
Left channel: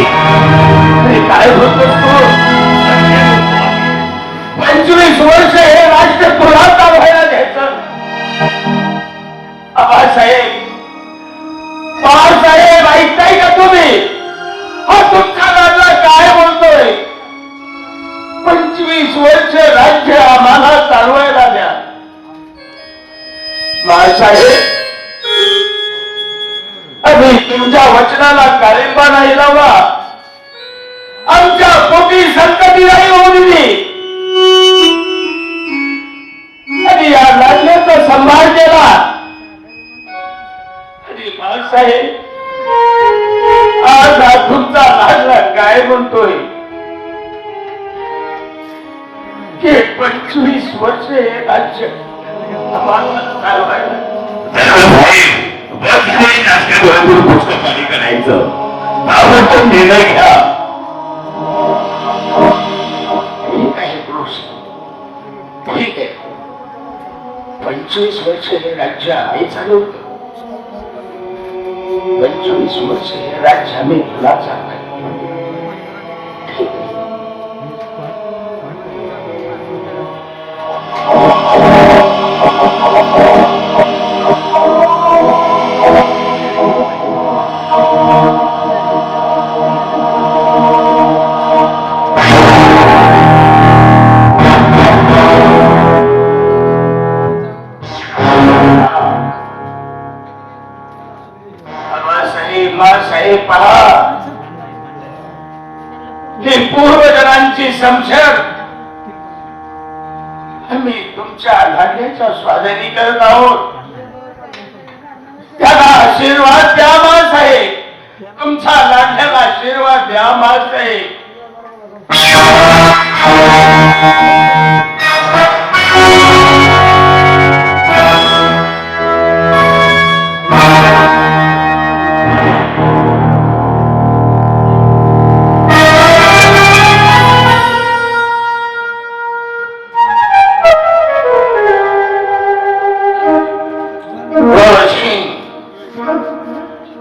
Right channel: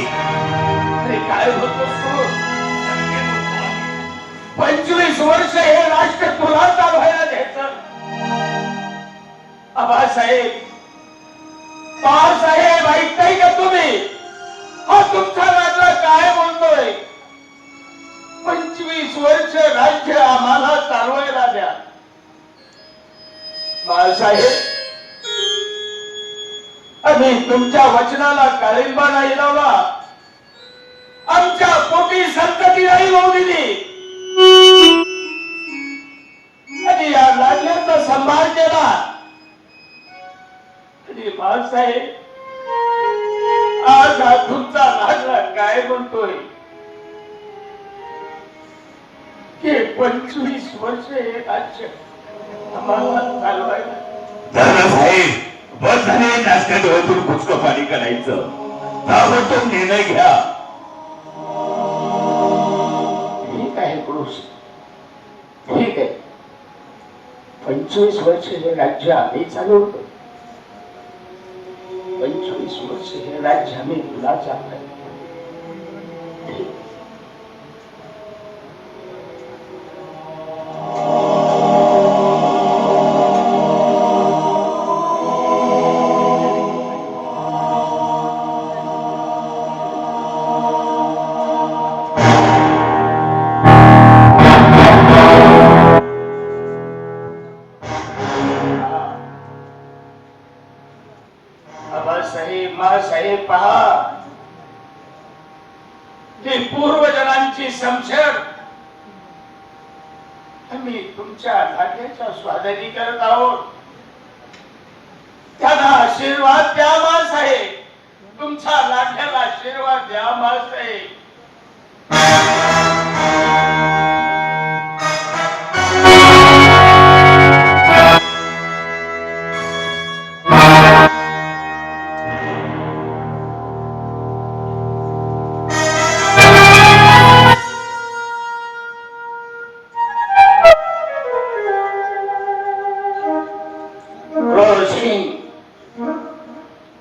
अरे काय बोलतोस तू? 25 वर्ष हे राष्ट्र तुला चालवायला द्यायचं? आबासाहेब, पवारसाहेब, ऐकताय का तुम्ही? हा तुमचा राजा काय बोलतोय? 25 वर्ष राज्य आम्हाला चालवायला द्या. बाळासाहेब, आम्ही तुमच्या वचनाला काळिंबा नाही लावला, आमच्या पोटी संतती नाही होऊ दिली, आणि या राज्याचा सांभाळ केला. आणि बाळासाहेब, आज हा तुमचा राजा काय म्हणतोय की 25 वर्ष हे राज्य आम्हाला चालवायला. दादा साहेब, बस झाले नाश्ता डोळ्यातून पुष्क पाणी करायचं. ताबडतोब निर्णय घ्या. ठीक आहे पुरुष, ठीक आहे. 25 वर्ष हे राज्य आम्ही चालवतो, 25 वर्ष हे राज्य आम्ही तुला चालवायचं. ठीक आहे. साहेब पहा, ही पूर्वजनांची समशर आम्ही तुमच्या लाडण्याच्या स्वाधीनी करत आहोत. त्याला आशीर्वाद द्या माँसाहेब, तुमच्या लाडण्याला आशीर्वाद द्या माँसाहेब.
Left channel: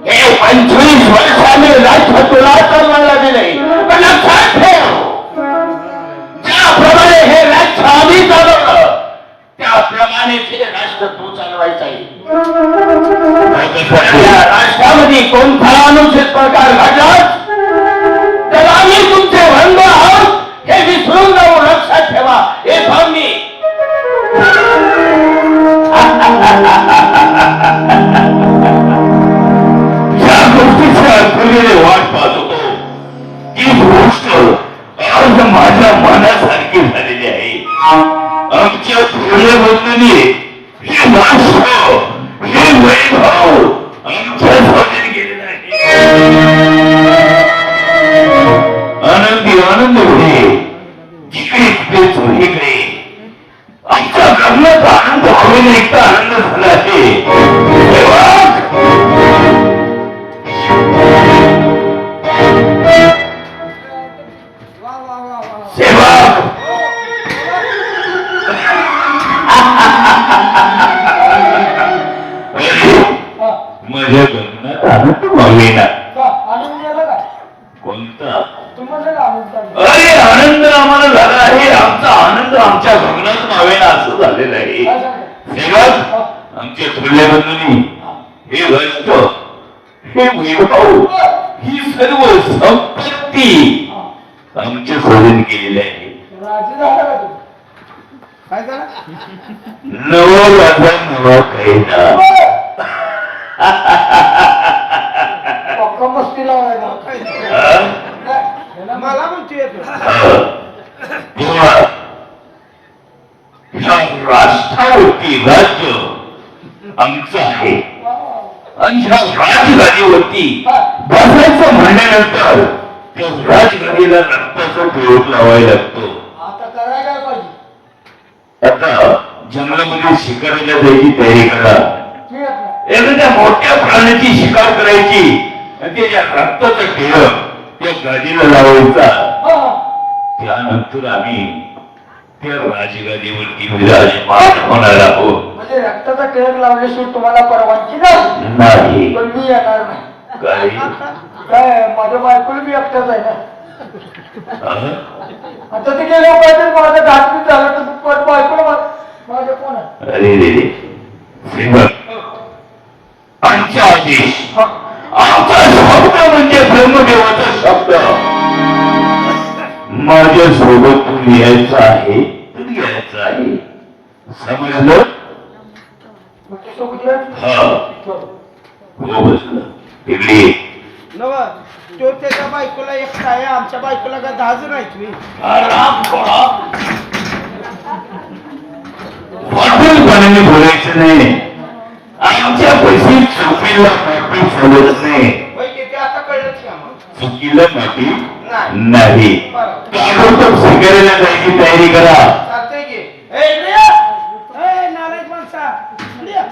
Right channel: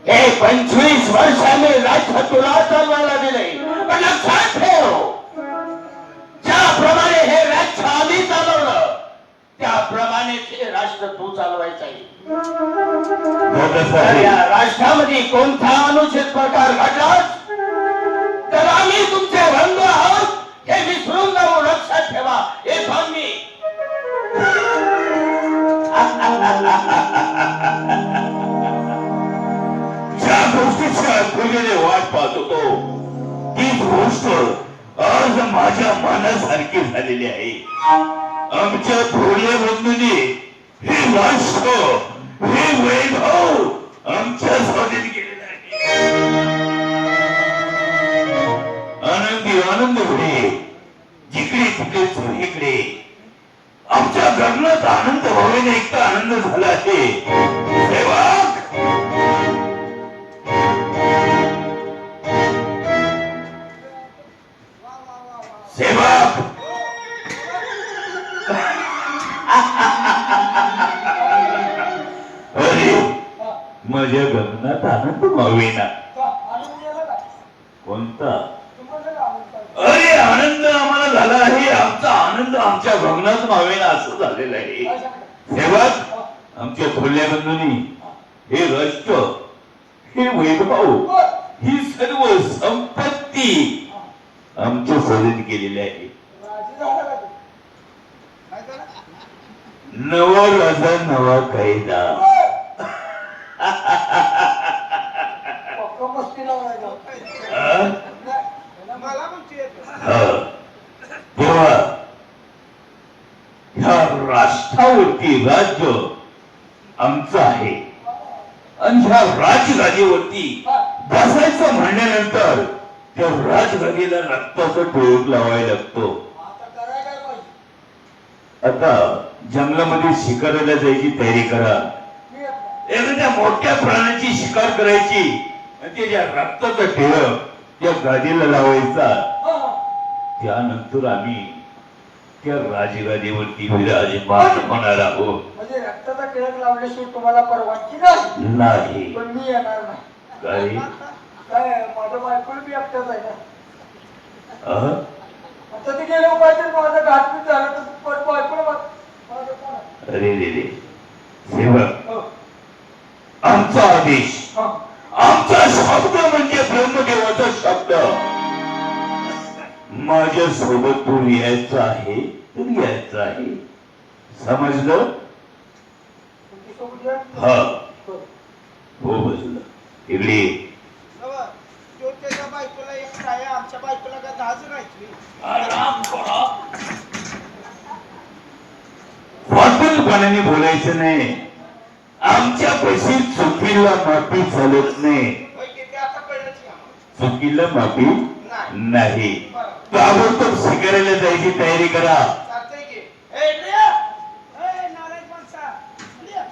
हे 25 वर्षांनी राज्य तुला चालवायला दिले, पण लक्षात ठेव, ज्याप्रमाणे हे राज्य आम्ही चालवलं त्याप्रमाणे हे राष्ट्र तू चालवायचं आहे. या राष्ट्रामध्ये कोणता अनुचित प्रकार घडला तर आम्ही तुमचे रंग आहोत हे विसरून जाऊ. लक्षात ठेवा हे मी. वाट पाहत होतो ती गोष्ट आज माझ्या मनासारखी झालेली आहे. आमच्या थोड्या बंधूंनी हे राष्ट्र, हे वैभव आमच्या स्वाधीन केलेलं आहे. आनंदी आनंद होते, जिकडे तिकडे चोहीकडे आमच्या गगनात आनंद हवेने एकटा आनंद झाला आहे. माझ्या गगनात आनंद मावेना. आनंद झाला काय? कोणता? तुम्हाला आनंद झाला? अरे आनंद आम्हाला झाला आहे आमचा आनंद आमच्या गगनात मावेना असं झालेलं आहे. काय सांगता? सेवक आमच्या थोरल्या बंधूंनी हे कष्ट, हे वैभव, ही सर्व संपत्ती आमच्या सोडून केलेली आहे. राजी झाला का तू? काय झालं नवा माझा नवा कायदा. पक्का मस्ती लावायला. हा? मला म्हणते येतो तेव्हा ह्या राष्ट्रावरती राज्य आमचं आहे आणि ह्या राजगादीवरती बसायचं म्हणल्यानंतर त्या राजगादीला रक्ताचा प्रयोग लावायला लागतो. आता करायला काय पाहिजे? आता जंगलामध्ये शिकारीला जायची तयारी करा. मी आता एखाद्या मोठ्या प्राण्याची शिकार करायची आणि त्याच्या रक्ताचा टिळक त्या गादीला लावायचा. हा, हा. त्यानंतर आम्ही त्या राजगादीवरती विराजमान होणार आहोत. म्हणजे रक्ताचा टिळक लावल्याशिवाय तुम्हाला परवानगी नाही. नाही पण मी येणार नाही. काही काय माझं बायकोला मी एकटाच आहे ना. अहं? आता ते गेले पाहिजे माझं घातबीत झालं तर पण बायकोला माझ्या कोण आहे? अरे रे रे सेवक आमचा आदेश, हा. आमचा शब्द म्हणजे ब्रह्मदेवाचा शब्द. माझ्या सोबत तू यायचं आहे तर यायचं आहे. समजलं? तुमच्यासोबत येईल? हा हो बसलं. इकडे नव तो त्याच्या बायकोला एकटा आहे आमच्या बायकोला काय 10 जण आहेत मी आराम थोडा. वाटेलपणाने बोलायचं नाही. आमच्या पैसे चुकीला माफी चालत नाही. होय की ते आता कळलंच का मग चुकीला माफी नाही. नाही. ताबडतोब शिकारीला जायची तयारी करा. चालतंय की ए इकडे ये. ए नालायक माणसा इकडे ये.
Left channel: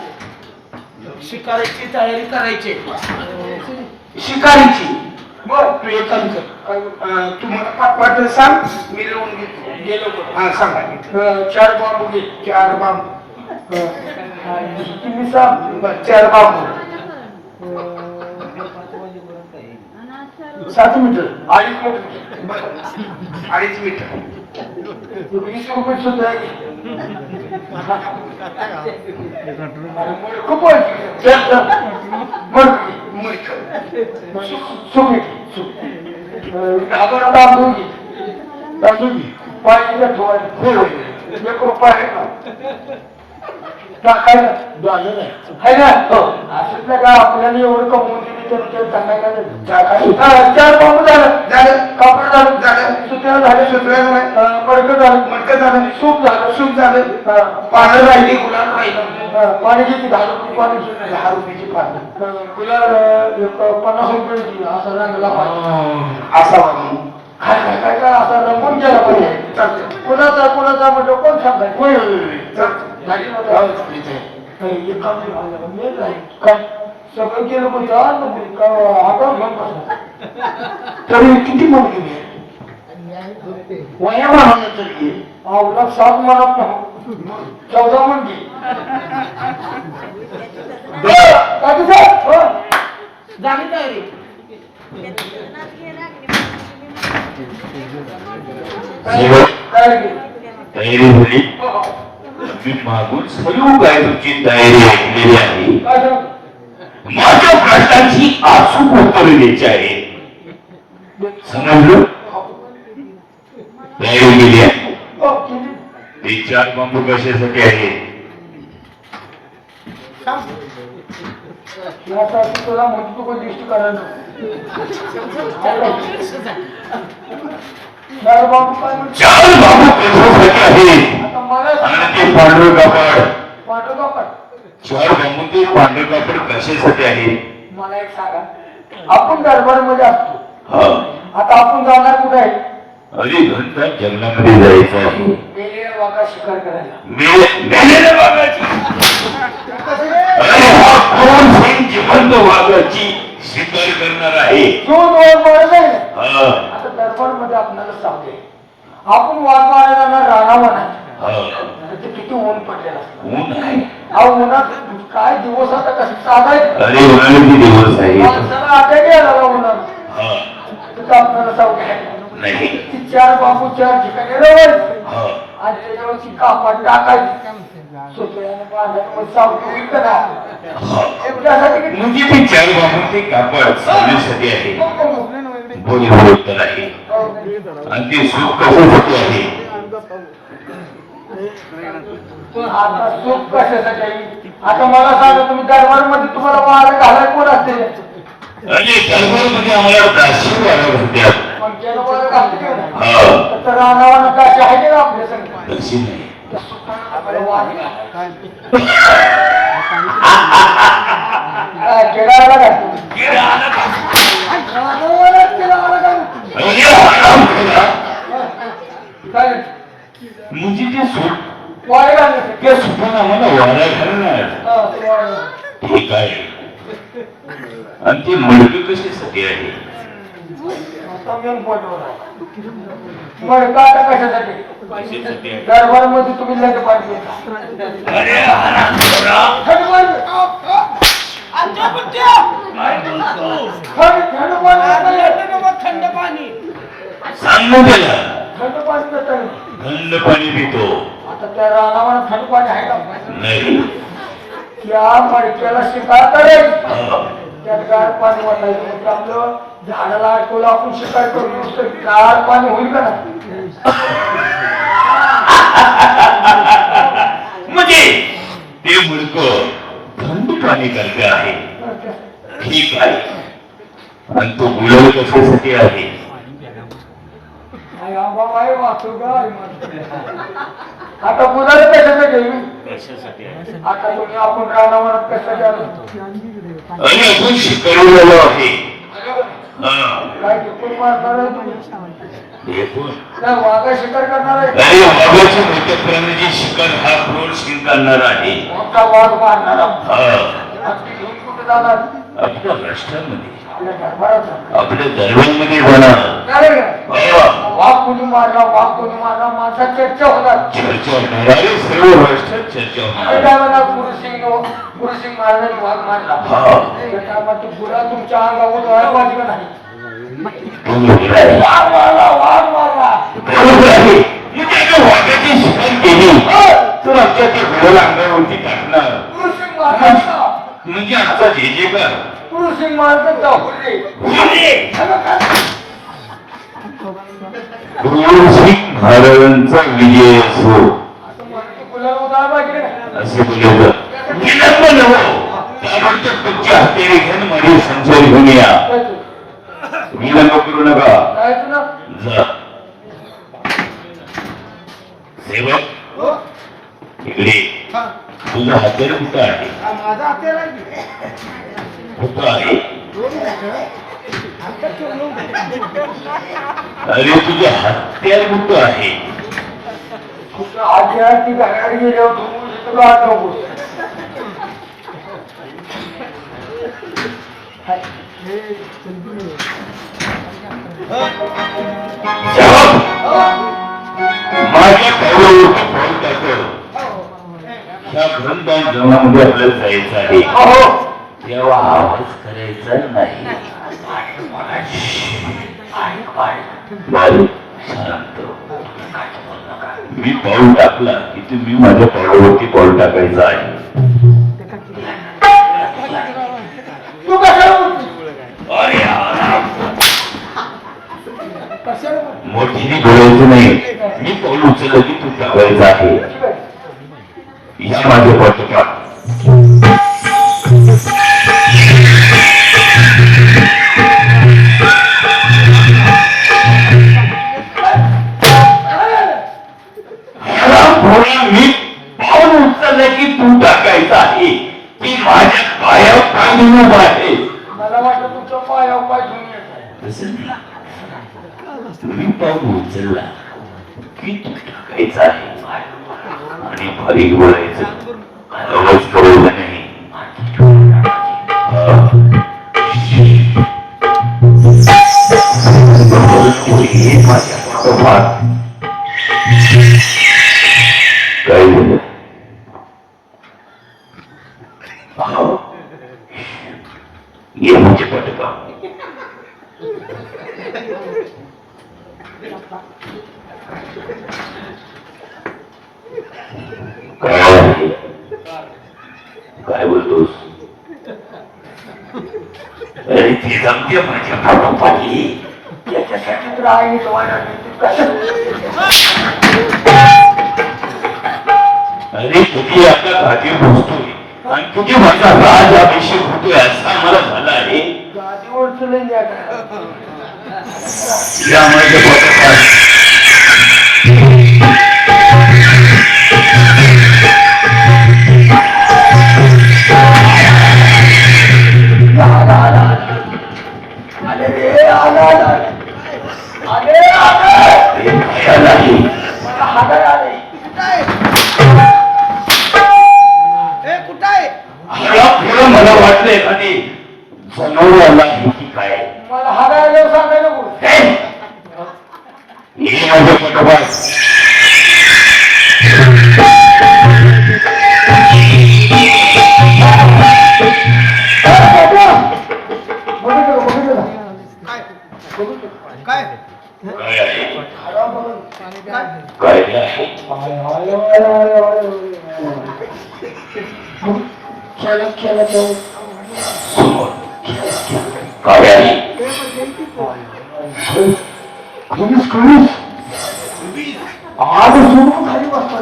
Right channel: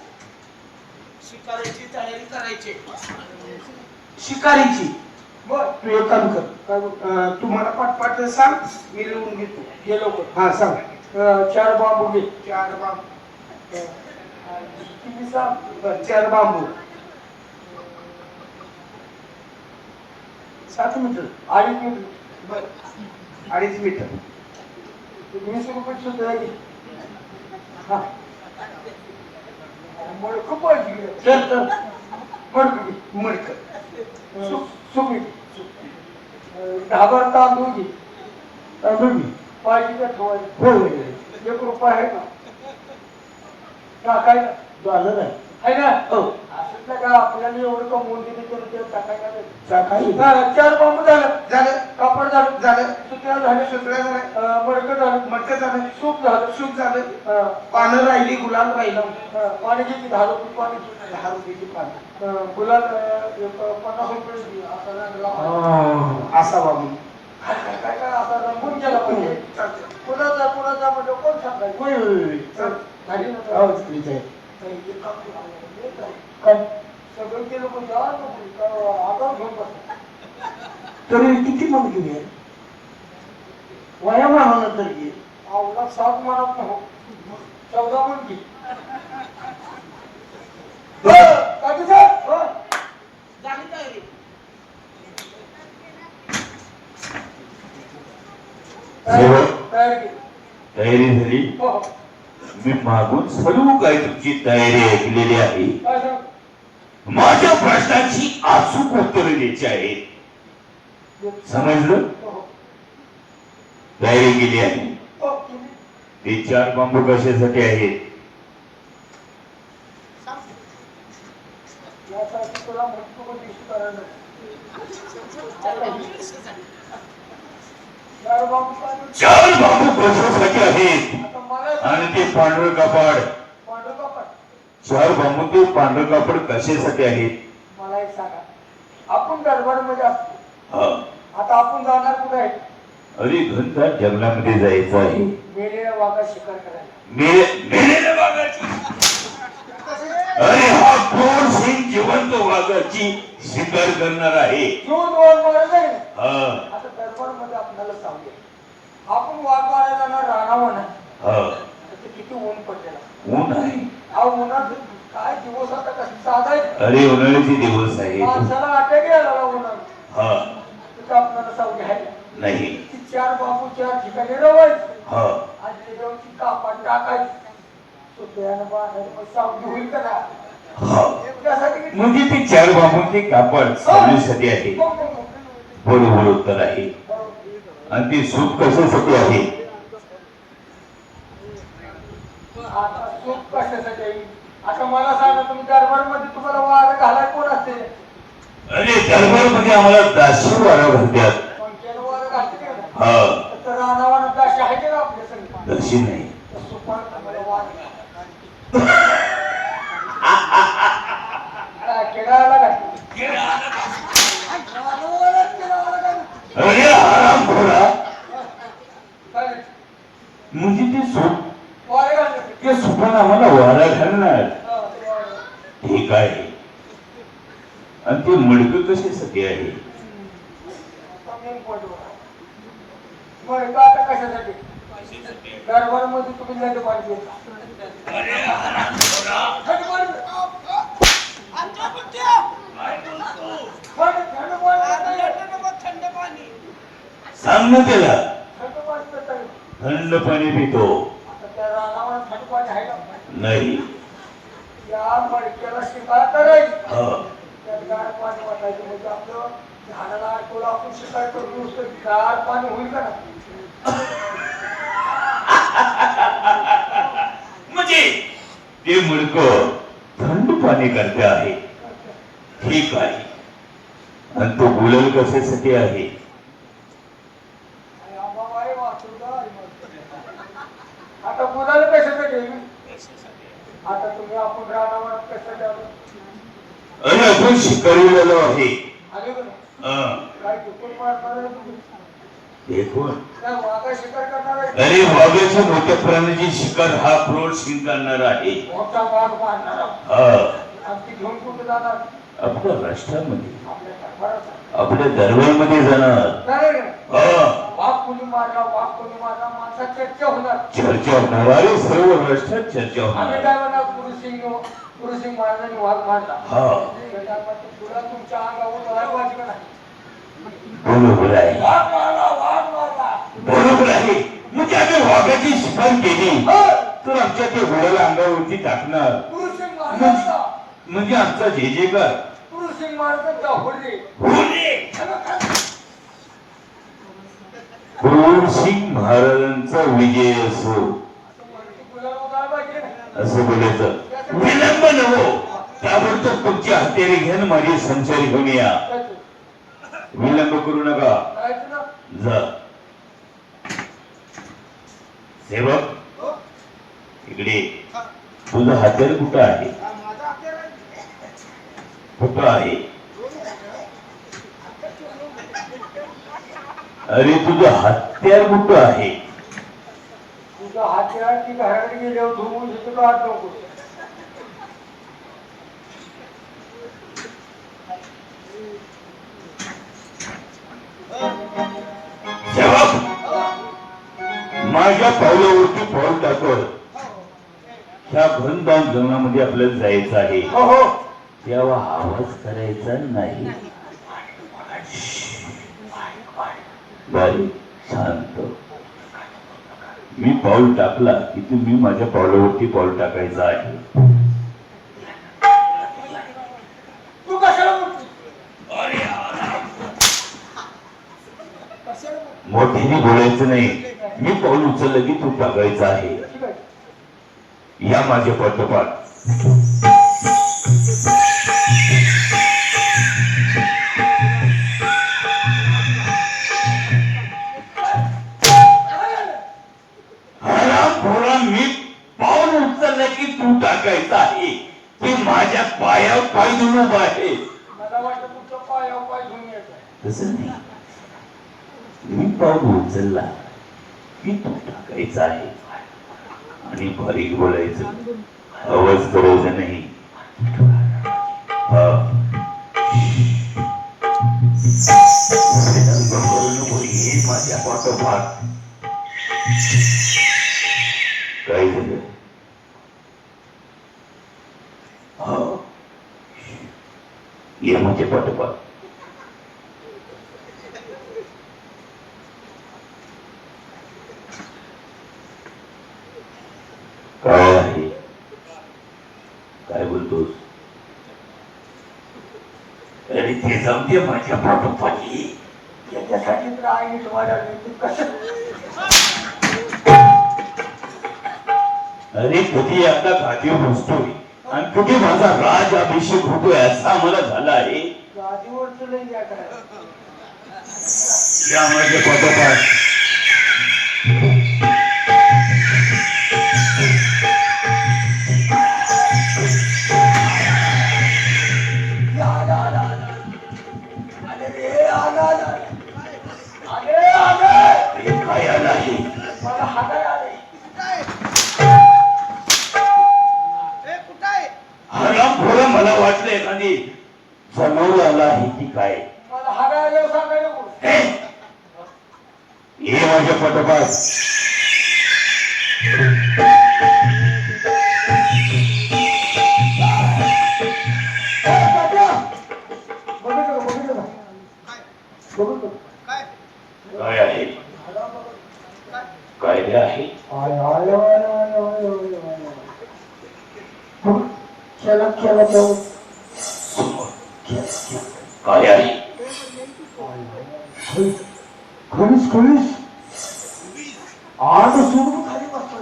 शिकारीची तयारी करायची शिकारीची बर तू एक काम कर काय बोल? तुम्हाला पाठ सांग मी लिहून घेतो गेलो हा सांगा 4 बांबू घे. 4 बांबू तुम्ही सांग. 4 बांबू 7 मीटर 2.5 मीटर. बर 2.5 मीटर 20 रुपये सुद्धा आहे. हा. अरे मोड खूप वाढली. चल मडकी मडकं सुमी घाबर तांदूळ घे. तांदूळ घे. पाहिजे का ठेवायला? होय 1 रुपया आहे का? टाकायला झालं नाही आहे ना. हो असं का आपल्याला एवढं कमवून दिली तर ते टाकायला नाही. 4 बांबू झालं. झालं कापड झालं. झालं सुत्या झाले. सुत्र्या झालं मडकं झालं. मडकं झालं सूप झालं. सूप झालं हा. पानं राहिली गुलाल राहिलं पाणी घेतली 10 रुपये पाणी घे. 10 रुपयाची पानं गुलाल 50 रुपये घे. असा रंगला पाहिजे. असा बाबू काय काय काय काय असा रंगून गेला पाहिजे. चालतं कुणाचा म्हणजे कोण सांगायचं? चालतं झाली ना हो, तर? इथे. एक काम केलं. काय सगळं केलं म्हणजे आगाऊ घेऊन बसला. तरी किती मन घेऊन वया म्हणून तरी आवडा 7 मनात नाही 14 मन घे. काय तुझं? झाली तयारी काय घे? तयारी झाली. हो, हो. मी मागून सर्व काय तुमची तयारी ऐकलेली आहे. काय सांग? माझ्या प्रश्नांची अचूक उत्तरे द्यायची आहे. समजलं? तयारी केली आहे. हो, केली. ते 4 बांबू कशासाठी आहे? यासाठी तुला म्हणतो पण दिष्ट करायला. 4 बांबू काय म्हणतो? 4 बांबू कशासाठी आहे? आता मला सांग. आणि ते पांढरं कापड. पांढरं कापड. 4 बांबू ते पांढरं कापड कशासाठी आहे? मला एक सांगा. आपण दरबारमध्ये असतो. हा आता आपण जाणार कुठे आहे? अरे घंटा जंगलामध्ये जायचं आहे. गेलेल्या वाघा शिकार करायला. मेलेल्या वाघाची. अरे हा क्रूर सिंग जिवंत वाघाची शिकार करणार आहे. जो वाघ मारत आहे ना. हा आता दरबारमध्ये आपल्याला सांगते आपण वाघ मारायला जाणार राणावर नाही. हा तिथे किती ऊन पडलेला असतं. ऊन आहे. हा उन्हात काय दिवस आता कसं साधायचं. अरे उन्हाळ्याचे दिवस आहे. माणसाला अटॅक यायला लागला उन्हात. हा तिथं आपल्याला सांगते नाही. ती 4 बांबू 4 ठिकाणी रवायचे हा आणि त्याच्यावरची कापड टाकायची सुतळ्यानं बांधायचं मग सावली होईल का नाही? हा त्यासाठी किती- म्हणजे ते 4 बांबूचे कापड सावलीसाठी आहे, बोली उत्तर आहे. आणि ते सूप कशासाठी आहे? आता सूप कशासाठी आहे? आता मला सांगा तुम्ही दरबारमध्ये तुम्हाला वारा घालाय कोण असते? अरे दरबारमध्ये आम्हाला दाशी वारा घालतात. मग ज्याला वारा घालते का नाही? हा तर रानावानं दाशी आहे का आपल्या संग? दशी नाही. त्या सुतानं आम्हाला वारा घालाय. केळाला काय? रानावालाच केळाला काय? अरे हरामखोरा. काय? म्हणजे ते सूप वारे घालण्यासाठी. त्या सुपानं आम्हाला वारा घालणार. हा, ते वारा. ठीक आहे. आणि ते मडकं कशासाठी आहे? आता मेन पॉईंटवर आहे. बरं, का आता कशासाठी? दरबारमध्ये तुम्ही लगे पाहिजे. अरे हरामखोरा. थंड पाणी सांग ना त्याला थंड पाणी देता. थंड पाणी पितो. आता त्या रानावर थंड पाणी आहे का? नाही. त्या मडक्याला शिकार करायची, हा. त्यात गार पाणी वाटायचं. म्हणजे आपलं झाडाला अडकवलं आपण शिकार करू नुसतं गार पाणी होईल का ना? म्हणजे ते मुडकं थंड पाणी करत आहे. ठीक आहे. आणि तो गुलाल कशासाठी आहे? आई आंबा बाई वाचू गाय माझं. आता गुलाल कशासाठी आहे? आता तुम्ही आपण रानावनात कशासाठी आलो? आणि आपण शिकारी झालो आहे. हा. काय टिपून मारणार आहे तुम्ही? हे कोण? काय वाघा शिकार करणार आहे? अरे वाघाच्या मोठ्या प्राण्याची शिकार हा क्रूर सिंग करणार आहे. मोठा वाघ मारणार हा. आणि ती घेऊन कुठे जाणार? आपल्या राष्ट्रामध्ये आपल्या दरबारात. आपल्या दरबारमध्ये जाणार. नाही रे. हा. वाघ कोणी मारला, वाघ कोणी मारला, माणसात चर्चा होणार. चर्चा होणार. अरे सर्व राष्ट्रात चर्चा आम्ही होणार. काय म्हणा, गुरुसिंग महाराजांनी वाघ मारला. हा. त्या टायमात तो गुलाल तुमच्या अंगावर उधळायला पाहिजे का नाही? बरोबर आहे. वाघ मारला, वाघ मारला. बरोबर आहे. म्हणजे आता वाघाची शिकार केली तर आमच्या ते गुलाल अंगावरती टाकणार. गुरुसिंग महाराज म्हणजे आमचा जे जे कर गुरुसिंग महाराजांचा हुर्रे. क्रूर सिंग महाराजांचा विजय असो असं म्हणतो, गुलाल उधळायला पाहिजे का नाही? असे बोलायचं. विलंब नको. ताबडतोब तुमची हत्यारे घेऊन माझे संसार घेऊन या. जायचं. विलंब करू नका. जायचं ना? जा. सेवक हो इकडे. तुझं हत्यार कुठं आहे? माझा हत्यार आहे. कुठं आहे? दोन मिनिटं. आमच्या ठेवलं. अरे तुझं हत्यार कुठं आहे? तुझं आजी आहे ती घराकडे गेल्यावर धुवून तुला हात नको. सेवक माझ्या पावलावरती पाऊल टाकल. ह्या घनदान जेवणामध्ये आपल्याला जायचं आहे. हो. तेव्हा आवाज करायचा नाही. बारीक शांत. मी पाऊल टाकला की तुम्ही माझ्या पावलावरती पाऊल टाकायचं आहे. तू कशाला बोलतो? कशाला बोलतो? मोठ्याने बोलायचं नाही. मी पाऊल उचललं की तू टाकायचं आहे. ठीक आहे. या माझ्या पाठोपाठ. मी पाऊल उचललं की तू टाकायचं आहे की माझ्या पायावर पाय देऊन उभा आहे. मला वाटलं तुमच्या पायावर पाय धुवून येत आहे. तसं नाही. मी पाऊल उचलला की तू टाकायचं आहे आणि बारीक बोलायचं. आवाज करायचा नाही. माझ्या पाठोपाठ. काय झालं? ये माझ्या पाठोपाठ. काय आहे? काय बोलतोस? अरे ती जमते माझ्या पाठोपाठी. त्याच्यासाठी तर आहे तुम्हाला कसं अरे कधी आता खाती बसतोय आणि कधी माझा राज अभिषेक होतोय असा मला झाला आहे. गादीवर चलून द्या काय या माझ्या पाठोपाठ आले रे आले आले आले हे खाया नाही. मला हाडाय आले कुठं आहे मला थोडं मला वाटलं एखादी जनावर आला आहे की काय. मला हाडाय आले सांगायला नको हे माझ्या पाठोपाठ काय काय आहे? काय आहे? खेळा खेळा जाऊ समोर. काय आहे? खरीच खरीच आज सोडून खाली बसतो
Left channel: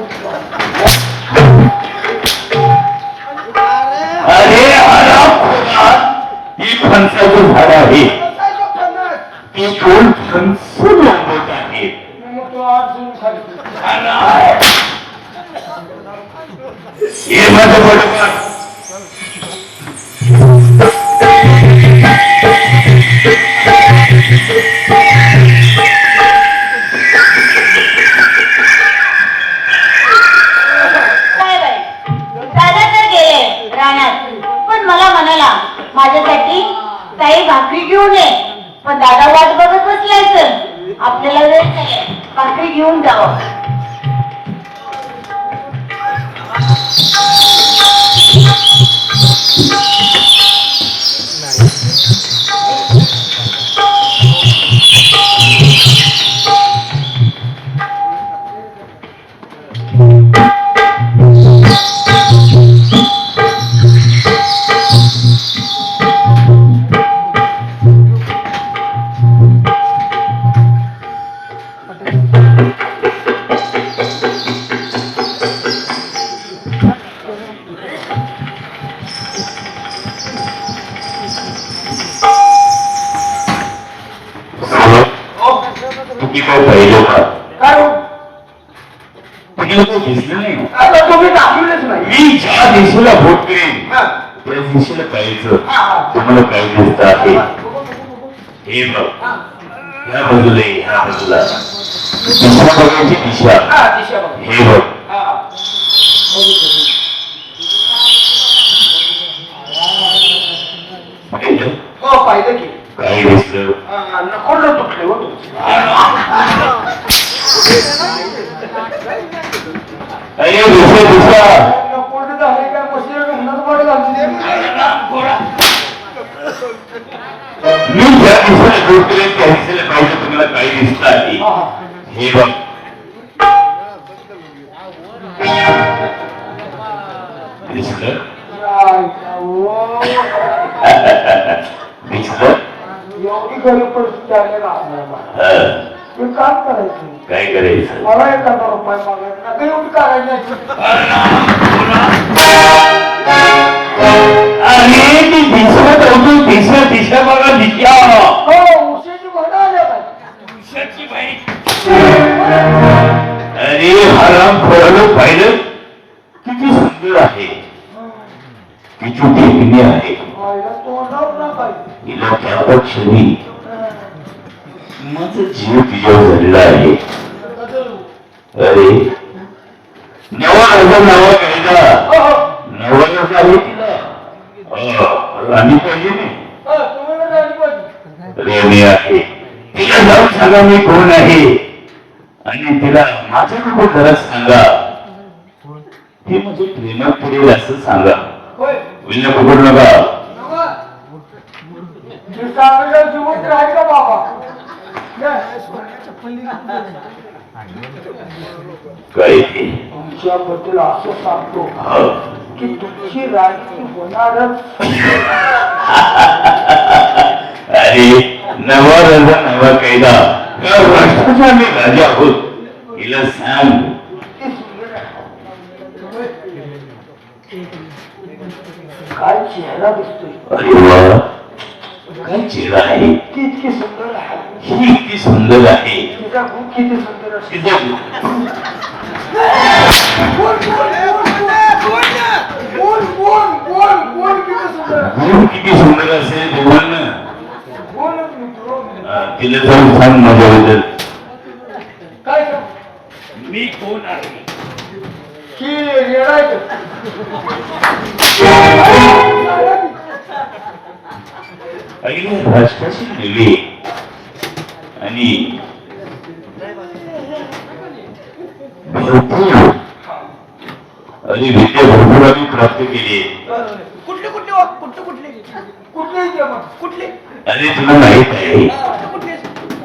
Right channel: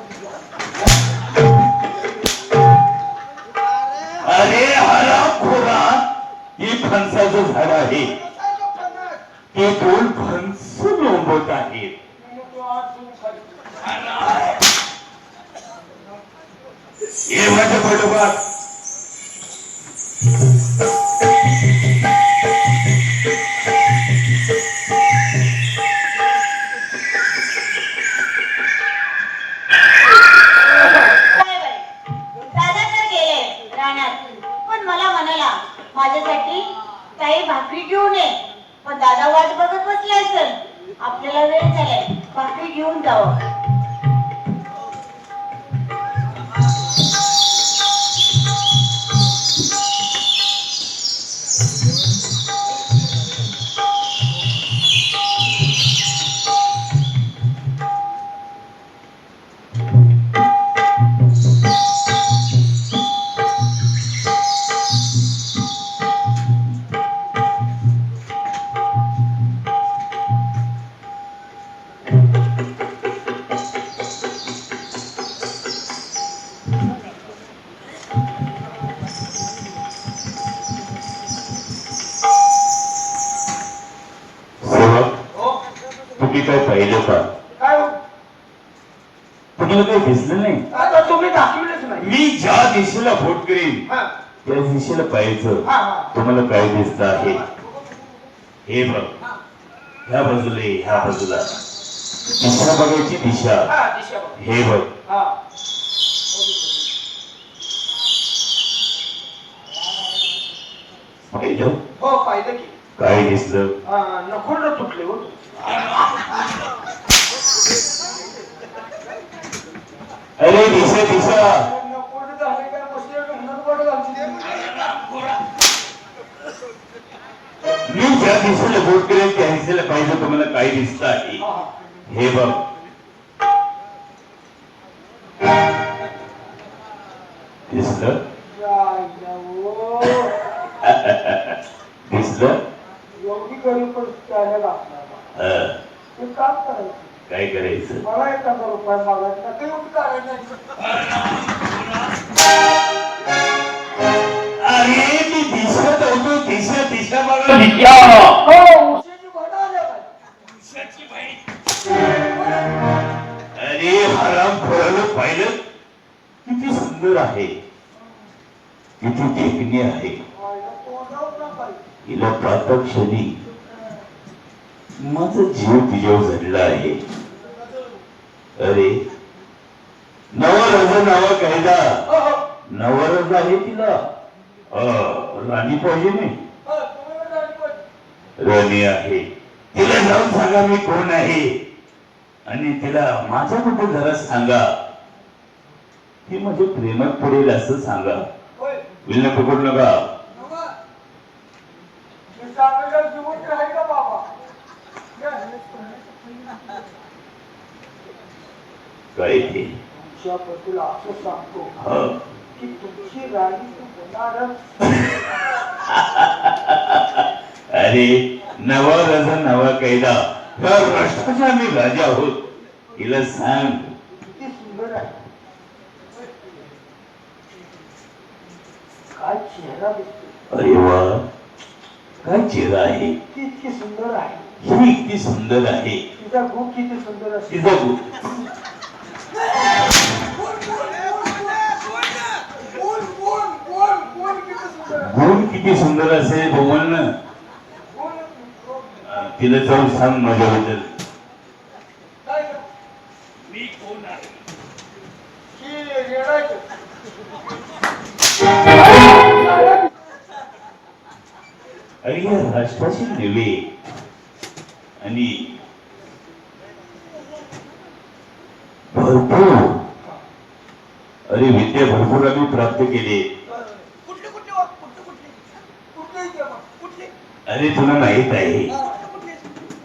अरे हरामखोरा, ही फणसाचं झाड आहे. ती दोन फणस लोंबत आहेत. तो आज सोडून खाली हे माझं बरोबर. काय बाई, दादा तर गेले रानात, पण मला म्हणाला माझ्यासाठी ताई भाकरी घेऊन ये. पण दादा वाट बघत बसले असेल, आपल्याला वेळ झालाय, भाकरी घेऊन जावं. तुम्ही काय पाहिजे का? काय हो? तुम्हाला काही दिसलं नाही. आता तुम्ही दाखवलेच नाही मी ज्या दिशेला भोट करेन हा त्या दिशेला पाहायचं. हा हा तुम्हाला काय दिसत आहे? हे बघ, ह्या बाजूला ये, ह्या बाजूला दिशा बघायची दिशा. हा दिशा बघ हे बघ, हा पाहिलं? हो पाहिलं की काय दिसलं? नकोडलं तुटले हो तुमचे अरे दिशा दिशा. नकोडलं झाले काय मशीन उन्हात वाढ घालते मी ज्या दिशेला भोट करेन त्या दिशेला पाहिजे. तुम्हाला काय दिसत आहे? हे बघ, दिसलं? दिसलं? एवढी गरीब परिस्थिती आलेला आपल्याला हा. हे काम करायचं काय करायचं? मला 1,000 रुपये मागायचं नका एवढी करायची अरे ती दिशा होती. दिशा दिशा बघा दिशा. हो उशीची भाडं आल्या काय अरे हराम खोरानं पाहिलं किती सुंदर आहे, किती देखणी आहे. व्हायला तोंडावर ना पाहिजे हिला त्या क्षणी माझा जीव तिच्यावर झालेला आहे. अरे नवा कायदा नवरा आहे तिला. राणी पाहिजे नाही. तुम्ही राणी पाहिजे रेणी आहे. तिला जाऊन सांगा मी कोण आहे आणि तिला माझ्याकडे जरा सांगा. हे म्हणजे प्रेमात पडेल असं सांगा. होय विना पकडू नका. नका. हे सांगायला जिवंत राहील का बाबा सोन्याच्या पल्ली काय ते तुमच्याबद्दल असं सांगतो हा. की तुमची राणी होणारच. अरे नवा राजा नवा कायदा या राष्ट्राचा आम्ही राजा आहोत. हिला सांग किती सुंदर आहे. काय चेहरा दिसतोय. अरे वा काय चेहरा आहे. इतकी सुंदर आहे. ही किती सुंदर आहे. तिचा खूप किती सुंदर असते. तिचा बोल किती सुंदर आहे. गुण किती सुंदर असेल बोल ना. बोलच मित्र. तिला जाऊन सांग माझ्याबद्दल. काय सांग मी कोण आहे. की येडायचं. आणि राष्ट्राची नव्हे आणि भरपूर अरे विद्या भरपूर आम्ही प्राप्त केली. कुठले कुठले कुठले कुठले कुठलेही दे मग. कुठले अरे तुला माहित आहे कुठले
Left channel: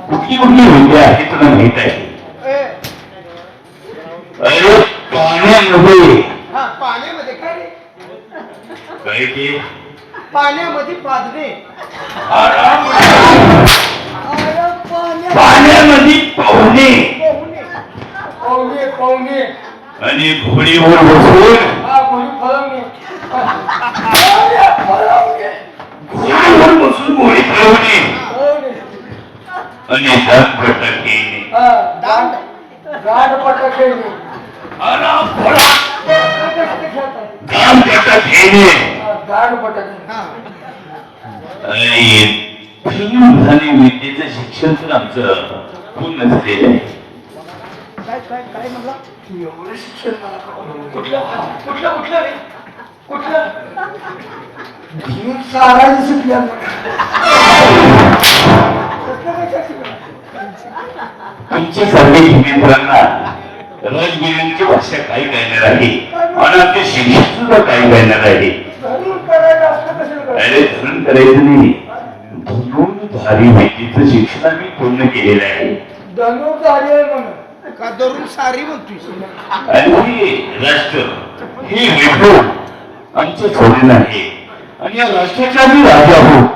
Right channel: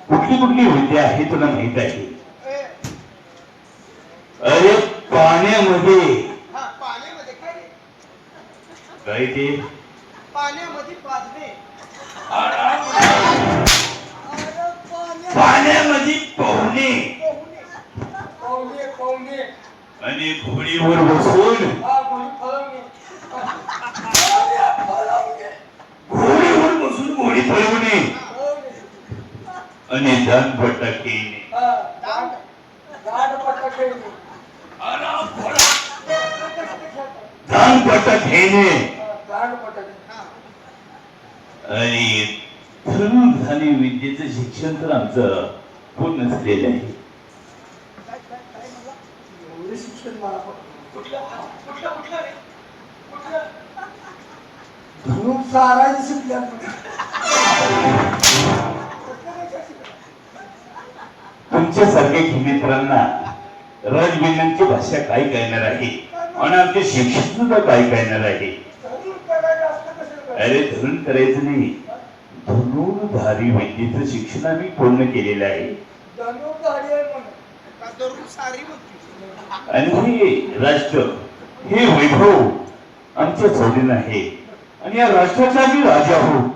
कुठली कुठली विद्या आहे तुला माहित आहे. अरे पाण्यामध्ये हा पाण्यामध्ये काय रे काय ते पाण्यामध्ये पाजणे पाण्यामध्ये पोहणे पाहुणे पाहुणे. आणि घोडीवर बसून हा कोणी फळवणे. घोडीवर बसून घोडी पळवणे आणि दानपट्टा खेळणे. गाडपट्टा खेळणे. दानपट्टा खेळणे गाडपट्टा खेळणे. आणि फिरून झाले विद्येचं शिक्षण तर आमचं पूर्ण झालेलं आहे. काय काय काय म्हणला एवढं शिक्षण मला कुठलं कुठलं कुठलं रे कुठलं घेऊन सारायचं शिकल्या. तुमच्यासारख्या मित्रांना राजबिलांची भाषा काय कळणार आहे आणि आमचे शिक्षण सुद्धा काय कळणार आहे. धरून करायचं असतं कसं करायचं. अरे धरून करायचं नाही धनुर्धारी विद्येचं शिक्षण आम्ही पूर्ण केलेलं आहे. धनुर्धारी आहे म्हणून. का धरून सारी म्हणतोय आणि हे राष्ट्र हे वैभव आमचं सोडून आहे आणि या राष्ट्राचा आम्ही राजा आहोत.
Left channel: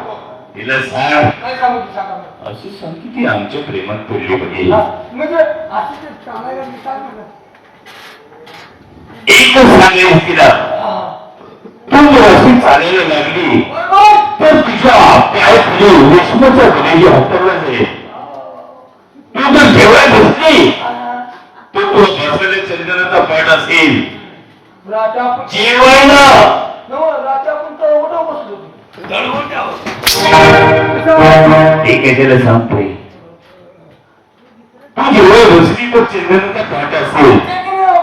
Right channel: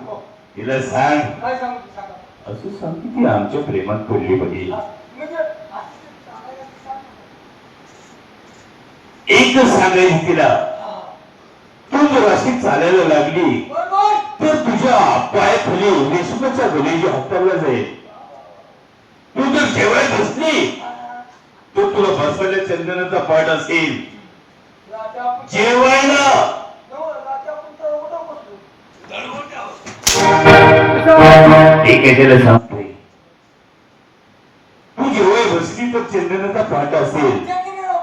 तिला सांग काय सांगू तू सांगा मला. असं सांग की ती आमच्या प्रेमात पडली पाहिजे. म्हणजे असं ते चालायला मी काय म्हणलं. एकच सांगायचं तिला तू जर अशी चालायला लागली बरोबर. तर तुझ्या पाय तुझे रेशमाच्या गुन्ह्याची हत्याला जाईल. तू जर जेवायला बसली तो तुला बसलेल्या चंदनाचा पाठ असेल. राजा आपण जेवायला राजा आपण तर बसलो. ठीक आहे त्याला सांगतोय तू जेवायला बसली तर चंदनाचा पाठ असेल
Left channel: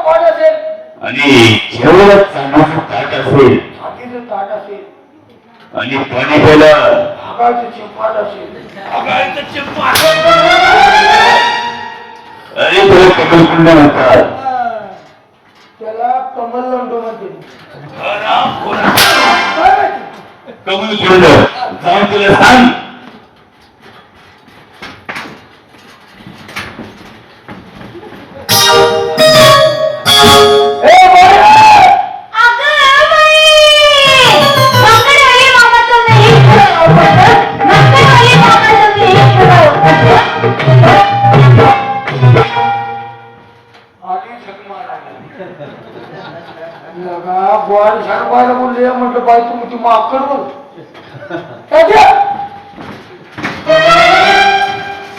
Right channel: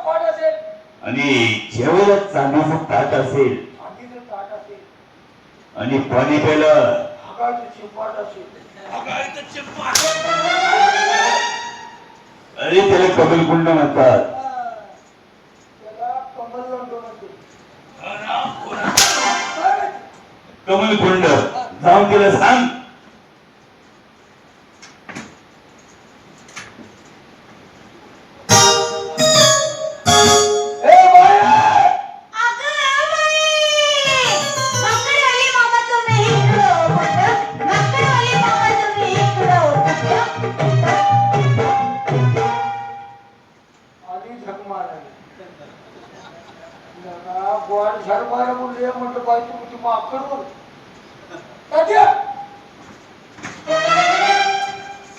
पाठ असेल. आणि जेवायला चांगल्याचं ताट असेल छातीचं ताट असेल. आणि पाणी प्यायला भागाचं चिंपाट असेल. अरे तुला कमलकुंड म्हणतात. त्याला कमल लंडो म्हणते. कमलकुंड जाऊन तुला सांग आधी झक मारायला लगा गोड झक मारायला बोलले म्हटलं बाई तू ती माकड बोल.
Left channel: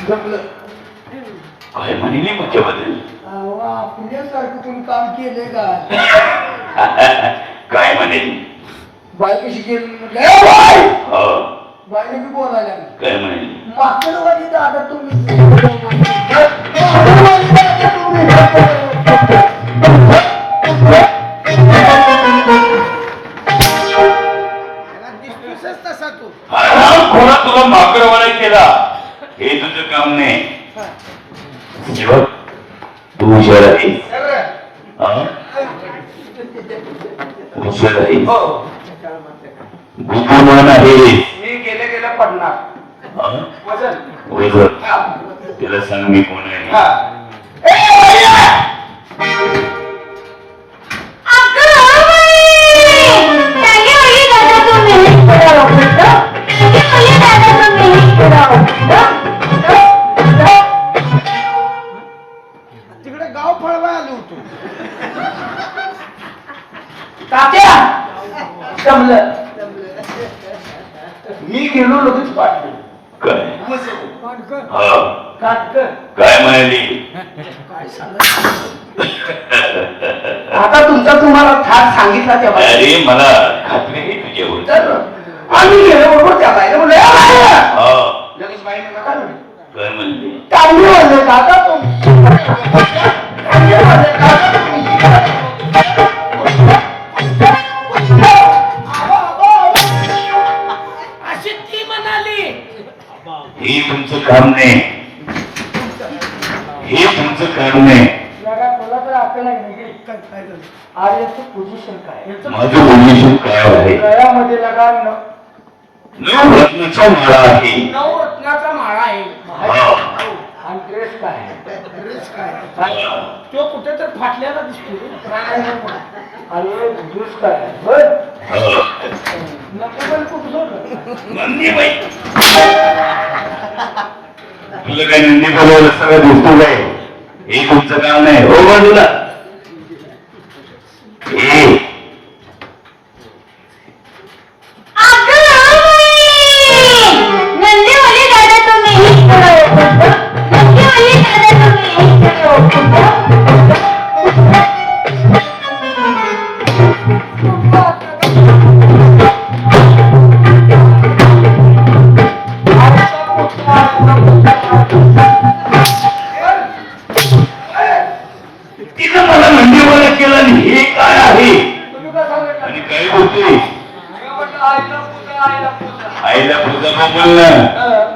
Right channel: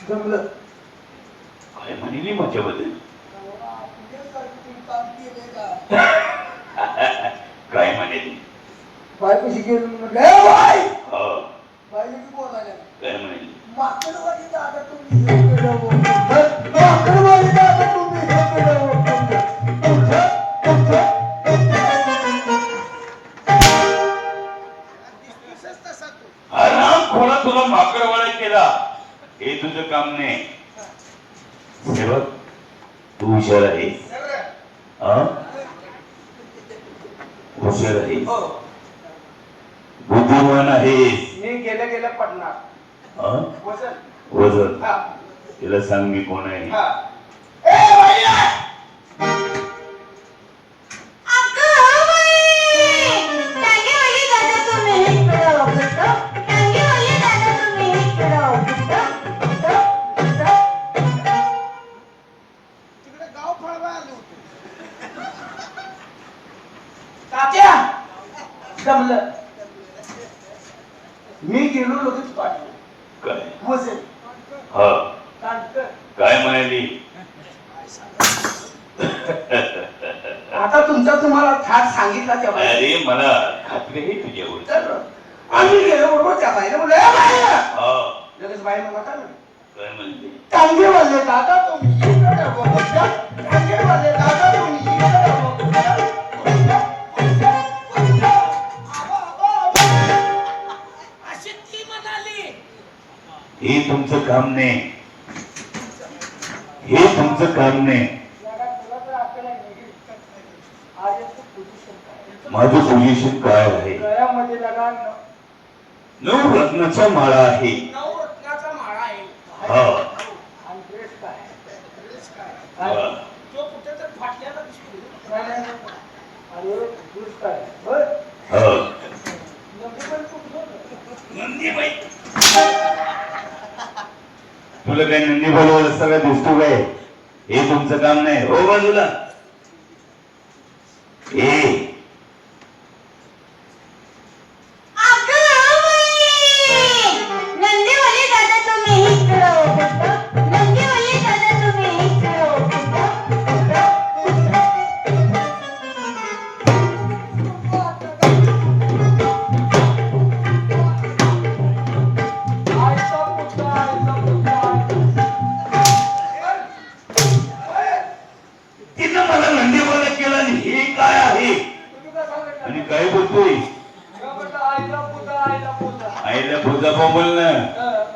जमलं. काय म्हणली माझ्याबद्दल. आपल्यासारखं तुम्ही काम केले का. काय म्हणेल बाई कशी गेली म्हटलं ए बाई. हो बाईने बी बोलायला लागली. काय म्हणेल माकडवाली दादा तुम्ही. माकडवाली दादा तुम्ही. त्याला दिसतोयस तसा तू खोरा तुला माकडवाडा केला हे तुझं काम नाही. हे बघ तू हुशार आहेस. हा? हुशार आहेस बुद्धिमान आहेस. मी गेले गेले पडणार हा? वजन वजन हा. तिला सांग मी कोण आहे. हा. ए, भैया! तिकडे गाव फळवा आलो होतो. तात्या जमलं. मी गेलो लगेच पाठवलं. काय काटकर. हा काटकर. काय म्हणाली. आता तुमचा तुम्हाला थाट सांगितला त्या बाईने. अरे मला खात्री आहे तुझ्यावर. तर आम्ही गेलो बरोबर त्या बाईने म्हणलं, "ए बाई!" हा लगेच बाईने नका म्हणले. काय म्हणली. चांगली म्हणले काका तुम्ही. चांगली म्हणले काका तुम्ही. अशी ती म्हणाली. हे तुमचं काम नाही. हे तुमचं काम नाही. जरा तुला तर अक्कल आहे नाही. काय झालं? आर्याचं पोझिशन काय माझं पोझिशन काय आहे. गळ्यामध्ये लगा नऊ रत्नाचा माळा आहे. नवरत्नाचा माळा आहे. हा आणि ड्रेस काय ड्रेस काय? हा. तो कुठे तर फाटल्याला दिसतो. अरे ज्यूस काय बर हा. नको पण कुठं होतं? नंदीबाई तुला काय नंदी बोलवलं सगळं दिसतो काय. हे तुमचं काम नाही. हो बाजूला ए तिथं मला नंदीवाला केला आणि हे काय आहे तुम्ही काय सांगितलं? आणि काय बोलतोय. मी म्हटलं आईला पूजा. आईला पूजा बोल ना.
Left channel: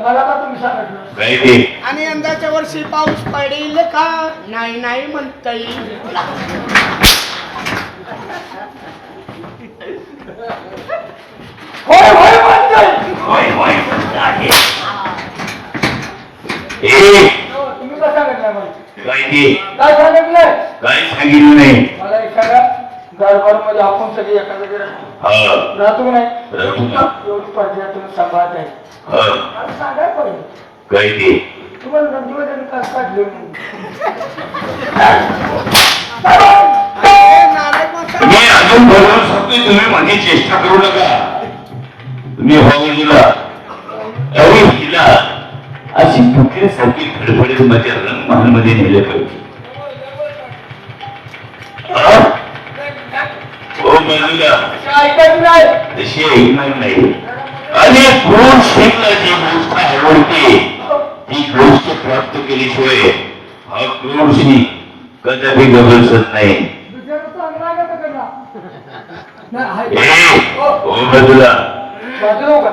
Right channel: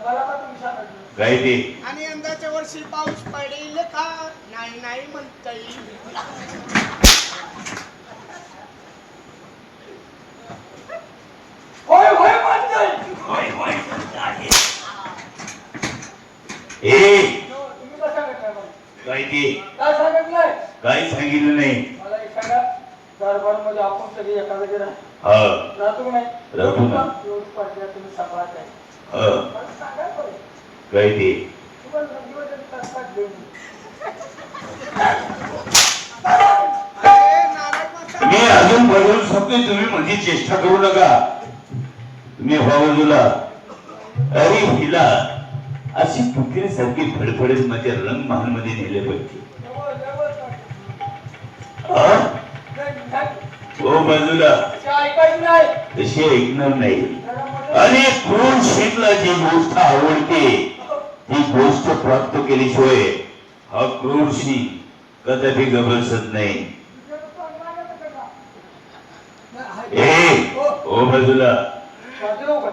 मला का तुम्ही सांगितलं? काय ते आणि यंदाच्या वर्षी पाऊस पडेल का? नाही नाही म्हणता येईल. होय होय म्हणताय. होय होय म्हणत आहे. ए तुम्ही काय सांगितलं मला? काय ते काय सांगितलंय? काय सांगितलं नाही. मला एखाद्या दरबार मध्ये आपण सगळे एखाद्या जरा हा राहतो नाही राहतो ना. एवढी पडल्या तुम्ही सांभाळत आहे हा मला सांगायला पाहिजे काय ते तुम्हाला नंदीवाल्याने काय काढले अरे नारायण मासा. मी अजून बोलवून सांगतोय तुम्ही माझी चेष्टा करू नका. तुम्ही भाऊजीला अरे हिला अशी फुकरीसारखी फडफडीत माझ्या रंगमहाल मध्ये नेले पाहिजे. हा? हो बाजूला ऐकायचं नाही तशी ऐकणार नाही. आणि क्रूर शेखला जी गोष्ट आवडते ती गोष्ट प्राप्त केल्याशिवाय हा क्रूर शेख कदापि गबसत नाही. दुसऱ्याचं चांगलं आहे का त्याला? नाही, ए आहे. हो बाजूला बाजूला उभा.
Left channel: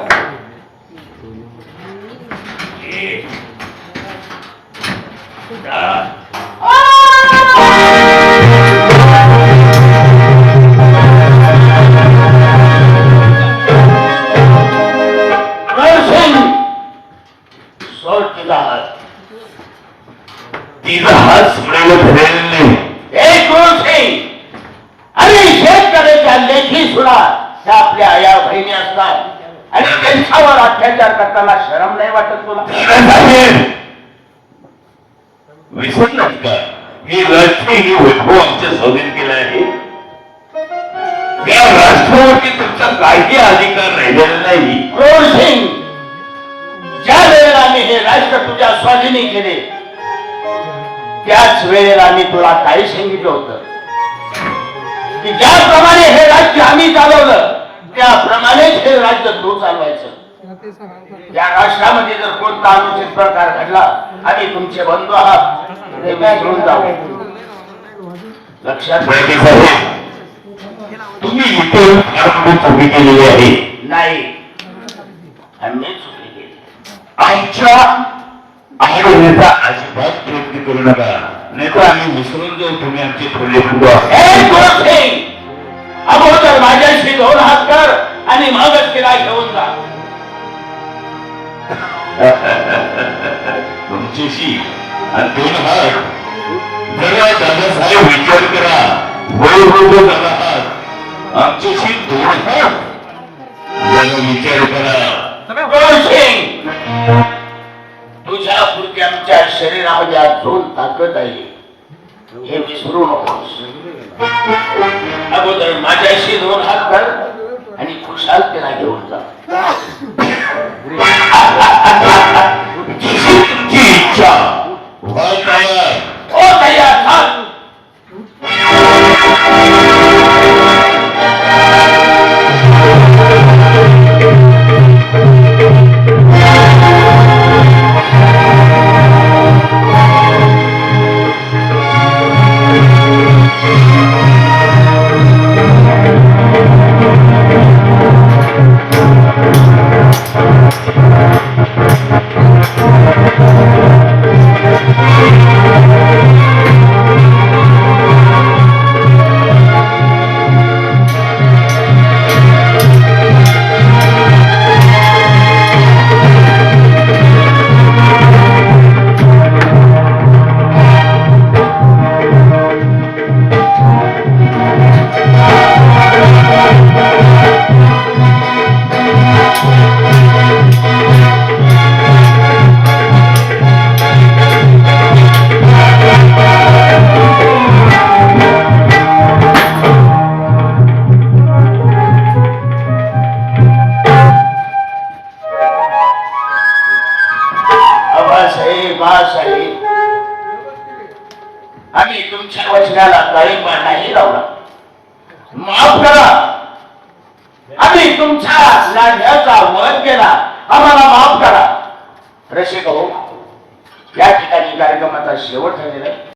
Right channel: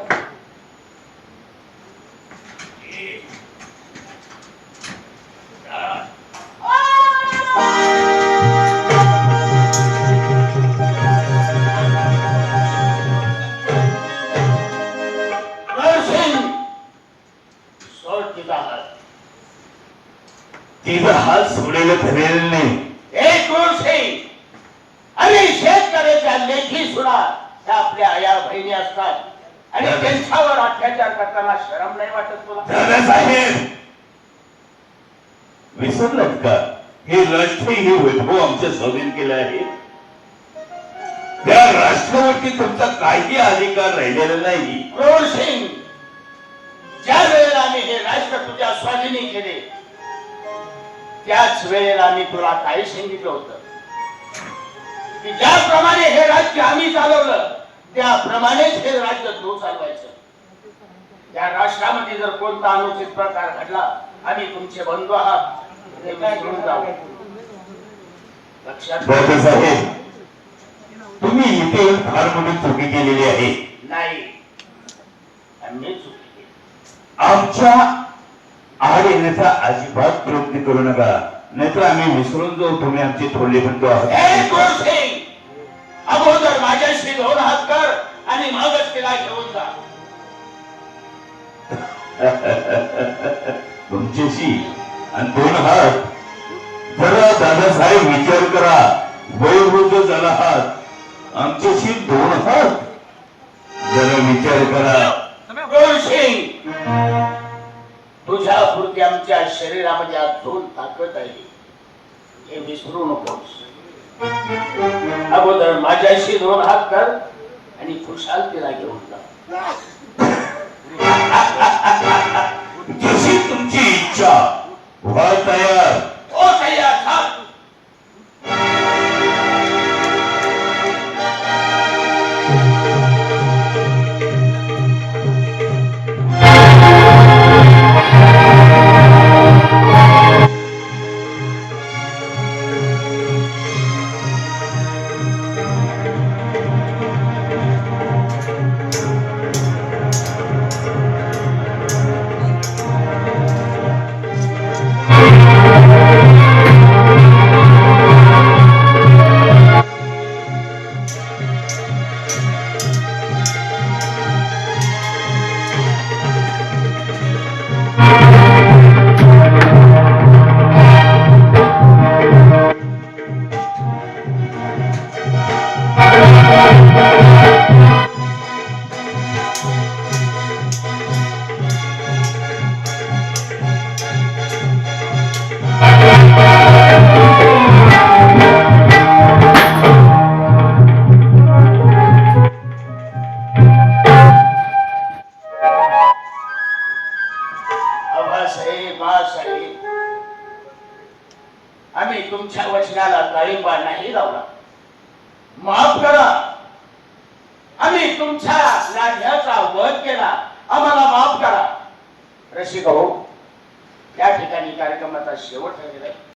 तिचा हात सोडायला धरेल नाही. अरे शेतकऱ्याच्या लेखी सुद्धा त्या आपल्या आया बहिणी असतात आणि त्यांच्यावर अत्याचार करताना शरम नाही वाटत तुला? दादासाहेब विसरलात का हे राष्ट्र हे वैभव आमच्या स्वाधीन केलं आहे. या राष्ट्रावरती तुमचा काही अधिकार राहिलेला नाही. क्रूर सिंग, ज्या वेळेला आम्ही हे राष्ट्र तुझ्या स्वाधीनी केले त्याच वेळेला आम्ही तुला काही सांगितलं होतं की ज्याप्रमाणे हे राज्य आम्ही चालवलं त्याप्रमाणेच हे राज्य तू चालवायचं. या राष्ट्रामध्ये जर कोणता अनुचित प्रकार घडला आम्ही तुमचे बंधू आहात ते विसरून जाऊ. लक्षात बाकी साहेब तुम्ही इथे फार मोठी चुकी केलेली आहे. नाही आम्ही चुकी केली. आमच्या आड येण्याचा अजिबात प्रयत्न करू नका नाहीतर आम्ही विसरून जाऊ तुम्ही आमचे थोरले बंधू आहात. हे क्रूर सिंग, अगोदर माझ्याशी 2 हात कर आणि मगच तिला घेऊन जा. तुमच्याशी आणि दोन हात जरा दादासाहेब विचार करा वयोवृद्ध झाला आहात आमच्याशी दोन हात जरा विचार करा गोळसिंग, तुझ्या पुरती आमच्या शरीरामध्ये अजून ताकद आहे हे विसरू नकोस. अगोदर माझ्याशी दोन हात कर आणि खुशाल तिला घेऊन जा. जशी तुमची इच्छा व्हा तयार. हो तयार थांब. आम्ही तुमच्या वचनाला तळींबा नाही लावला. माफ करा. आम्ही तुमच्या लाढ्याचा वध केला. आम्हाला माफ करा. रसिक हो, या ठिकाणी कार्यक्रमाचा शेवट झालेला आहे.